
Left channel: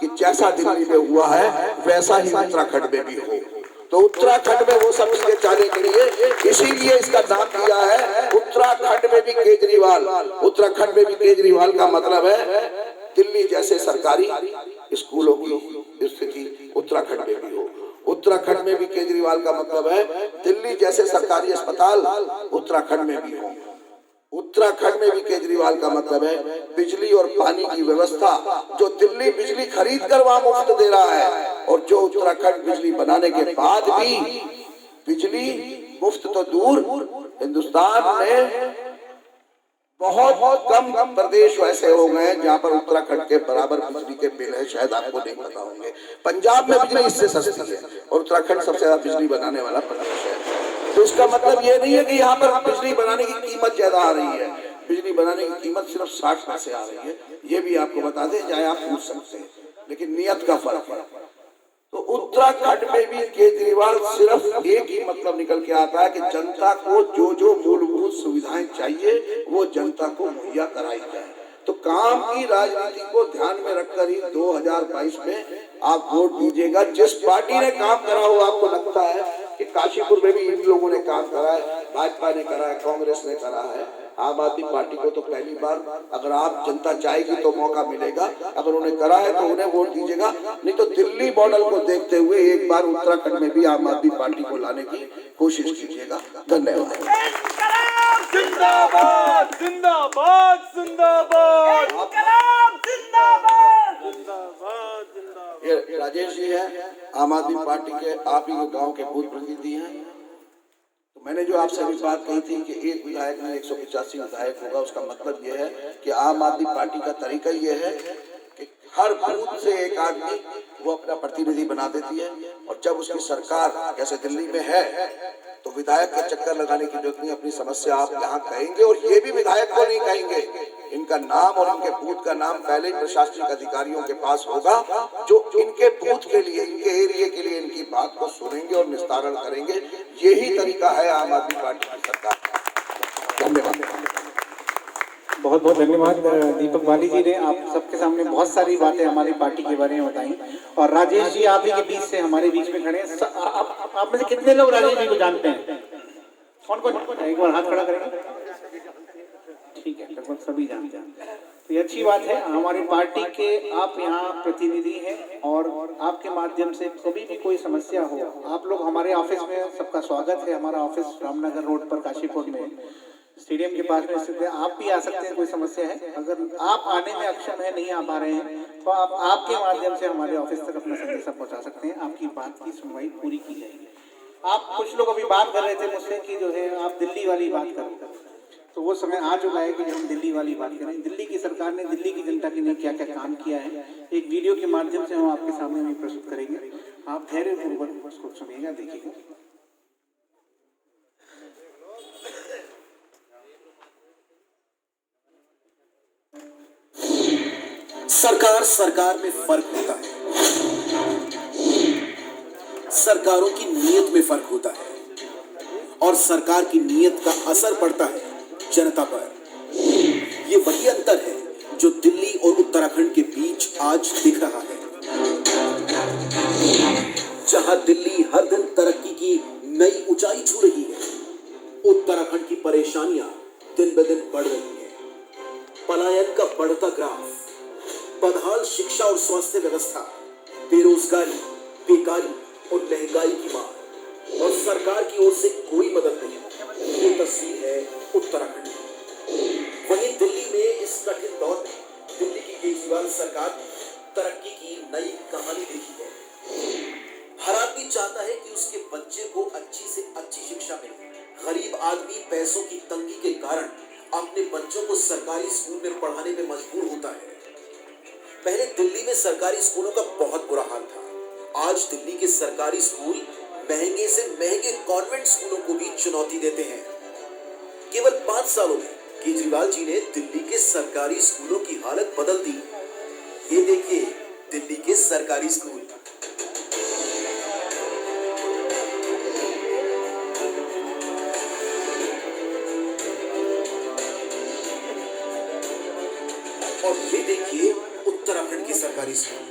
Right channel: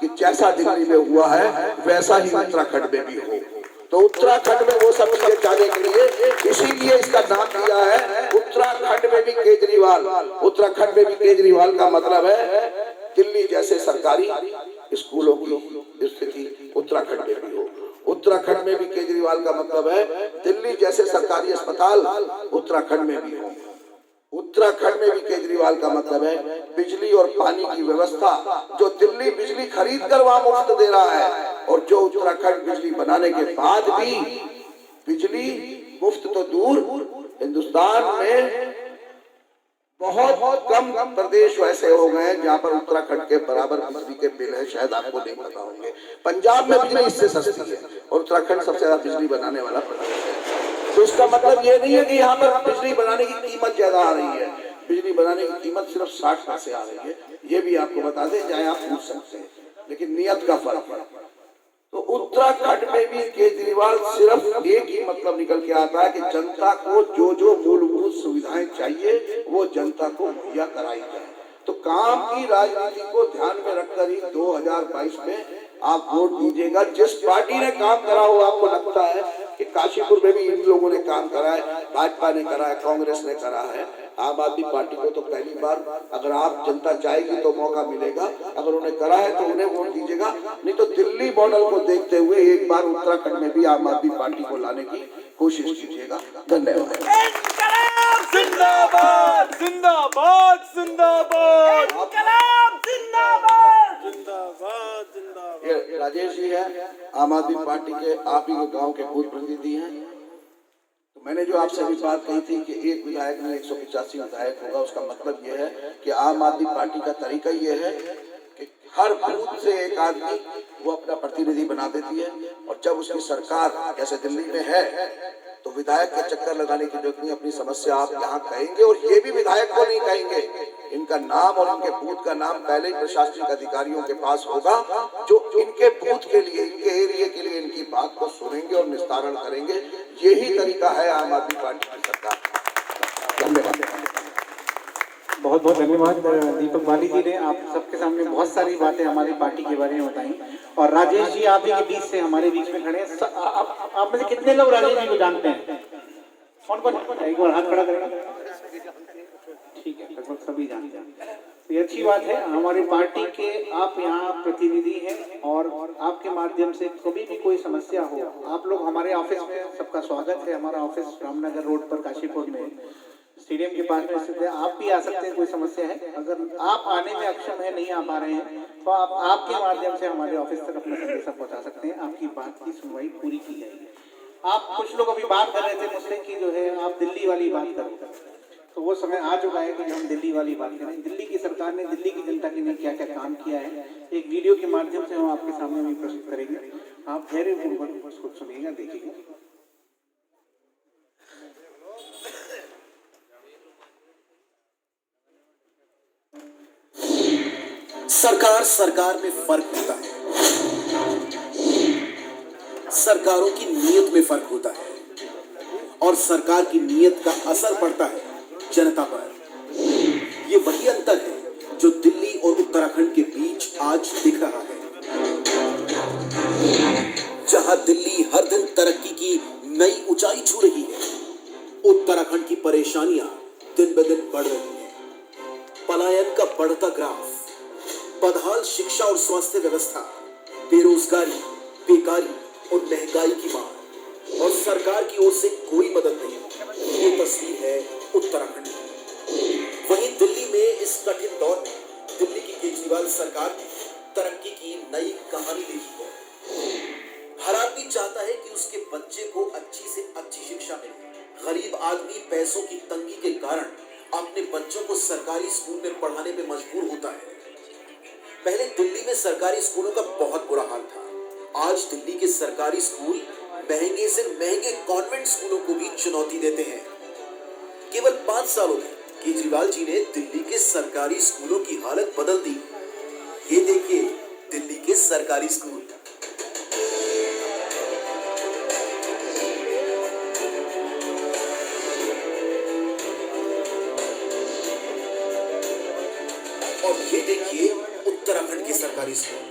कि जैसा दिल्ली में हुआ है वैसा ही उत्तराखंड में भी हो। तो उत्तराखंड में वो सब चीजें चाहने के लिए इसीलिए इसका नाम दिया है उत्तराखंड में भी केजरीवाल। उत्तराखंड में भी केजरीवाल का मतलब है दिल्ली जैसे सरकारी स्कूलों की स्थिति उत्तराखंड में भी हो। उत्तराखंड में भी केजरीवाल का मतलब है दिल्ली जैसे सरकारी अस्पताल उत्तराखंड में भी हो। उत्तराखंड में भी केजरीवाल का मतलब है बिजली और पानी की व्यवस्था, जो दिल्ली बिजली खरीद कर वहां मुफ्त दे रहा है और जो उत्तराखंड बिजली बनाने के बाद भी बिजली मुफ्त तो दूर, हिंदुस्तान में बहुत कम प्रदेश वैसे हो गए जहां पर उत्तराखंड के बराबर बिजली के बिल है, शायद आपको नहीं पता होंगे। पंजाब में बिजली इससे सस्ती है और उत्तराखंड सबसे ज्यादा बिजली बनाने वाला प्रदेश है। तो इसका मतलब ये नहीं है कि यहाँ पर बिजली बनाने की कीमत ज्यादा आ रही है, बिजली बनाने की कीमत सिर्फ 60 पैसे आ रही है, ये भी आपको बता दें, चाहे आप पूछ सकते हैं, लेकिन नियत का फर्क है। तो उत्तराखंड में भी केजरीवाल सिर्फ एक ही मतलब निकल के आता है कि जनता को जो जो मूलभूत सुविधाएं चाहिए वो जनता को मुहैया कराई जाए। तो काम की राजनीति को ध्यान में रखकर ही 2022 में आप वोट दीजिएगा। जिस पार्टी ने काम करा हो, आपको लगता है कि काशीपुर में भी इन लोगों ने काम करा है, भाजपा ने करा है, कांग्रेस ने करा है, आम आदमी पार्टी को तो पहली बार, अगर आप जनता चाहेगी तो मौका मिलेगा, अगर उन्हें करा है तो उन्हें वोट दीजिएगा। नहीं तो दिल्ली मॉडल को देखते हुए एक बार उत्तराखंड में भी आम आदमी पार्टी को लाने की कोशिश कीजिएगा। धन्यवाद। जिंदाबाद जिंदाबाद जिंदाबाद जिंदाबाद जिंदाबाद। ये राजेश जी है, आम आदमी पार्टी के, आप ही गांव के बूथ प्रतिनिधि हैं। तो मैंने जो आपसे अभी बात कही थी कि एक विधायक में 185 विधायक होगा, उसका मतलब ये है कि आम आदमी पार्टी का तरीका ये है कि हर बूथ से एक आदमी वो अपना प्रतिनिधि बना देती है और जब उसकी सरकार जैसे दिल्ली में है तो विधायक का चक्कर लगाने की जरूरत नहीं, अपनी समस्या आप यहाँ कहेंगे और ये भी विधायक को नहीं कहेंगे, इनका नाम और इनके बूथ का नाम पहले प्रशासनिक अधिकारियों के पास होगा जो इनके बूथ के लिए, इनके एरिया के लिए इनकी बात को सुनेंगे और निस्तारण करेंगे। यही तरीका है आम आदमी पार्टी की सरकार। धन्यवाद। बहुत बहुत धन्यवाद दीपक वाली जी ने आप सबके सामने बहुत सारी बातें हमारी पार्टी के बारे में बताई। और राजेश जी आप ही के बीच से हमारे बीच में खड़े हैं। आप में से कितने लोग राजेश जी को जानते हैं? कौन कौन? एक बार हाथ खड़ा करेंगे। ठीक है, लगभग सभी जानते हैं। तो ये अच्छी बात है, हमारी पार्टी के आप यहाँ प्रतिनिधि हैं और आपके माध्यम से कभी भी कोई समस्या हो, आप लोग हमारे ऑफिस में, सबका स्वागत है। हमारा ऑफिस रामनगर रोड पर काशीपुर में स्टेडियम के पास में स्थित है। आप भी आ सकते हैं, कोई समस्या है, अगर आप आने में अक्षम है, नहीं आ पा रहे हैं, तो आप आपके माध्यम से हमारे ऑफिस तक अपना संदेशा पहुंचा सकते हैं। आपकी बात की सुनवाई पूरी की जाएगी। आप कुछ लोग अभी बात कर रहे थे मुझसे कि जो है आप दिल्ली वाली बात करो, तो वो समय आ चुका है कि हम दिल्ली वाली बात करें। दिल्ली की सरकार ने दिल्ली की जनता के लिए क्या क्या काम किया है, एक वीडियो के माध्यम से हम आपके सामने भी प्रस्तुत करेंगे। आप धैर्यपूर्वक उसको सुनिएगा, देखिएगा। सरकार में फर्क होता है, सरकारों की नीयत में फर्क होता है और सरकार की नीयत का असर पड़ता है जनता पर। ये वही अंतर है जो दिल्ली और उत्तराखंड के बीच आज दिख रहा है। जहां दिल्ली हर दिन तरक्की की नई ऊंचाई छू रही है, उत्तराखंड की परेशानियां दिन ब दिन बढ़ रही हैं। पलायन का बढ़ता ग्राफ, बदहाल शिक्षा और स्वास्थ्य व्यवस्था, बेरोजगारी, बेकारी और महंगाई की मार, और सरकार की ओर से कोई मदद नहीं। ये तस्वीर है उत्तराखंड की। वहीं दिल्ली में इस कठिन दौर में दिल्ली की केजरीवाल सरकार तरक्की की नई कहानी लिखी है। हर आदमी चाहता है कि उसके बच्चे को अच्छी से अच्छी शिक्षा मिले। गरीब आदमी पैसों की तंगी के कारण अपने बच्चों को सरकारी स्कूल में पढ़ाने में मजबूर होता है। पहले दिल्ली में सरकारी स्कूलों का बहुत बुरा हाल था। आज दिल्ली के सरकारी स्कूल महंगे से महंगे कॉन्वेंट स्कूलों को भी चुनौती देते हैं। केवल 5 सालों में केजरीवाल जी ने दिल्ली के सरकारी स्कूलों की हालत बदल दी। ये देखिए दिल्ली के सरकारी स्कूल। और ये देखिए उत्तराखंड के सरकारी स्कूल।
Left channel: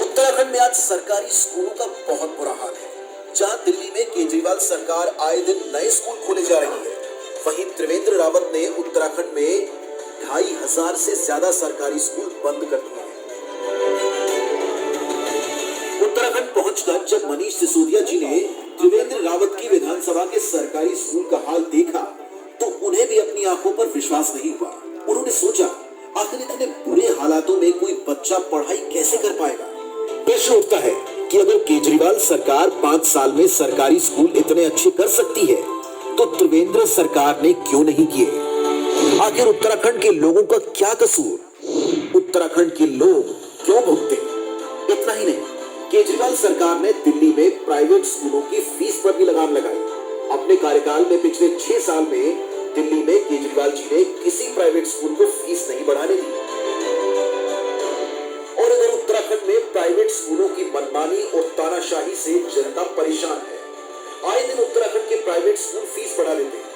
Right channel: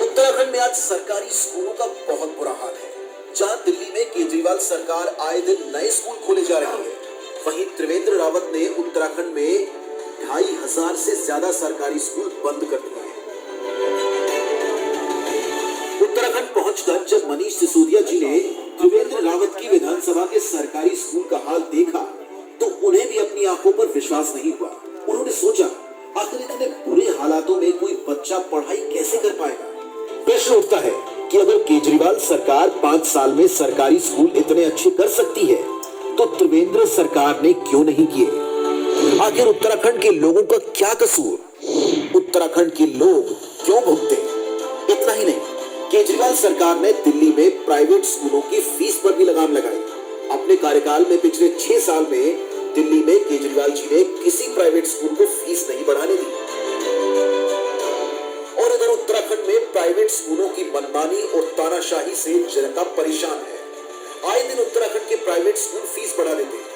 उत्तराखंड में आज सरकारी स्कूलों का बहुत बुरा हाल है। जहां दिल्ली में केजरीवाल सरकार आए दिन नए स्कूल खोले जा रही है, वहीं त्रिवेंद्र रावत ने उत्तराखंड में 2500 से ज्यादा सरकारी स्कूल बंद कर दिए हैं। उत्तराखंड पहुंचकर जब मनीष सिसोदिया जी ने त्रिवेंद्र रावत की विधानसभा के सरकारी स्कूल का हाल देखा तो उन्हें भी अपनी आंखों पर विश्वास नहीं हुआ। उन्होंने सोचा आखिर इतने बुरे हालातों में कोई बच्चा पढ़ाई कैसे कर पाएगा। प्रश्न उठता है कि अगर केजरीवाल सरकार 5 साल में सरकारी स्कूल इतने अच्छे कर सकती है तो त्रिवेंद्र सरकार ने क्यों नहीं किए। आखिर उत्तराखंड के लोगों का क्या कसूर, उत्तराखंड के लोग क्यों भुगते। इतना ही नहीं, केजरीवाल सरकार ने दिल्ली में प्राइवेट स्कूलों की फीस पर भी लगाम लगाई। अपने कार्यकाल में पिछले 6 साल में दिल्ली में केजरीवाल जी ने किसी प्राइवेट स्कूल को फीस नहीं बढ़ाने दी। और इधर उत्तराखंड में प्राइवेट स्कूलों की मनमानी और तानाशाही से जनता परेशान है। आए दिन उत्तराखंड के प्राइवेट स्कूल फीस बढ़ा लेते हैं।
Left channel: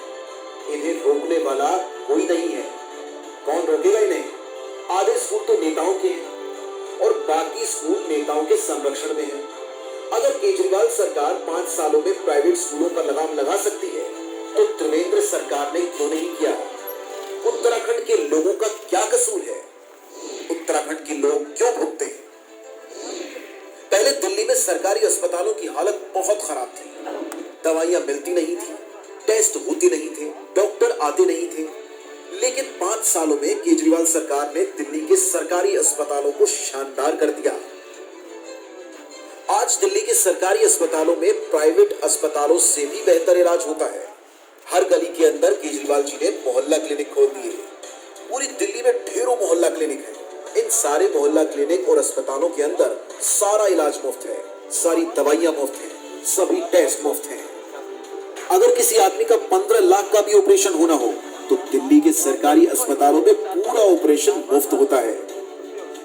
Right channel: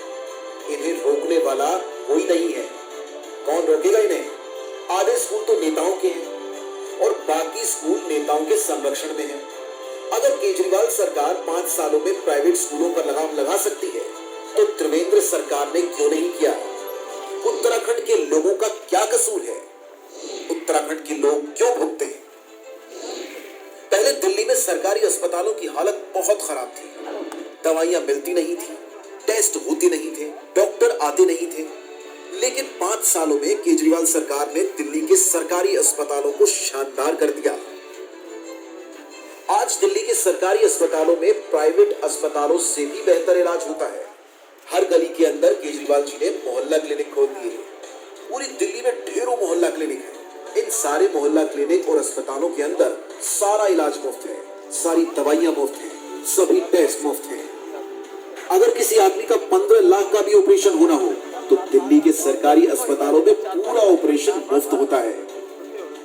इन्हें रोकने वाला कोई नहीं है। कौन रोकेगा इन्हें। आधे स्कूल तो नेताओं के हैं और बाकी स्कूल नेताओं के संरक्षण में है। अगर केजरीवाल सरकार 5 सालों में प्राइवेट स्कूलों का लगाम लगा सकती है तो त्रिवेंद्र सरकार ने क्यों नहीं किया। उत्तराखंड के लोगों का क्या कसूर है, उत्तराखंड के लोग क्यों भुगते हैं। पहले दिल्ली में सरकारी अस्पतालों की हालत बहुत खराब थी। दवाइयां मिलती नहीं थी, टेस्ट होते नहीं थे, डॉक्टर आते नहीं थे। लेकिन 5 सालों में केजरीवाल सरकार ने दिल्ली के सरकारी अस्पतालों को शानदार कर दिया। आज दिल्ली के सरकारी अस्पतालों में प्राइवेट अस्पतालों से भी बेहतर इलाज होता है। हर गली के अंदर केजरीवाल जी ने मोहल्ला क्लिनिक खोल दिए। पूरी दिल्ली में ढेरों मोहल्ला क्लिनिक है। इन सारे मोहल्ला क्लिनिक और अस्पतालों के अंदर सारा इलाज मुफ्त है, सारी दवाइयां मुफ्त है, सभी टेस्ट मुफ्त है। अगर किसी आदमी का 15 लाख का भी ऑपरेशन होना हो तो दिल्ली के सरकारी अस्पतालों में पूरा ऑपरेशन मुफ्त होता है।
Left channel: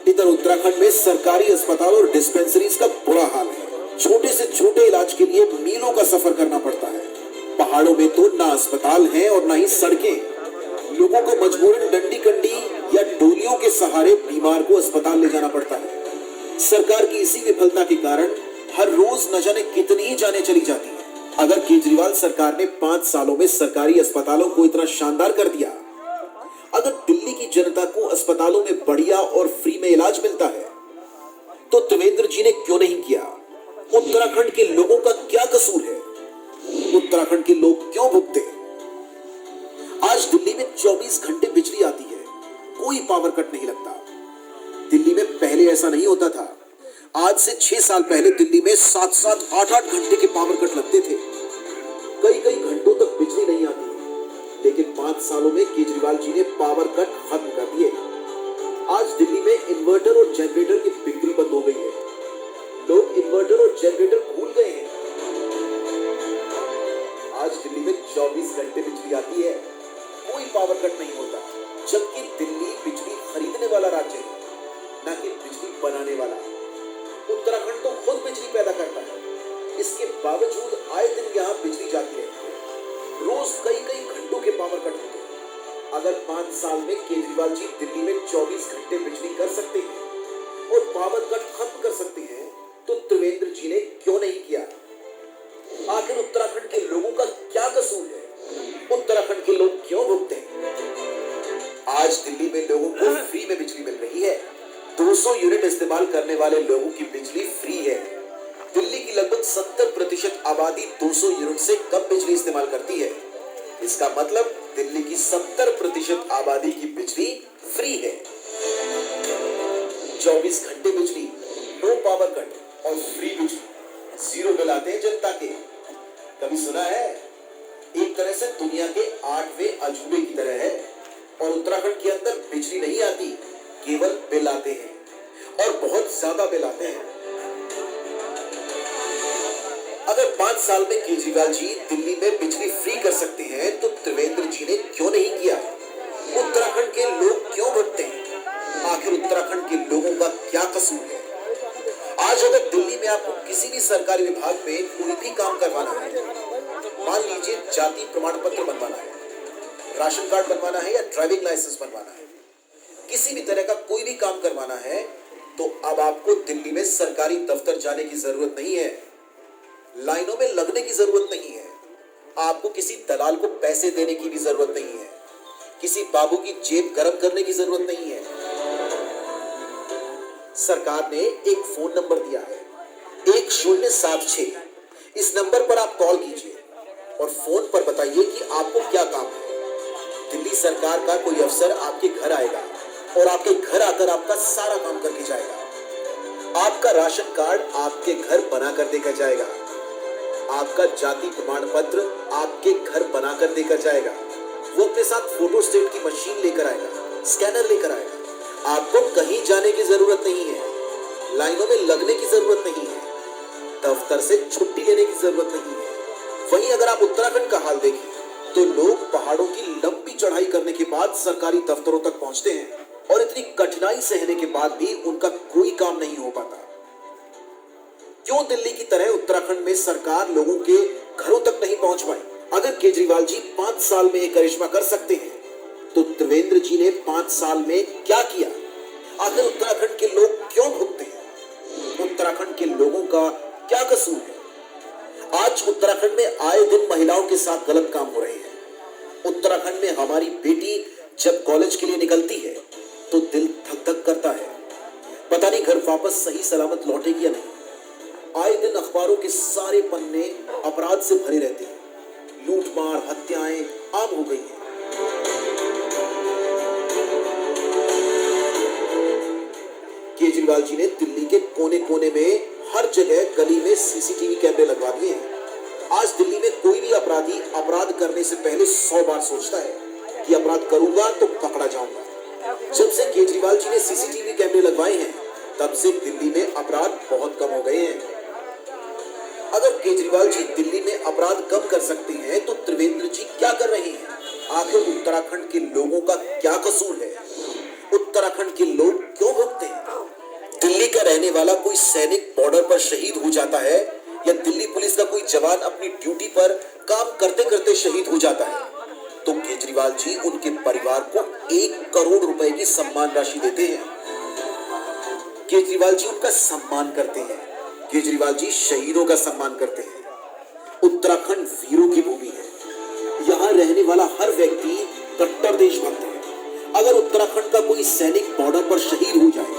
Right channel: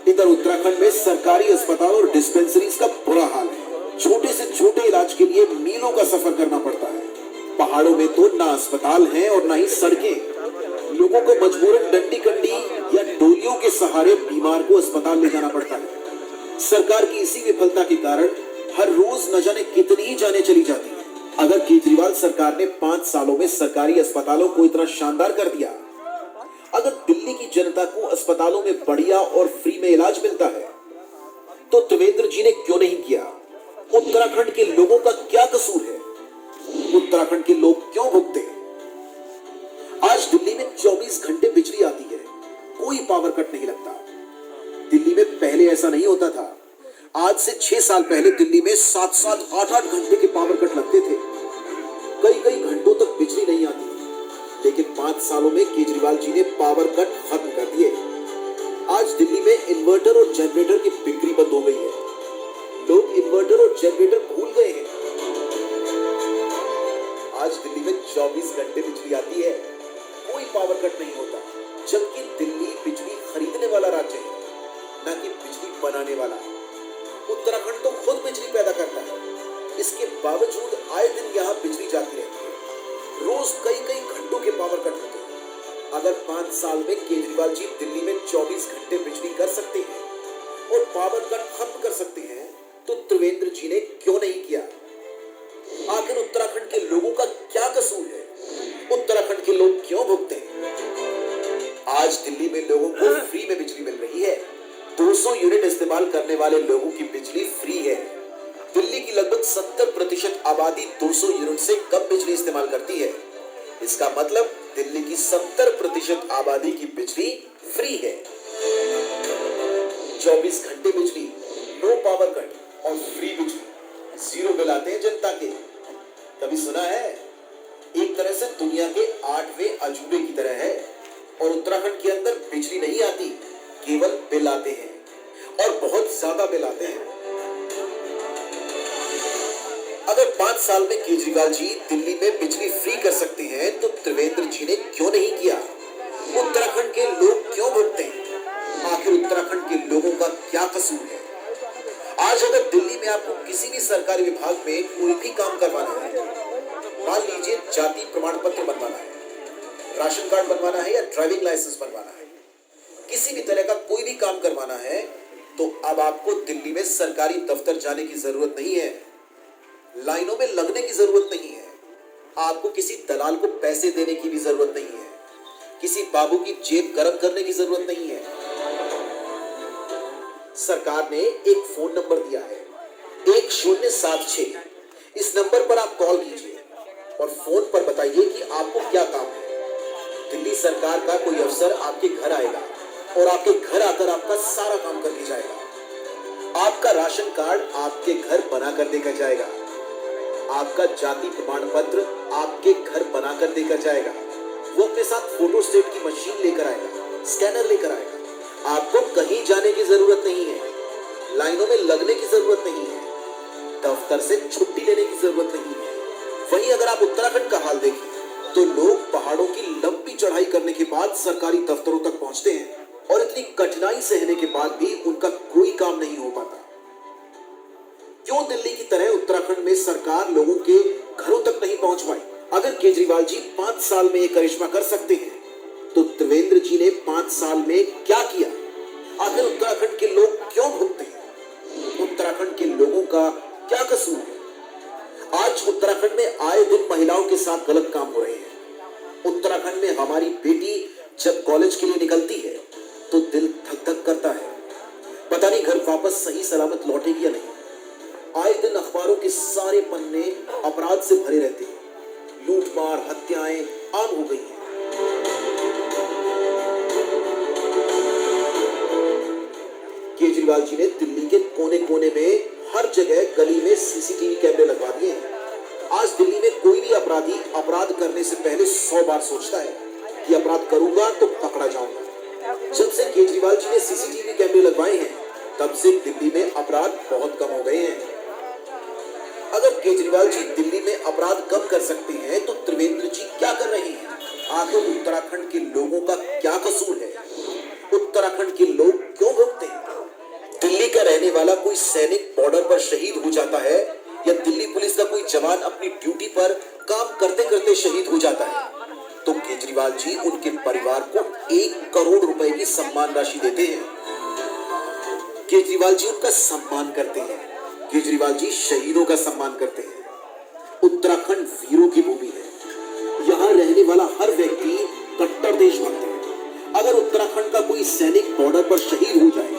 इधर उत्तराखंड में सरकारी अस्पताल और डिस्पेंसरीज का बुरा हाल है। छोटे से छोटे इलाज के लिए मीलों का सफर करना पड़ता है। पहाड़ों में तो ना अस्पताल है और ना ही सड़कें। लोगों को मजबूरन डंडी कंडी या डोलियों के सहारे बीमार को अस्पताल ले जाना पड़ता है। सरकार की इसी विफलता के कारण हर रोज न जाने कितनी ही जानें चली जाती हैं। अगर केजरीवाल सरकार ने 5 सालों में सरकारी अस्पतालों को इतना शानदार कर दिया, अगर दिल्ली की जनता को अस्पतालों में बढ़िया और फ्री में इलाज मिलता है तो त्रिवेंद्र जी ने क्यों नहीं किया। उत्तराखंड के लोगों का क्या कसूर है, उत्तराखंड के लोग क्यों भुगते। आज दिल्ली में 24 घंटे बिजली आती है, कोई पावर कट नहीं लगता। दिल्ली में पहले ऐसा नहीं होता था। आज से 6 साल पहले दिल्ली में 7-7, 8-8 घंटे के पावर कट लगते थे। कई घंटों तक बिजली नहीं आती। लेकिन 5 सालों में केजरीवाल जी ने पावर कट खत्म कर दिए। आज दिल्ली में इन्वर्टर और जनरेटर की बिक्री बंद हो गई है। लोग इन्वर्टर और जनरेटर भूल गए हैं। आज दिल्ली में 24 घंटे बिजली आती है, कोई पावर कट नहीं होता। जबकि दिल्ली बिजली खरीदने वाला राज्य है, न कि बिजली बनाने वाला। उत्तराखंड तो खुद बिजली पैदा करता है, इसके बावजूद आए दिन यहाँ बिजली जाती रहती है। रोज कई घंटों के पावर कट होते हैं। अगर 5 साल में केजरीवाल जी दिल्ली में 24 घंटे बिजली कर सकते हैं और पावर कट खत्म कर सकते हैं तो त्रिवेंद्र जी ने क्यों नहीं किया। आखिर उत्तराखंड के लोगों का क्या कसूर है। दिल्ली में लोगों को फ्री में बिजली मिल रही है। 200 यूनिट इस्तेमाल करने वाले लोगों की बिजली फ्री है। दिल्ली की लगभग 70% आबादी 200 यूनिट से कम बिजली इस्तेमाल करती है। इसका मतलब दिल्ली की 70% आबादी की बिजली फ्री है। 24 घंटे बिजली, नो पावर कट और फ्री बिजली, जीरो बिल आते हैं जनता के। कभी सुना है? एक तरह से दुनिया के 8वें अजूबे की तरह है। और उत्तराखंड के अंदर बिजली नहीं आती, केवल बिल आते हैं और बहुत ज्यादा बिल आते हैं। अगर 5 साल में केजरीवाल जी दिल्ली में बिजली फ्री कर सकते हैं तो त्रिवेंद्र जी ने क्यों नहीं किया? उत्तराखंड के लोग क्यों भुगते हैं? आखिर उत्तराखंड के लोगों का क्या कसूर है? आज अगर दिल्ली में आपको किसी भी सरकारी विभाग में कोई भी काम करवाना है, मान लीजिए जाति प्रमाण पत्र बनवाना है, राशन कार्ड बनवाना है या ड्राइविंग लाइसेंस बनवाना है, किसी भी तरह का कोई भी काम करवाना है, तो अब आपको दिल्ली में सरकारी दफ्तर जाने की जरूरत नहीं है, लाइनों में लगने की जरूरत नहीं है, आपको किसी दलाल को पैसे देने की भी जरूरत नहीं है, किसी बाबू की जेब गर्म करने की जरूरत नहीं है। सरकार ने एक फोन नंबर दिया है 1076। इस नंबर पर आप कॉल कीजिए और फोन पर बताइए कि आपको क्या काम है। दिल्ली सरकार का कोई अफसर आपके घर आएगा और आपके घर आकर आपका सारा काम करके जाएगा। आपका राशन कार्ड आपके घर बना कर देकर जाएगा, आपका जाति प्रमाण पत्र आपके घर बना कर देकर जाएगा। वो अपने साथ फोटो स्टेट की मशीन लेकर आएगा, स्कैनर लेकर आएगा। आपको कहीं जाने की जरूरत नहीं है, लाइनों में लगने की जरूरत नहीं है, दफ्तर से छुट्टी लेने की जरूरत नहीं है। वहीं अगर आप उत्तराखंड का हाल देखें तो लोग पहाड़ों की लंबी चढ़ाई करने के बाद सरकारी दफ्तरों तक पहुंचते हैं और इतनी कठिनाई सहने के बाद भी उनका कोई काम नहीं हो पाता। क्यों दिल्ली की तरह उत्तराखंड में सरकार लोगों के घरों तक नहीं पहुंच पाई? अगर केजरीवाल जी 5 साल में ये करिश्मा कर सकते हैं तो त्रिवेंद्र जी ने 5 साल में क्या किया? आखिर उत्तराखंड के लोग क्यों भुगते हैं? उत्तराखंड के लोगों का क्या कसूर है? आज उत्तराखंड में आए दिन महिलाओं के साथ गलत काम हो रहे हैं। उत्तराखंड में हमारी बेटी जब कॉलेज के लिए निकलती है तो दिल धक धक करता है, पता नहीं घर वापस सही सलामत लौटेगी या नहीं। आए दिन अखबारों के सारे पन्ने अपराध से भरे रहते हैं, लूटमार हत्याएं आम हो गई हैं। केजरीवाल जी ने दिल्ली के कोने कोने में हर जगह गली में सीसीटीवी कैमरे लगवा दिए हैं। आज दिल्ली में कोई भी अपराधी अपराध करने से पहले 100 बार सोचता है कि अपराध करूंगा तो पकड़ा जाऊंगा। जब से केजरीवाल जी ने सीसीटीवी कैमरे लगवाए हैं तब से दिल्ली में अपराध बहुत कम हो गए हैं। अगर केजरीवाल जी दिल्ली में अपराध कम कर सकते हैं तो त्रिवेंद्र जी क्या कर रहे हैं? आखिर उत्तराखंड के लोगों का क्या कसूर है? उत्तराखंड के लोग क्यों भुगते हैं? दिल्ली का रहने वाला कोई सैनिक बॉर्डर पर शहीद हो जाता है या दिल्ली पुलिस का कोई जवान अपनी ड्यूटी पर काम करते करते शहीद हो जाता है तो केजरीवाल जी उनके परिवार को 1 करोड़ रुपए की सम्मान राशि देते हैं। केजरीवाल जी उनका सम्मान करते हैं। केजरीवाल जी शहीदों का सम्मान करते हैं। उत्तराखंड वीरों की भूमि है। यहाँ रहने वाला हर व्यक्ति कट्टर देशभक्त है। अगर उत्तराखंड का कोई सैनिक बॉर्डर पर शहीद हो जाए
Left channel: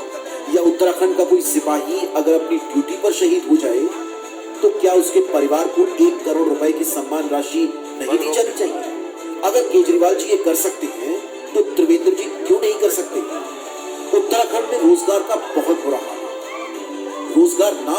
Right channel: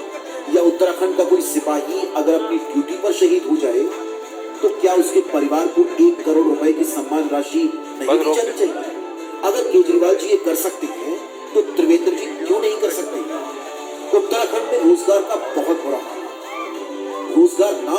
या उत्तराखंड का कोई सिपाही अगर अपनी ड्यूटी पर शहीद हो जाए तो क्या उसके परिवार को 1 करोड़ रुपए की सम्मान राशि नहीं दी जानी चाहिए? अगर केजरीवाल जी ये कर सकते हैं तो त्रिवेंद्र जी क्यों नहीं कर सकते? उत्तराखंड में रोजगार का बहुत बुरा हाल है। रोजगार ना